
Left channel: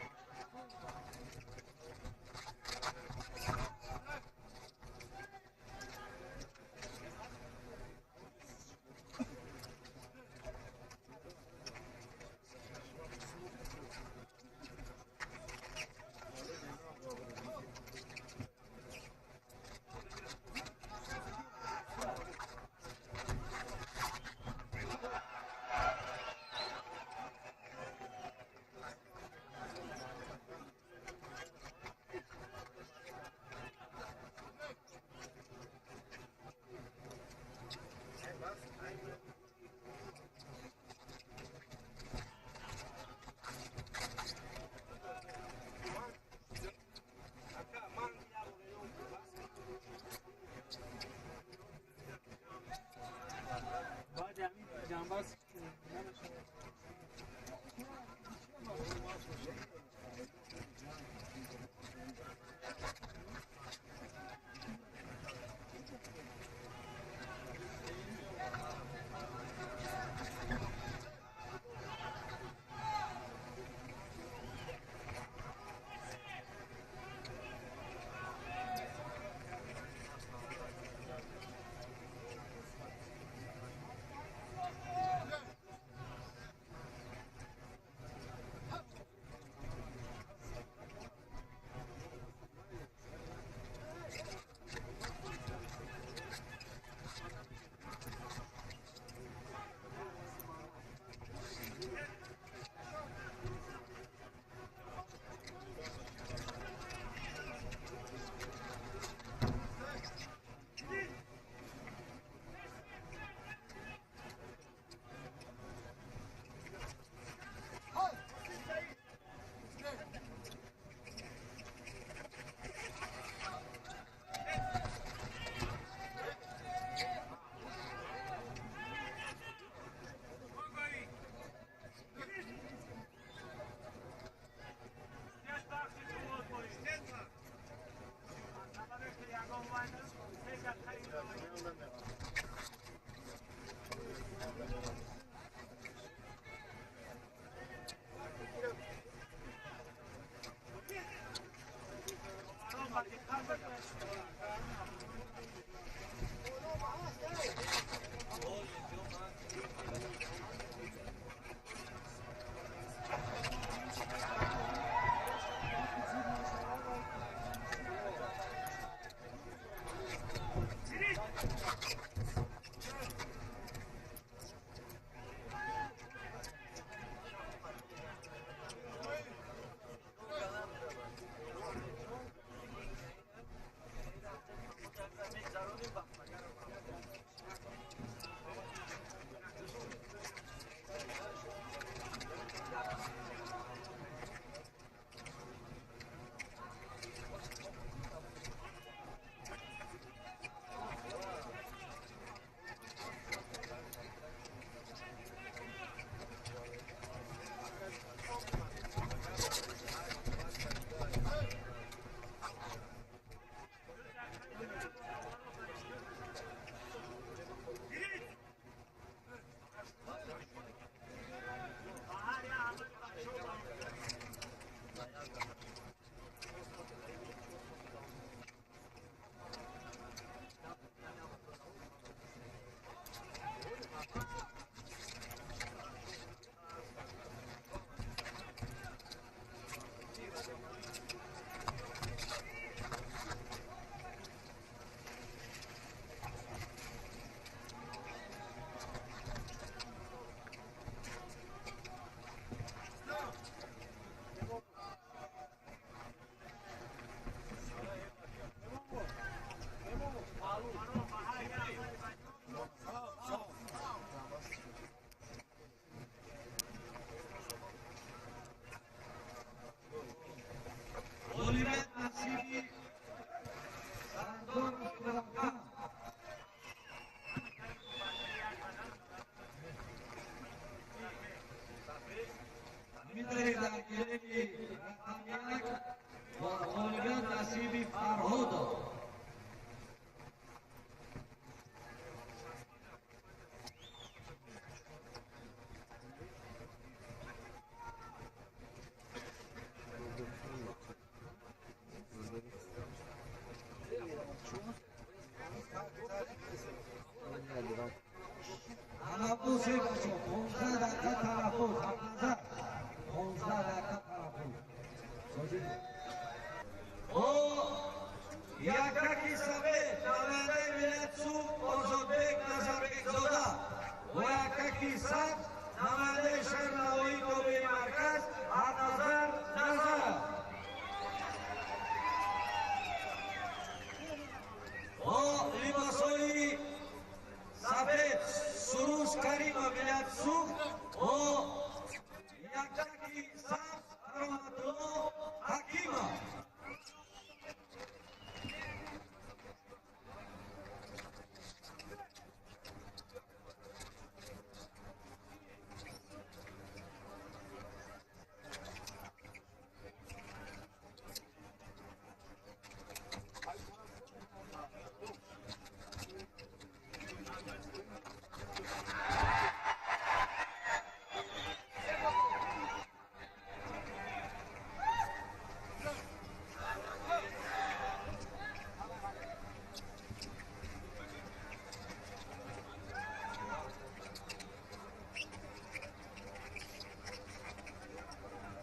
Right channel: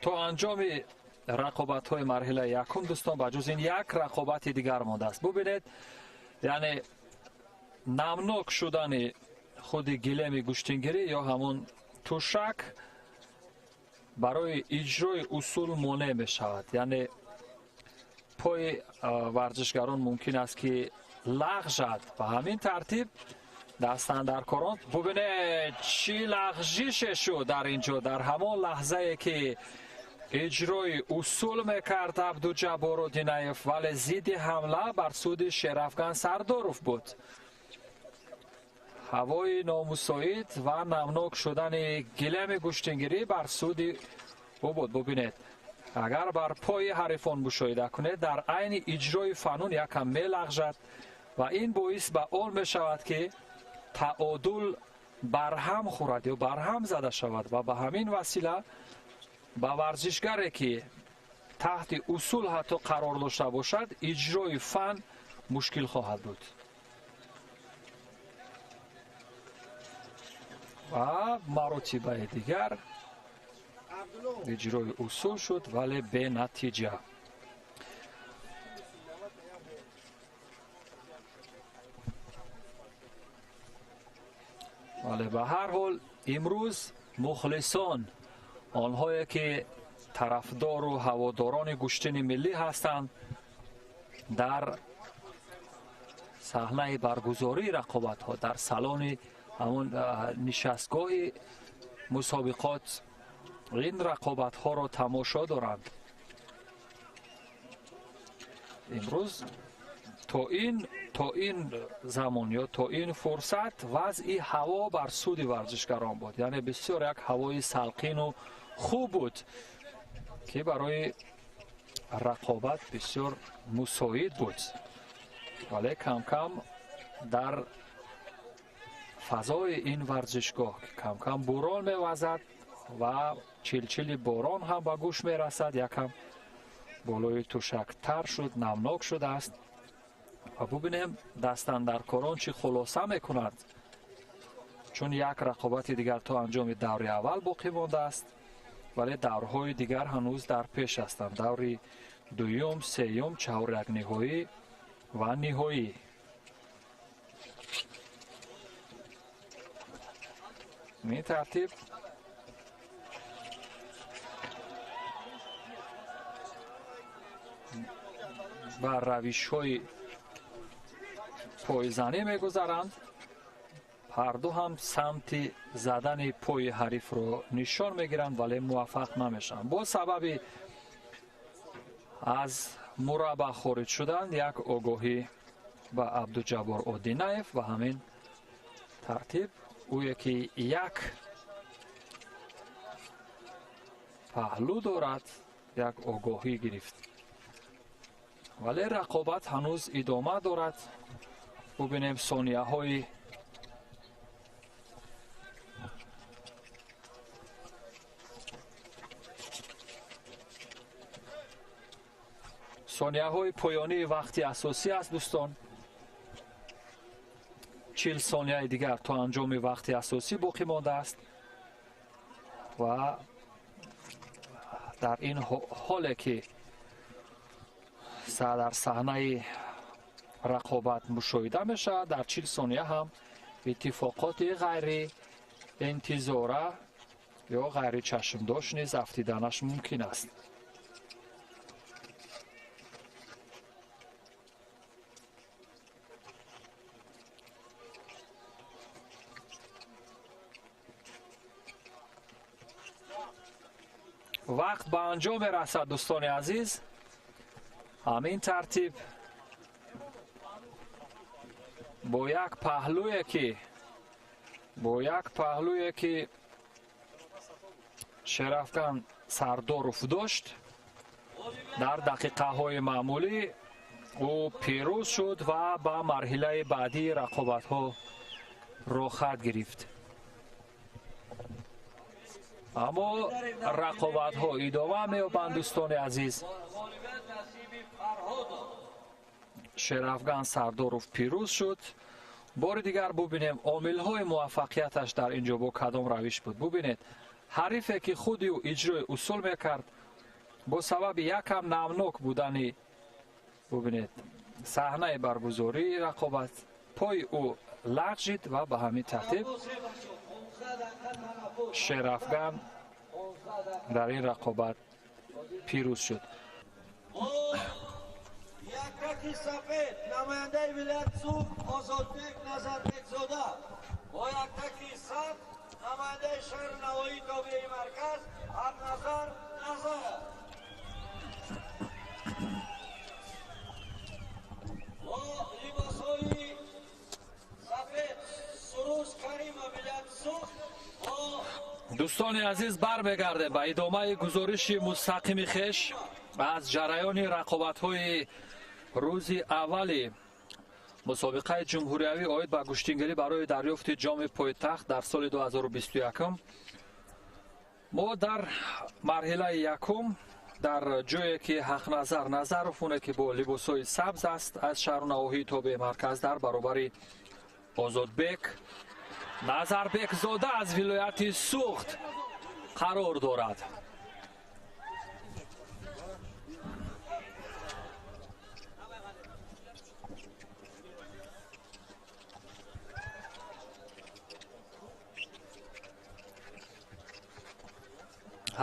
تو انجام رقابت های مرحله یکم دوستان بجز این یک رقابت دیگر مانده است. ببینید یعنی نمناک شدن خود گلیم گوشتنگیری یا همون توشک برای اجرای اصول مانع می شود. یعنی پای ورزشکاران ممکن است که لغزد و همین ترتیب دستاندرکاران ببینید چی لغزش شد در اینجا در همان لحظه که اجرای اصول میکرد عبدالجبار دینایف ولی ضد حمله بر سود شرافکن سرداروف بود. هوای نامساعد و نمناک شدن گلیم گوشتنگیری بر سود او بود. ببینید اگر بر پای حریفان مشاهده کنید در عین اجرای فنون یکم میلغزد و این باعث به آن می شود که تعادل برهم خورد یا برهم زده شود و به همین وسیله به ورزشگری که تحت اصول حتی قرار داشته باشد اجرای فن مشکل خواهد بود. و مراتب دیگر اجرای اصول شد ولی به نتیجه. ولی به هر حال امروز مخلصان آنهایی که طرفدار و هواداران گوشتن ملی هستند در صحنه برگزاری رقابت ها در سالن همون نشستگاه مسابقات این رقابت ها را تماشا دارند. امروز تا این زمان یا تا این فرصت وضع هوا بر سود ورزشگران بود. یعنی بسیار یک هوای سلقین و خوب بود که برای رقابت بسیار مساعد بود. ولی کم کم در فضای این ورزشگاه کم کم باران میوزد و چلچل باران هم به گوش میرسد. یکم بالای توشک تر شد، نمناک شده است و ببینیم دستاندرکاران چی خلاصه میکند چون یک رقابت دیگر تا انجام دور اول باقی مانده است ولی دورهای دیگر هنوز در پیش هستند. دور دوم، سوم، چهارم نهایی و نهایی. این ترتیب بر روش های پایزنی میگذارند. هر دو هم سمت زدن پای حریف رو نشان میگیرند ولی موفق نمیشن. با سبب از مربع خارج شدن یک آگاهی به عبدالجبار دینایف و همین ترتیب او یکی یک پهلو دارد یک آگاهی گرفت ولی رقابت هنوز ادامه دارد. ببینیم ثانیه های پایانی وقتی اساسی است دوستان. 40 ثانیه دیگر تا انجام وقتی اساسی باقی مانده است و در این حالی که در صحنه رقابت مشاهده میشه در 40 ثانیه هم اتفاقات غیر انتظاره یا غیر چشمداشت نیز افتیدنش ممکن است. وقت به انجام رسد دوستان عزیز. همین ترتیب با یک پهلوی که شرافکن Сардоров дошт. дар дақиқаҳои маъмулӣ ӯ пирӯз шуд ва ба марҳилаи баъдии рақобатҳо роҳ хат гирифт. аммо рақобатҳо идома меёбанд. дӯстони азиз, шерафган Сардоров пирӯз шуд. бори дигар бубинем омилҳои муваффақияташ дар ин ҷо бо кадом равиш буд. бубинед, ҳарифе ки худи ӯ иҷрои усул мекард, бо сабаби якам намнок будани бубинед саҳнаи баргузории рақобат пои ӯ лағжид ва ба ҳамин тартиб шерафган дар ин рақобат пирӯз шуд. Якаки сафед намояндаи Миллати Суд Озодбек Назарбекзода ва якаки сабз намояндаи шаҳри Навоии тобеи марказ Ҳақназар Назаров. ва либосҳои сафед Суруш Каримов Миллати Суд ва дӯстони азиз, бармегардем ба идомаи гузориши мустақими хеш аз ҷараёни рақобатҳои рӯзи аввали мусобиқаи ҷумҳуриявӣ оид ба куштингирӣ барои дарёфти ҷоми пойтахт дар соли 2021. мо дар марҳилаи якум дар ҷое ки Ҳақназар Назаров оне ки бо либосҳои сабз аст аз шаҳру навоҳии тобеи марказ дар баробари Озодбек Назарбекзода аз вилояти Суғд қарор дорад.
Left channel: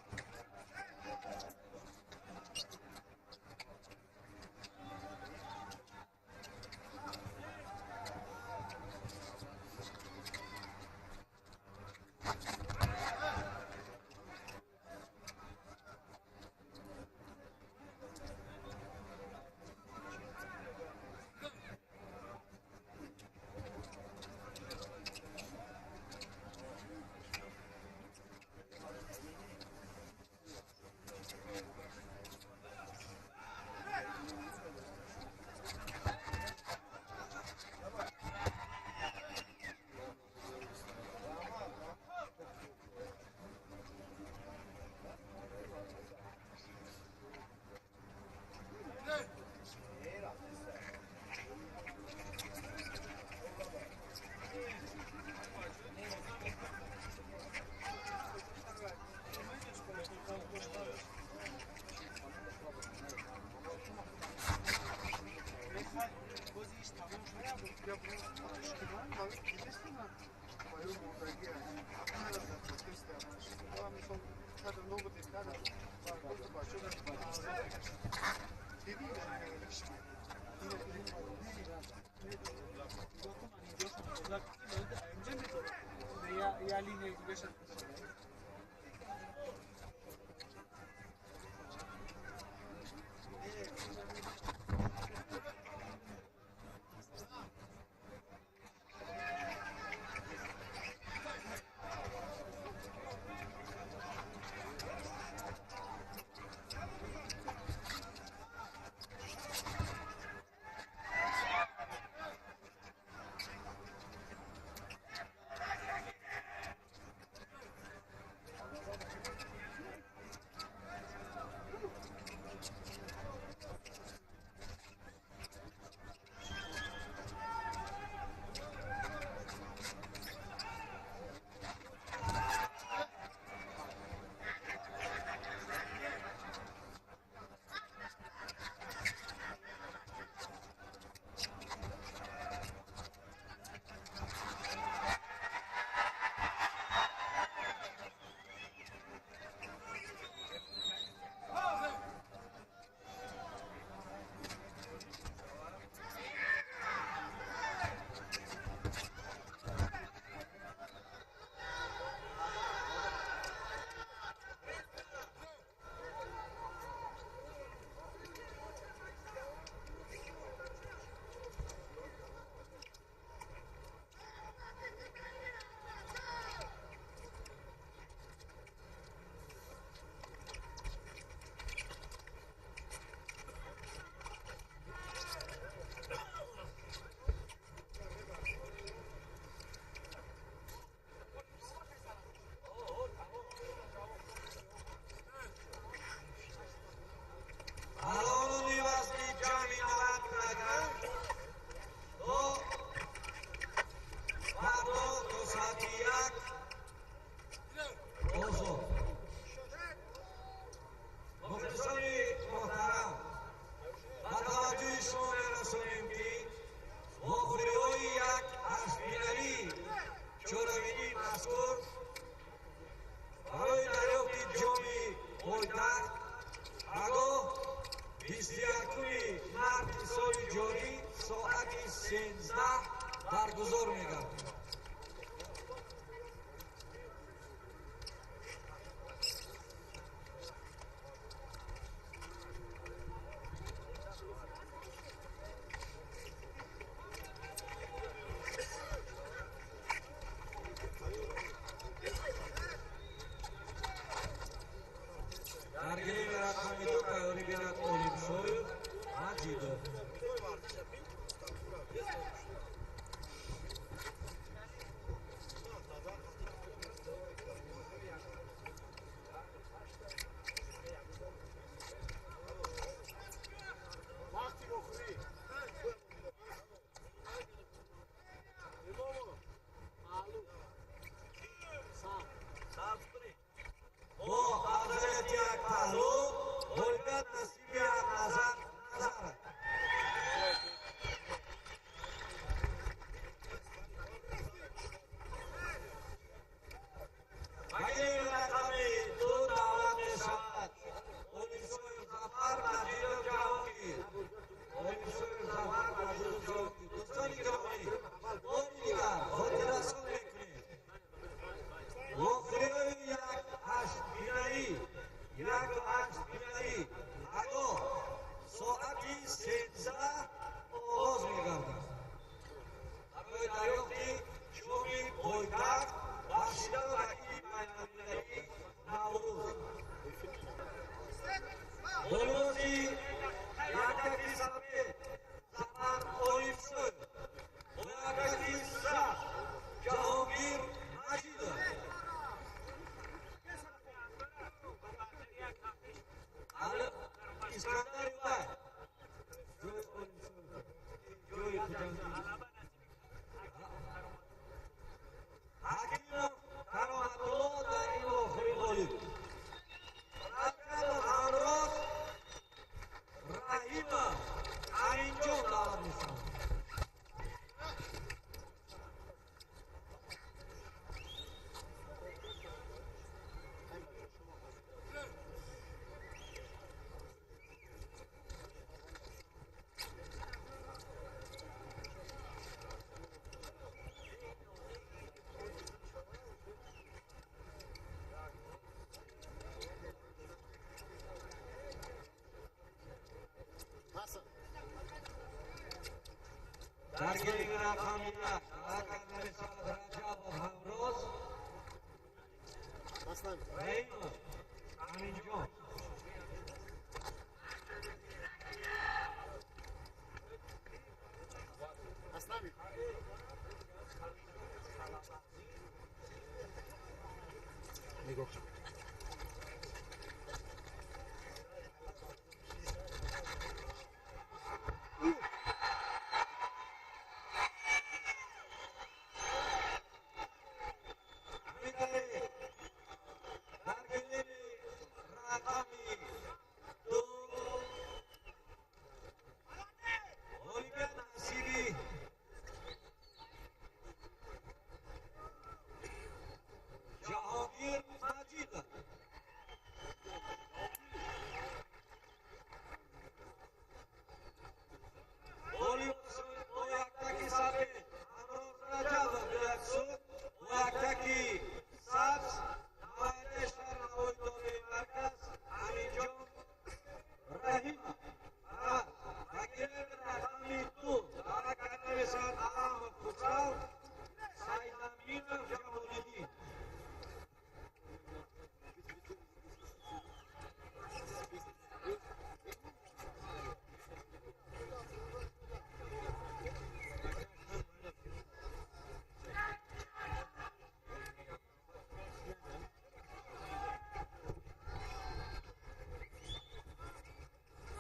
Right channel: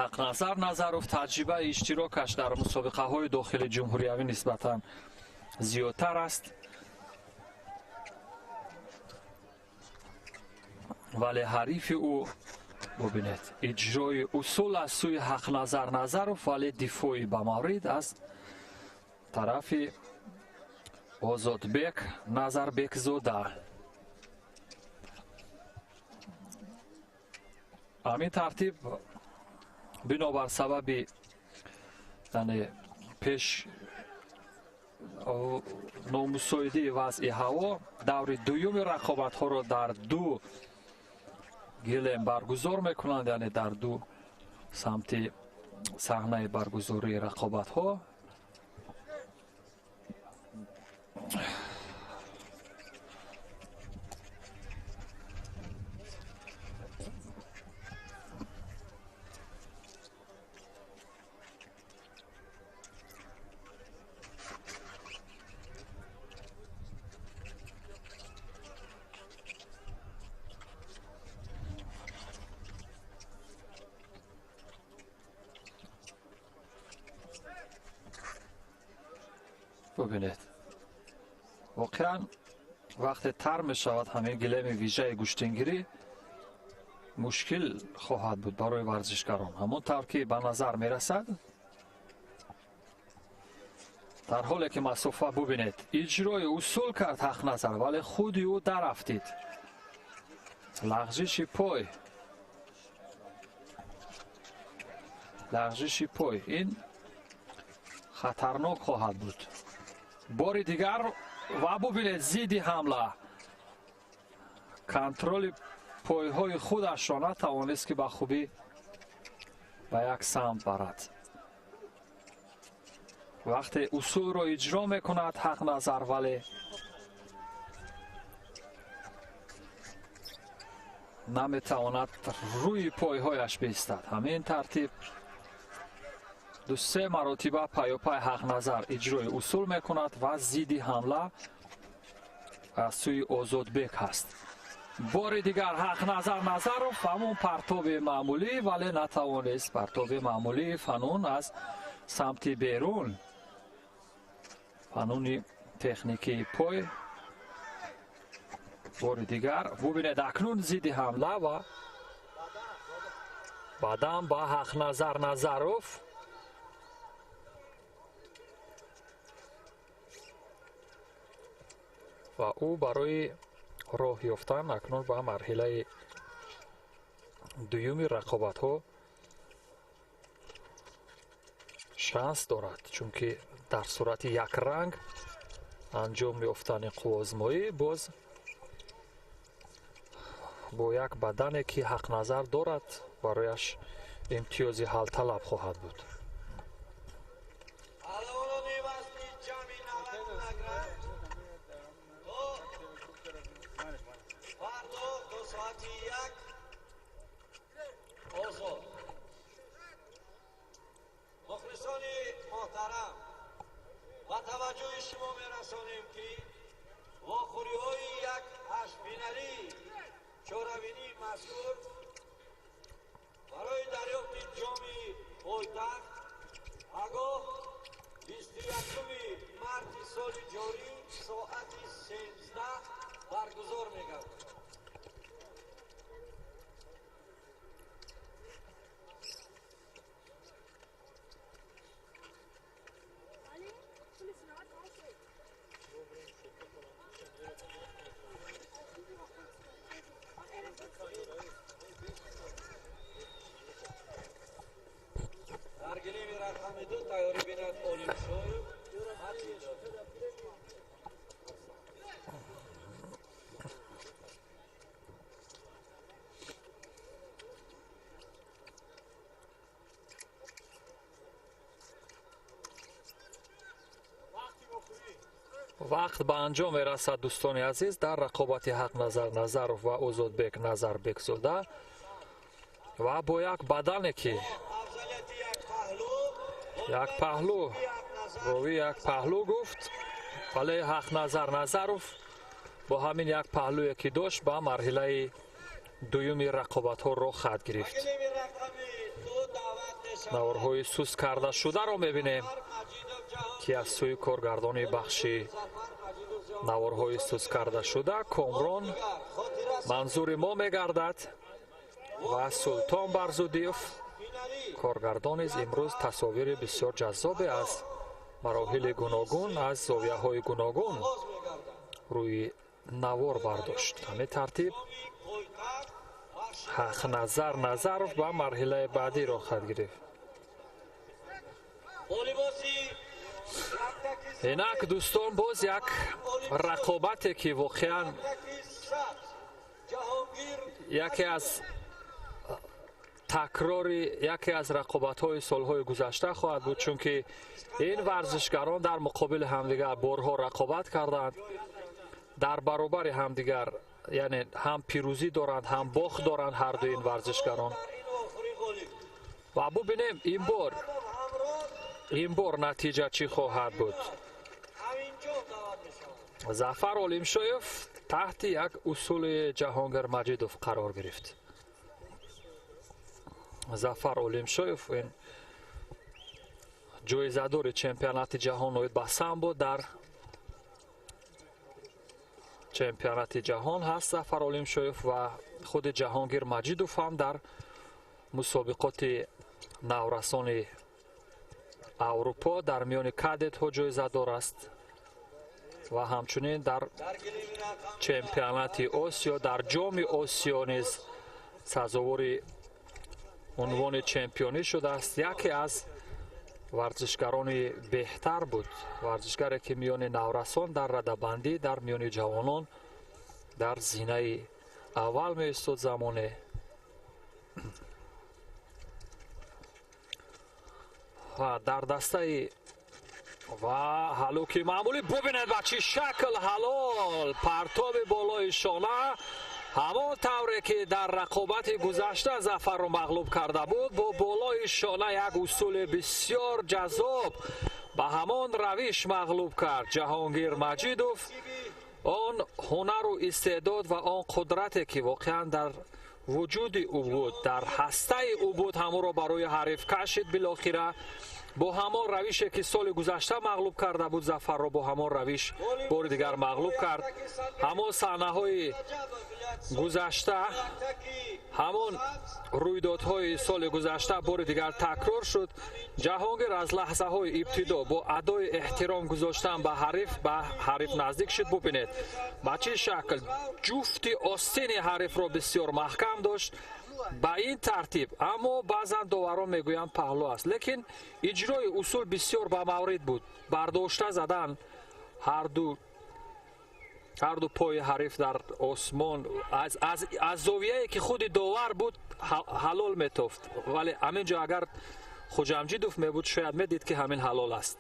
ҳақназар Назаров таҷрибаи иштирокаш дар мусобиқаҳои дохили ҷумҳуриявӣ нисбатан зиёдтар аст, вале ҳарифи ӯ бубинед иҷрои усул аз сӯи Ҳақназар Назаров, вале дифои ба маврид аз тарафи Озодбек Назарбекзода. ҳамин тартиб бинобар сабаби пеш номусоидии вазъи ҳаво даври дуюми рақобатҳоро дар ду гилем баргузор мекунанд, яъне дар ду самти саҳнаи баргузории рақобатҳо. бубинед, воқеан вақте тар мешавад ҳамин гилеми вижаи гӯштингирӣ мушкил хоҳад буд барои варзишгарон. ҳамон тавр ки ба назар мерасад, дар ҳоле ки масофа бубинед иҷрои усул кард Ҳақназар, вале худи ӯ тарафтид. лағжиши пой ин хатарнок хоҳад буд. бори дигар ва бубинед зидди ҳамла контроли пойҳои худашро натавонист ки ба хубӣ ба як самт барад. вақте усулро иҷро мекунад Ҳақназар, вале наметавонад рӯи пойҳояш бистад. ҳамин тартиб ду-се маротиба паёпай Ҳақназар иҷрои усул мекунад ва зидди ҳамла аз сӯи Озодбек ҳаст. бори дигар Ҳақназар Назаров ҳамон партоби маъмулӣ, вале натавонист партоби маъмулии фанун аз самти берун, фануни техникии пой. бори дигар бубинед акнун зидди ҳамла ва баъдан ба Ҳақназар Назаров. ва ӯ барои роҳ ёфтан акнун ба марҳилаи дуюми рақобатҳо шанс дорад, чунки дар сурати як ранг анҷом ёфтани қуввозмоӣ боз бо як бадане ки ҳақназар дорад барояш имтиёзи ҳалталаб хоҳад буд. برگزار می‌گردد. در گریم رقمی دو تغییری بیند اولیم شوی مجیدو. вақт ба анҷом мерасад дӯстони азиз дар рақобати ҳақназар назаров ва озодбек назарбекзода ва бо як бадане ки як паҳлӯ рови як паҳлӯ гуфт вале ҳақназар назаров бо ҳамин як паҳлӯе ки дошт ба марҳилаи дуюми рақобатҳо роҳ хат гирифт. наворҳои суст кардашударо мебинем ки аз сӯи коргардони бахши наворҳои суст кардашуда комрон манзури мо мегардад ва султон барзудиев коргардон низ имрӯз тасовири бисёр ҷаззобе аз мароҳили гуногун аз зовияҳои гуногун рӯи навор бардошт. ҳамин тартиб ҳақназар назаров ба марҳилаи баъдӣ роҳ хат гирифт. инак дӯстон боз як рақобате ки воқеан яке аз такрори яке аз рақобатҳои солҳои гузашта хоҳад буд, чунки ин варзишгарон дар муқобили ҳамдигар борҳо рақобат карданд, дар баробари ҳамдигар яъне ҳам пирӯзӣ доранд ҳам бохт доранд ҳарду ин варзишгарон. ва бубинем ин бор натиҷа чӣ хоҳад буд. зафар олимшоев таҳти як усули ҷаҳонгир маҷидов қарор гирифт. зафар олимшоев ин ҷоизадори чемпионати ҷаҳон ба самбо дар чемпионати ҷаҳон ҳаст. зафар олимшоев ва худи ҷаҳонгир маҷидов ҳам дар мусобиқоти наврасони аврупо дар миёни кадетҳо ҷоизадор аст ва ҳамчунин дар чемпионати осиё дар ҷоми осиё низ сазовори унвони чемпионӣ шудааст. яке аз варзишгарони беҳтар буд, варзишгаре ки миёни наврасон дар радабандӣ дар миёни ҷавонон дар зинаи аввал меистод. замоне ва дар дастаи ва ҳалуки маъмулӣ бубинед ба чӣ шакл ҳалол партоби болои шона ҳамон тавре ки дар рақобати гузашта зафарро мағлуб карда буд бо болои шона як усули бисёр ҷаззоб ба ҳамон равиш мағлуб кард ҷаҳонгир маҷидов. он ҳунару истеъдод ва он қудрате ки воқеан дар вуҷуди ӯ буд дар ҳастаи ӯ буд ҳамонро барои ҳариф кашид. билохира бо ҳамон равише ки соли гузашта мағлуб карда буд зафарро бо ҳамон равиш бори дигар мағлуб кард. ҳамон саҳнаҳои гузашта ҳамон рӯйдодҳои соли гузашта бори дигар такрор шуд. ҷаҳонгир аз лаҳзаҳои ибтидо бо адои эҳтиром гузоштан ба ҳариф наздик шуд. бубинед ба чӣ шакл ҷуфти остини ҳарифро бисёр маҳкам дошт با این ترتیب، اما بعضا داوران میگویند پهلو است، لیکن اجرای اصول بسیار با مورد بود. برداشته زدن هر دو پای حریف در آسمان از زاویه‌ای که خود داور بود حلال میتافت، ولی همینجا اگر خوجامجیدوف میبود شاید میدید که همین حلال است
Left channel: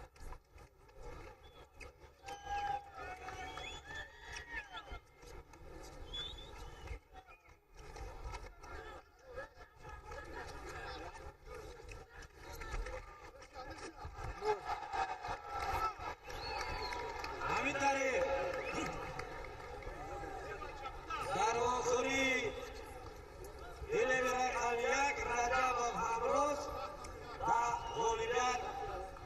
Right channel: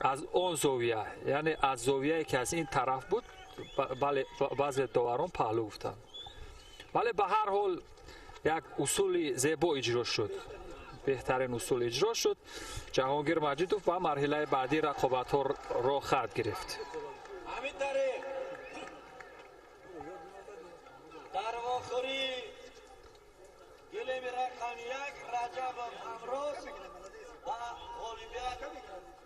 از اون زاویه، یعنی از زاویه‌ای که از این طرف بود. بله بعضی داوران پهلو گفتند، ولی به هر حال یک اصول زیبا اجرا شد، بهترین اصول اجرا شد. جهانگیر مجیدوف با مرحله بعدی رقابت‌ها را خط گرفت. همین طریق در آخری فیلم رقم یک رجب افروز و غالبیت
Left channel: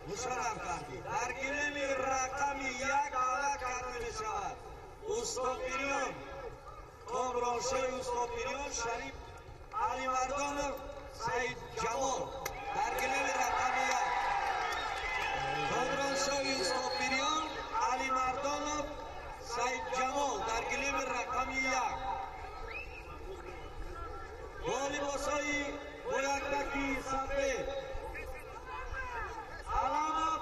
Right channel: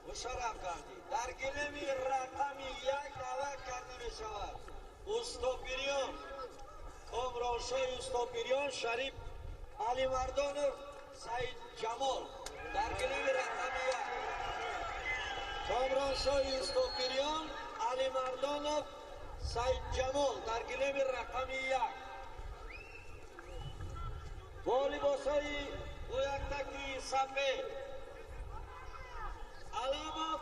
مشرف کردید. در فیلم رقم یک دعوت کرده می شود استاپیریون کامرانشاه استاپیریون شریف علی مردانov سعید جمال. در فیلم رقم یک کامرانشاه استاپیریون علی مردانov سعید جمال در گلیم رقم یک با لباسای بلندکی سفید علامت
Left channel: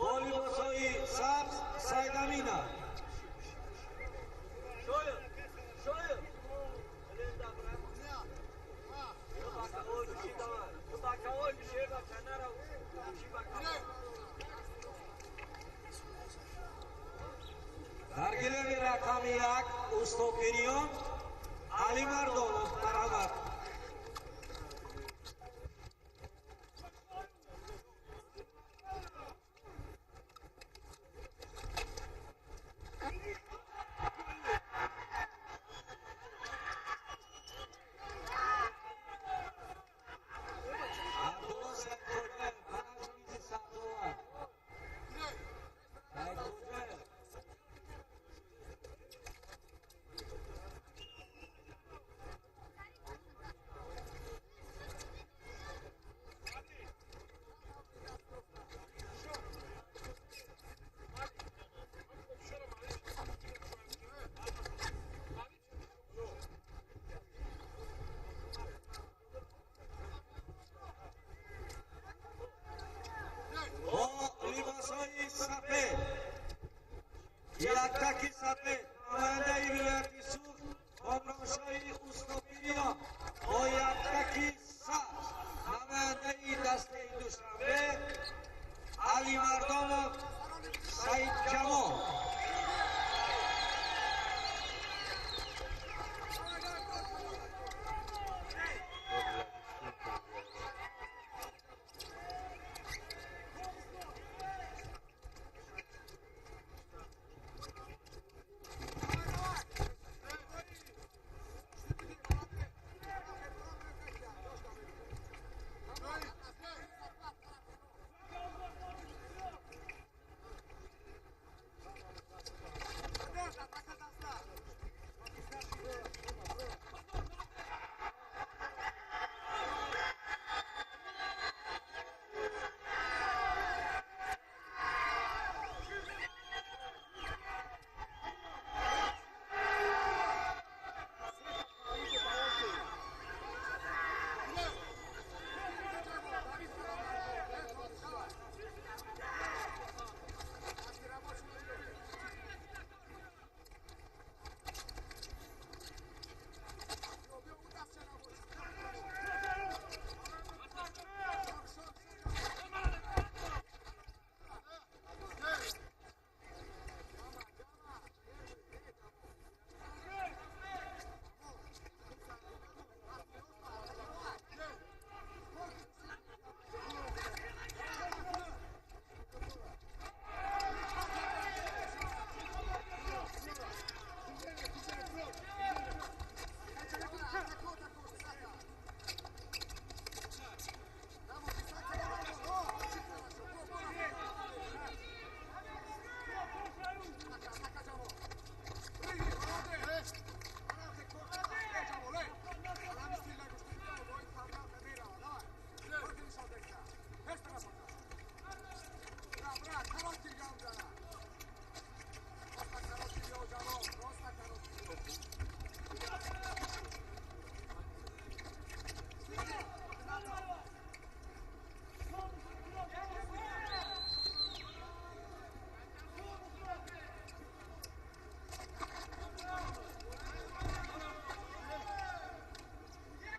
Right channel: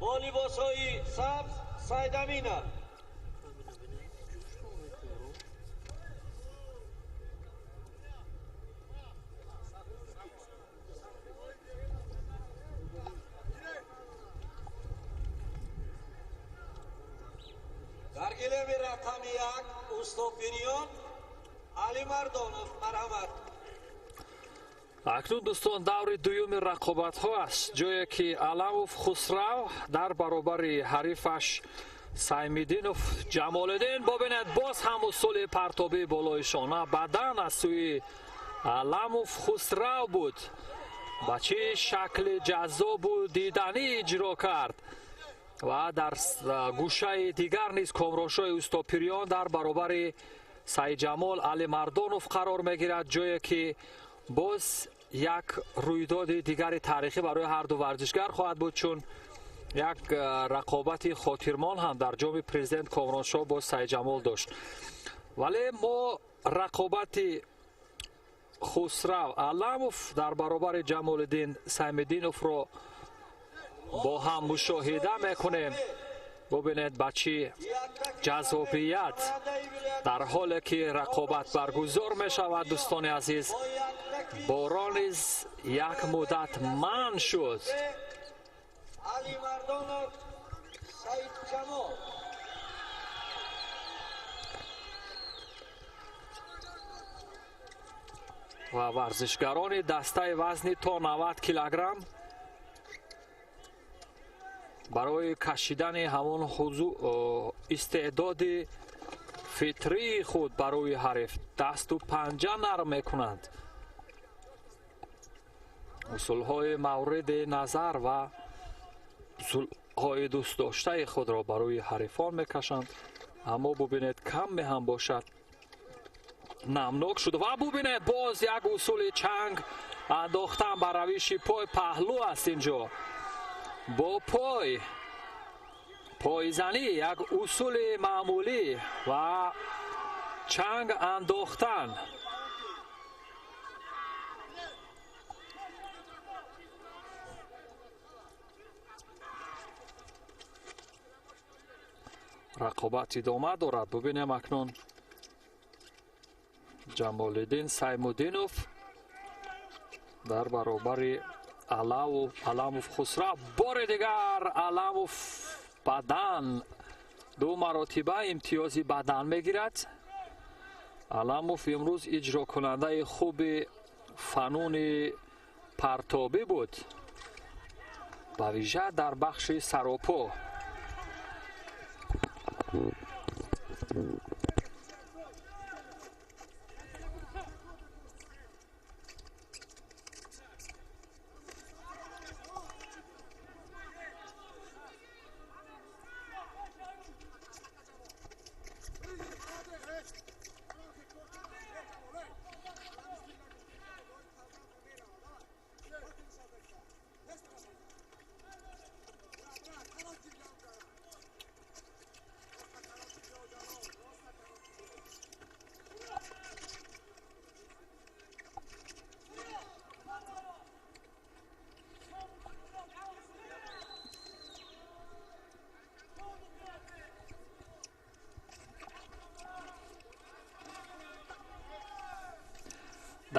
با لباسای سبز سید امینه. در گلیم رقم یک استاپیریون علی مردانov مرحبت. اکنون دوستان دور دوم رقابت ها است، جایی که علاموف خسرو در برابر حریفش سیمدینوف جمالدین. ببینید باز هم اصول پرتابی بالای شانه بدن از سوی علاموف خسرو بود. با چه شکل جذاب و دیدنی اجرا کرد و در گوشه دیگر نیز کامرانشاه استاپیریون در برابر سعید جمال علی مردانov قرار میگیرد، جایی که باز یک رویداد دیگر تاریخی برای هر دو ورزشگر خواهد بود، چون یک رقابت خاطرمان هم در جام پرزیدنت کامرانشاه با سعید جمال داشت. ولی ما رقابت خسرو علاموف در برابر جمالدین سیمدینوف را با هم مشاهده میکنیم. ببینید با چه جذابیت در حالی که رقابت برگزار می شود دوستان عزیز، باران یک مدت منع شد. علی مردانov سعید جمال و ورزشگران دسته وزن تا 90 کیلوگرم برای کشیدن همان استعداد فطری خود برای حریف دست و پنجه نرم میکنند. اصولهای مورد نظر و اصولهای دوست داشته خود را برای حریفان میکشند، اما ببینید کم هم باشد نمناک شده. و ببینید باز یک اصول چنگ انداختن بر روش پای پهلو است. اینجا با پایزنی یک اصول معمولی و چنگ انداختن. رقابت ادامه دارد. ببینیم اکنون جمالدین سیمدینوف در برابر علاموف خسرو. بار دیگر علاموف بدن دو مراتبه امتیازی بدن میگیرد. علاموف امروز اجرا کننده خوب فنون پرتابی بود، با ویژه در بخش سراپا.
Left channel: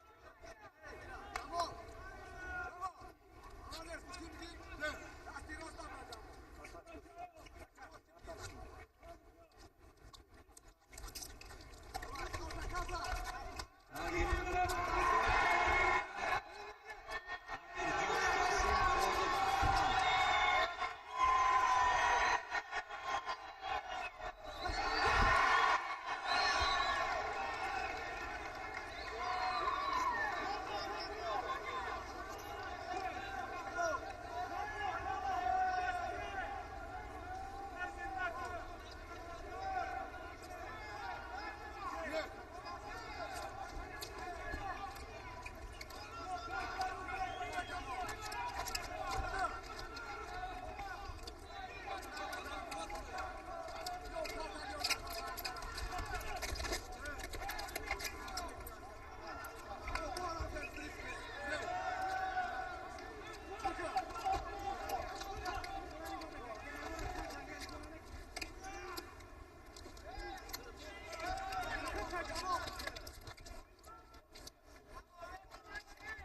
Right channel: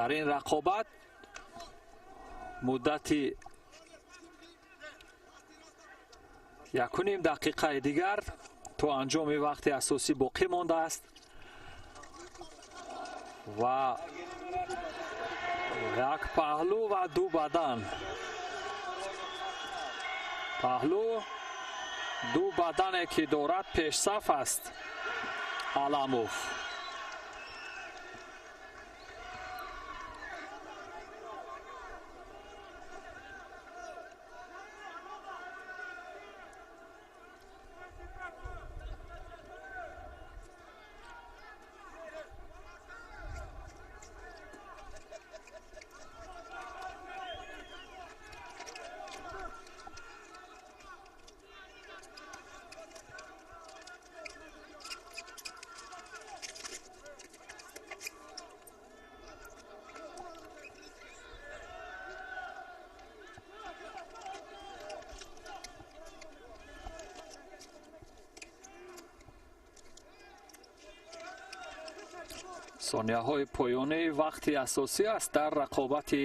در این رقابت مدتی 1.5 دقیقه دیگر تو انجام وقت اساسی باقی مانده است و یک پهلو و دو بدن. پهلو دو بدنی که دارد پیش صف است علموف. ثانیه‌های پایانی وقت اساسی است در رقابت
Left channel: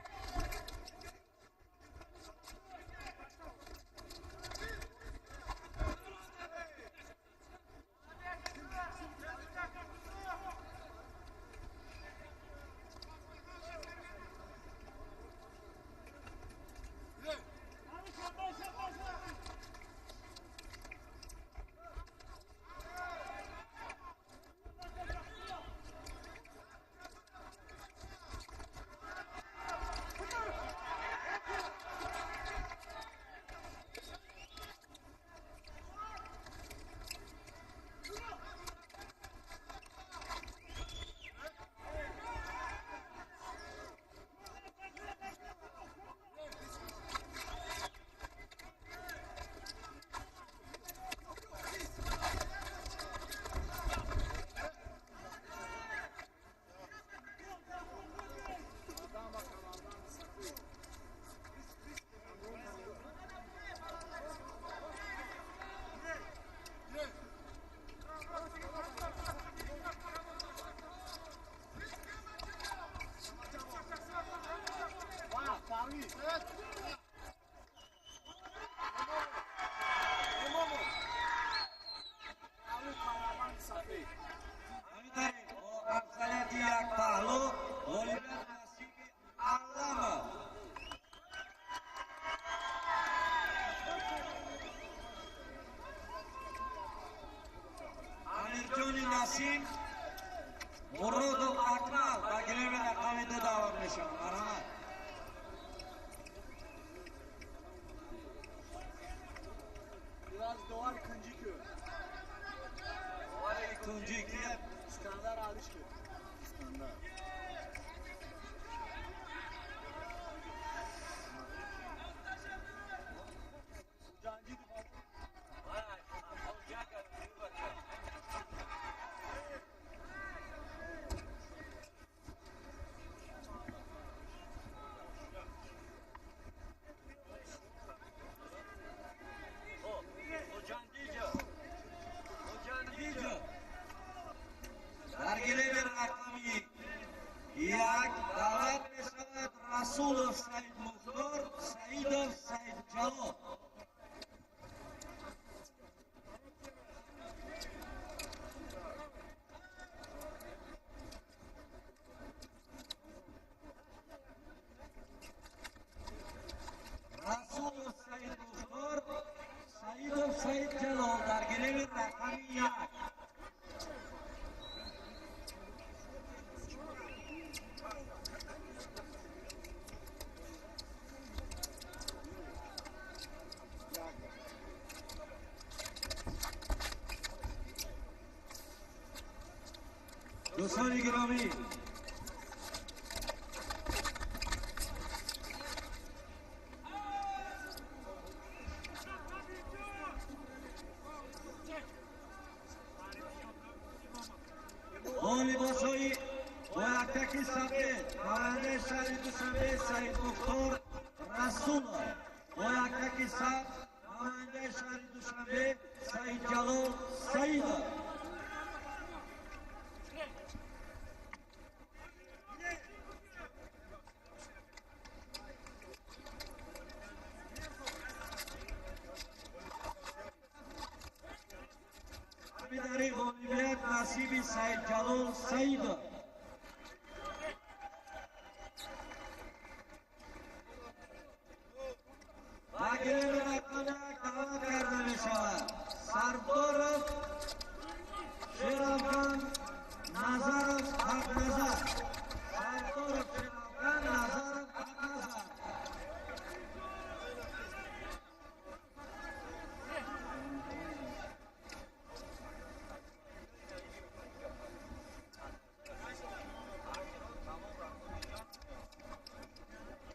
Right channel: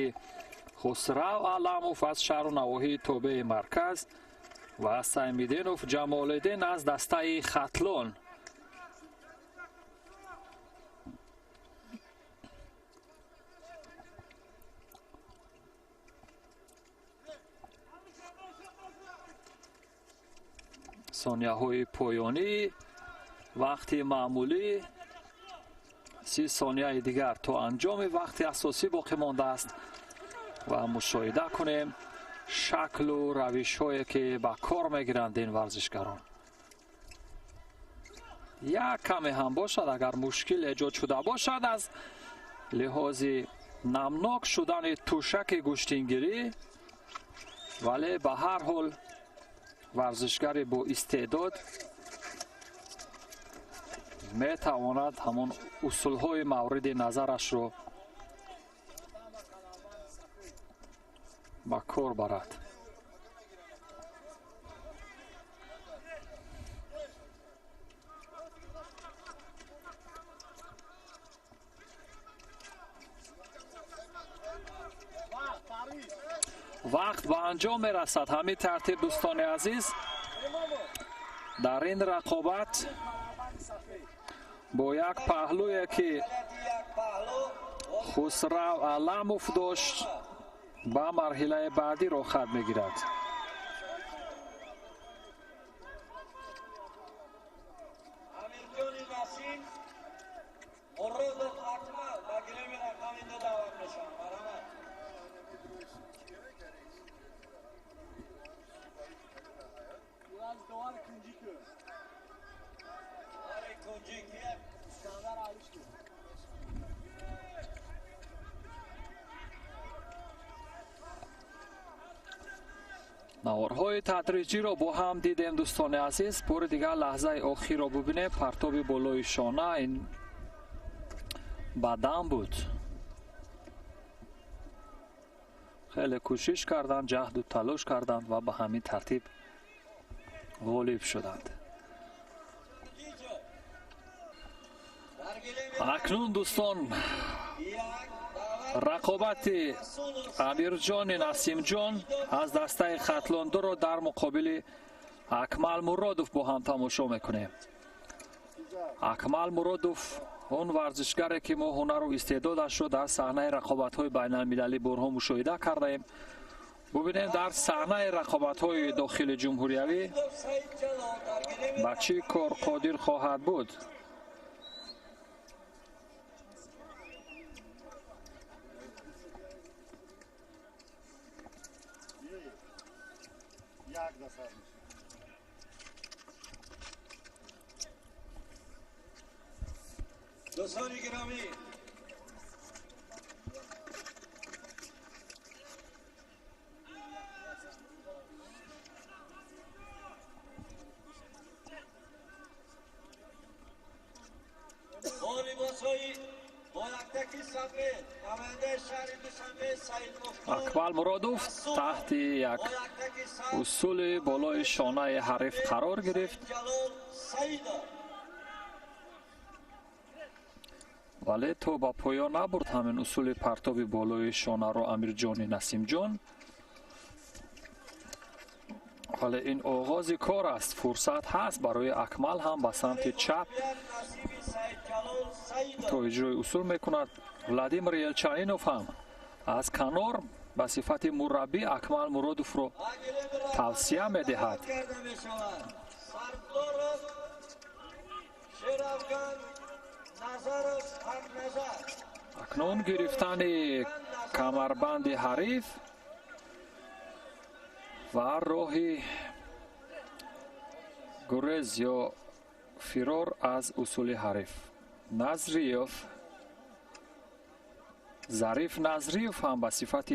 خسرو علموف از شهر و نواحی توبه مرکز و سیمدینوف جمالدین از دسته ختلون. ثانیه‌های پایانی وقت معمولی 30 ثانیه دیگر تا انجام وقت اساسی باقی مانده است و مشاهده کنیم شکل و روش هایی که به کار میگیرند این ورزشکاران. یک کمی هم باشد اگر مشکل ایجاد شده باشد از لحاظ نمناک شدن توشک گوشتینگیری، ولی به هر حال ورزشکار با استعداد می تواند همون اصول های مورد نظرش رو با کار برد. وقت به انجام می رسد. همین ترتیب دوستان عزیز در این رقابت با یک پهلوی که خسرو علموف داشت به مرحله بعدی رو خط میگیرد. امیرجان نسیم مرادوف اکمل و گریم رقمی دو دوام نشان. مرحمت. Biraz doğal ikinci köy. کنجی که İskender Aliş köy. نوارهای تدریجی را با هم دیدیم دوستان عزیز. بار دیگر لحظه آخر را ببینیم. پرتاب بالای شانه این بدن بود. خیلی کوشش کردند، جهد و تلاش کردند و به همین ترتیب غالب شدند. اکنون دوستان رقابت امیرجان نسیم جان از دسته ختلاندو را در مقابل اکمل مرادوف با هم تماشا میکنیم. اکمل مرادوف اون ورزشگری که ما هنر و استعدادش رو در صحنه رقابت‌های بین‌المللی بارها مشاهده کردیم. ببینیم در صحنه رقابت‌های داخل جمهوریوی بچه کار قادر خواهد بود. دوستان گرامی لباس‌های با یک صفحه ماننده شهری دوشنبه سعید مختار اکمل مرادوف تحت یک اصول بالای شانه حریف قرار گرفت ولی تو با پایان نبرد همین اصول پرتاب بالای شانه رو امیرجان نسیم جان. ولی این آغاز کار است. فرصت هست برای اکمل هم به سمت چپ تو اجرای اصول میکند. ولادیمیر یلچنینوف هم از کنار به صفت مربی اکمل مرادوف رو توصیه میدهد. اکنون گرفتن کمربند حریف و راه گریز یا فرار از اصول حریف. نظریف ظریف نظریف هم به صفت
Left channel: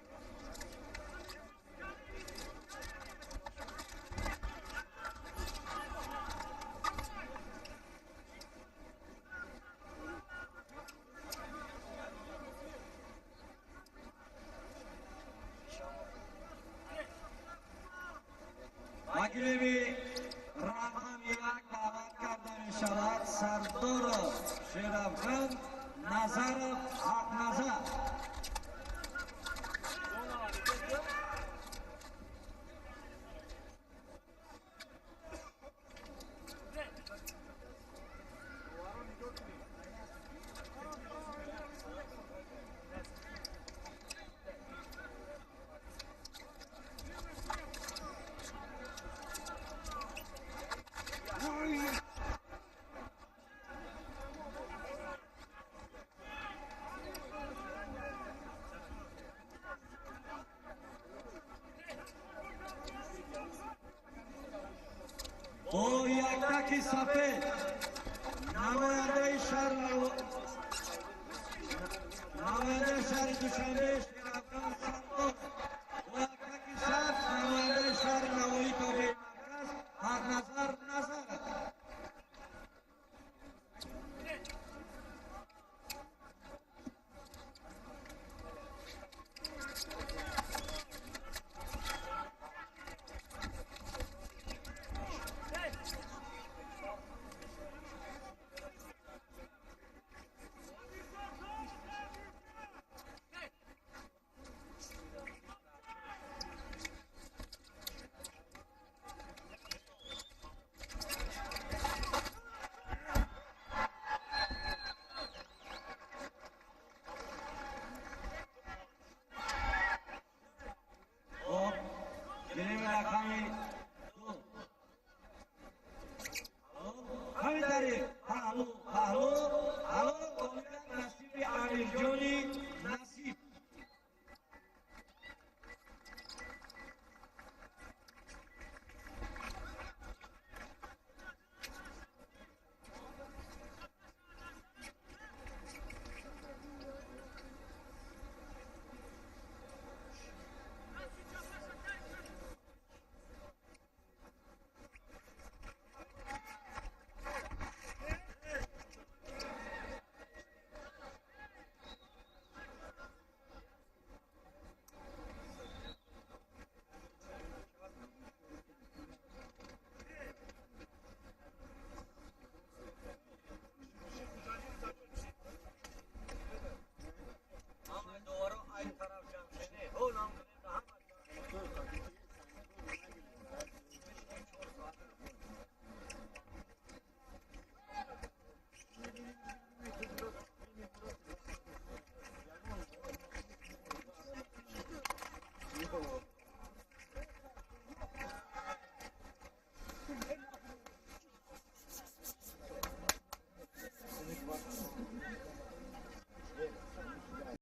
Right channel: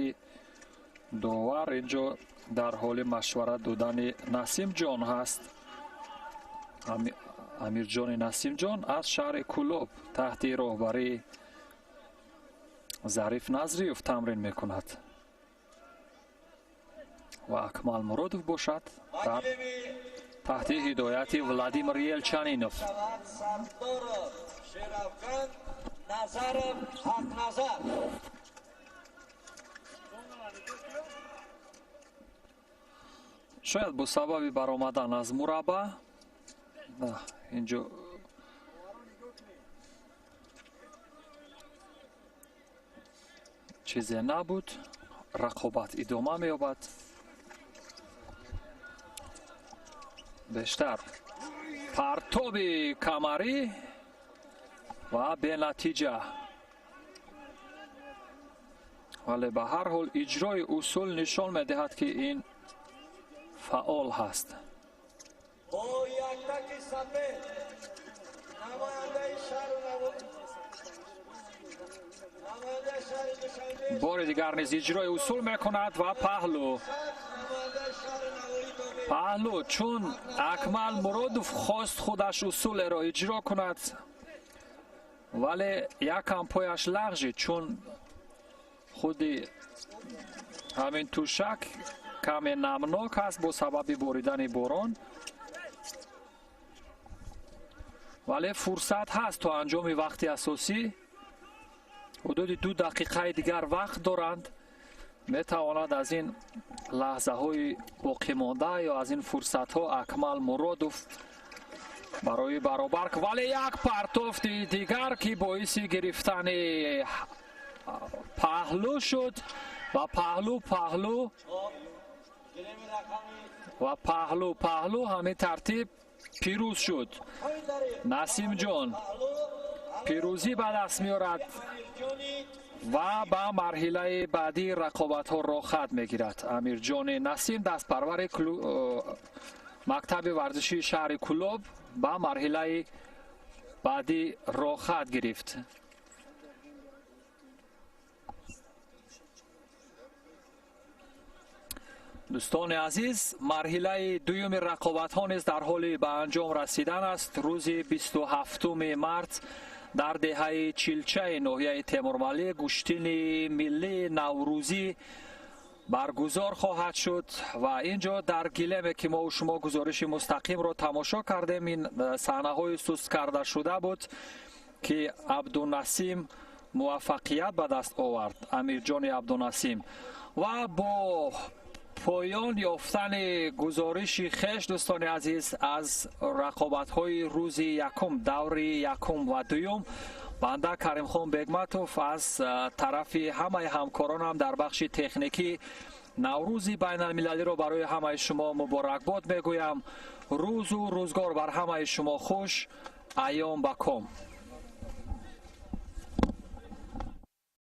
داور اینجا در حال مشورت دادن نسیم جان هست. امیرجان نسیم جان از شهر کلوب تحت راهبری ظریف نظریف تمرین میکند و اکمل مرادوف باشد تحت هدایت ولادیمیر یلچنینوف. شاید با سبب برآمدن از مربع اینجا چیزی نبود. رقابت ادامه می‌یابد. بیشتر پرتاب کمری و به نتیجه. ولی به هر حال اجرای اصول نشان می‌دهد که این فعال هست. با یک تک سفید نماینده شهر دوشنبه بار دیگر نیز اجرای اصول میکند و پهلو چون اکمل مرادوف خواست خودش اصول را اجرا کند ولی یکم پایش لغزید چون خودی همین توشک کمی نمناک است با سبب باریدن باران. ولی فرصت هست تا انجام وقتی اساسی. حدود 2 دقیقه دیگر وقت دارند. می تواند از این لحظه های باقی مانده یا از این فرصت ها اکمل مرادوف برای برابر ولی یک پرتاب دیگر که باعث گرفتن پهلو شد و پهلو همین ترتیب پیروز شد. نسیم جان پیروزی به دست می‌آورد و به مرحله بعدی رقابت ها را خط می‌گیرد. امیرجان نسیم دست پرور مکتب ورزشی شهر کلوب به مرحله بعدی را خط گرفت. دوستان عزیز، مرحله دوم رقابت ها نیز در حال به انجام رسیدن است. روز 27 مارس در دهه چیلچه ناحیه تیمورملی گشتین ملی نوروزی برگزار خواهد شد و اینجا در گلیم که ما و شما گزارش مستقیم را تماشا کردیم این صحنه های سست کرده شده بود که عبدالنسیم موفقیت به دست آورد. امیرجان عبدالنسیم و با پایان یافتن گزارش خیش دوستان عزیز از رقابت های روز یکم دور یکم و دوم بنده کریم خان بیگمتوف از طرف همه همکارانم در بخش تکنیکی نوروز بین المللی را برای همه شما مبارکباد میگویم. روز و روزگار بر همه شما خوش. ایام بکام.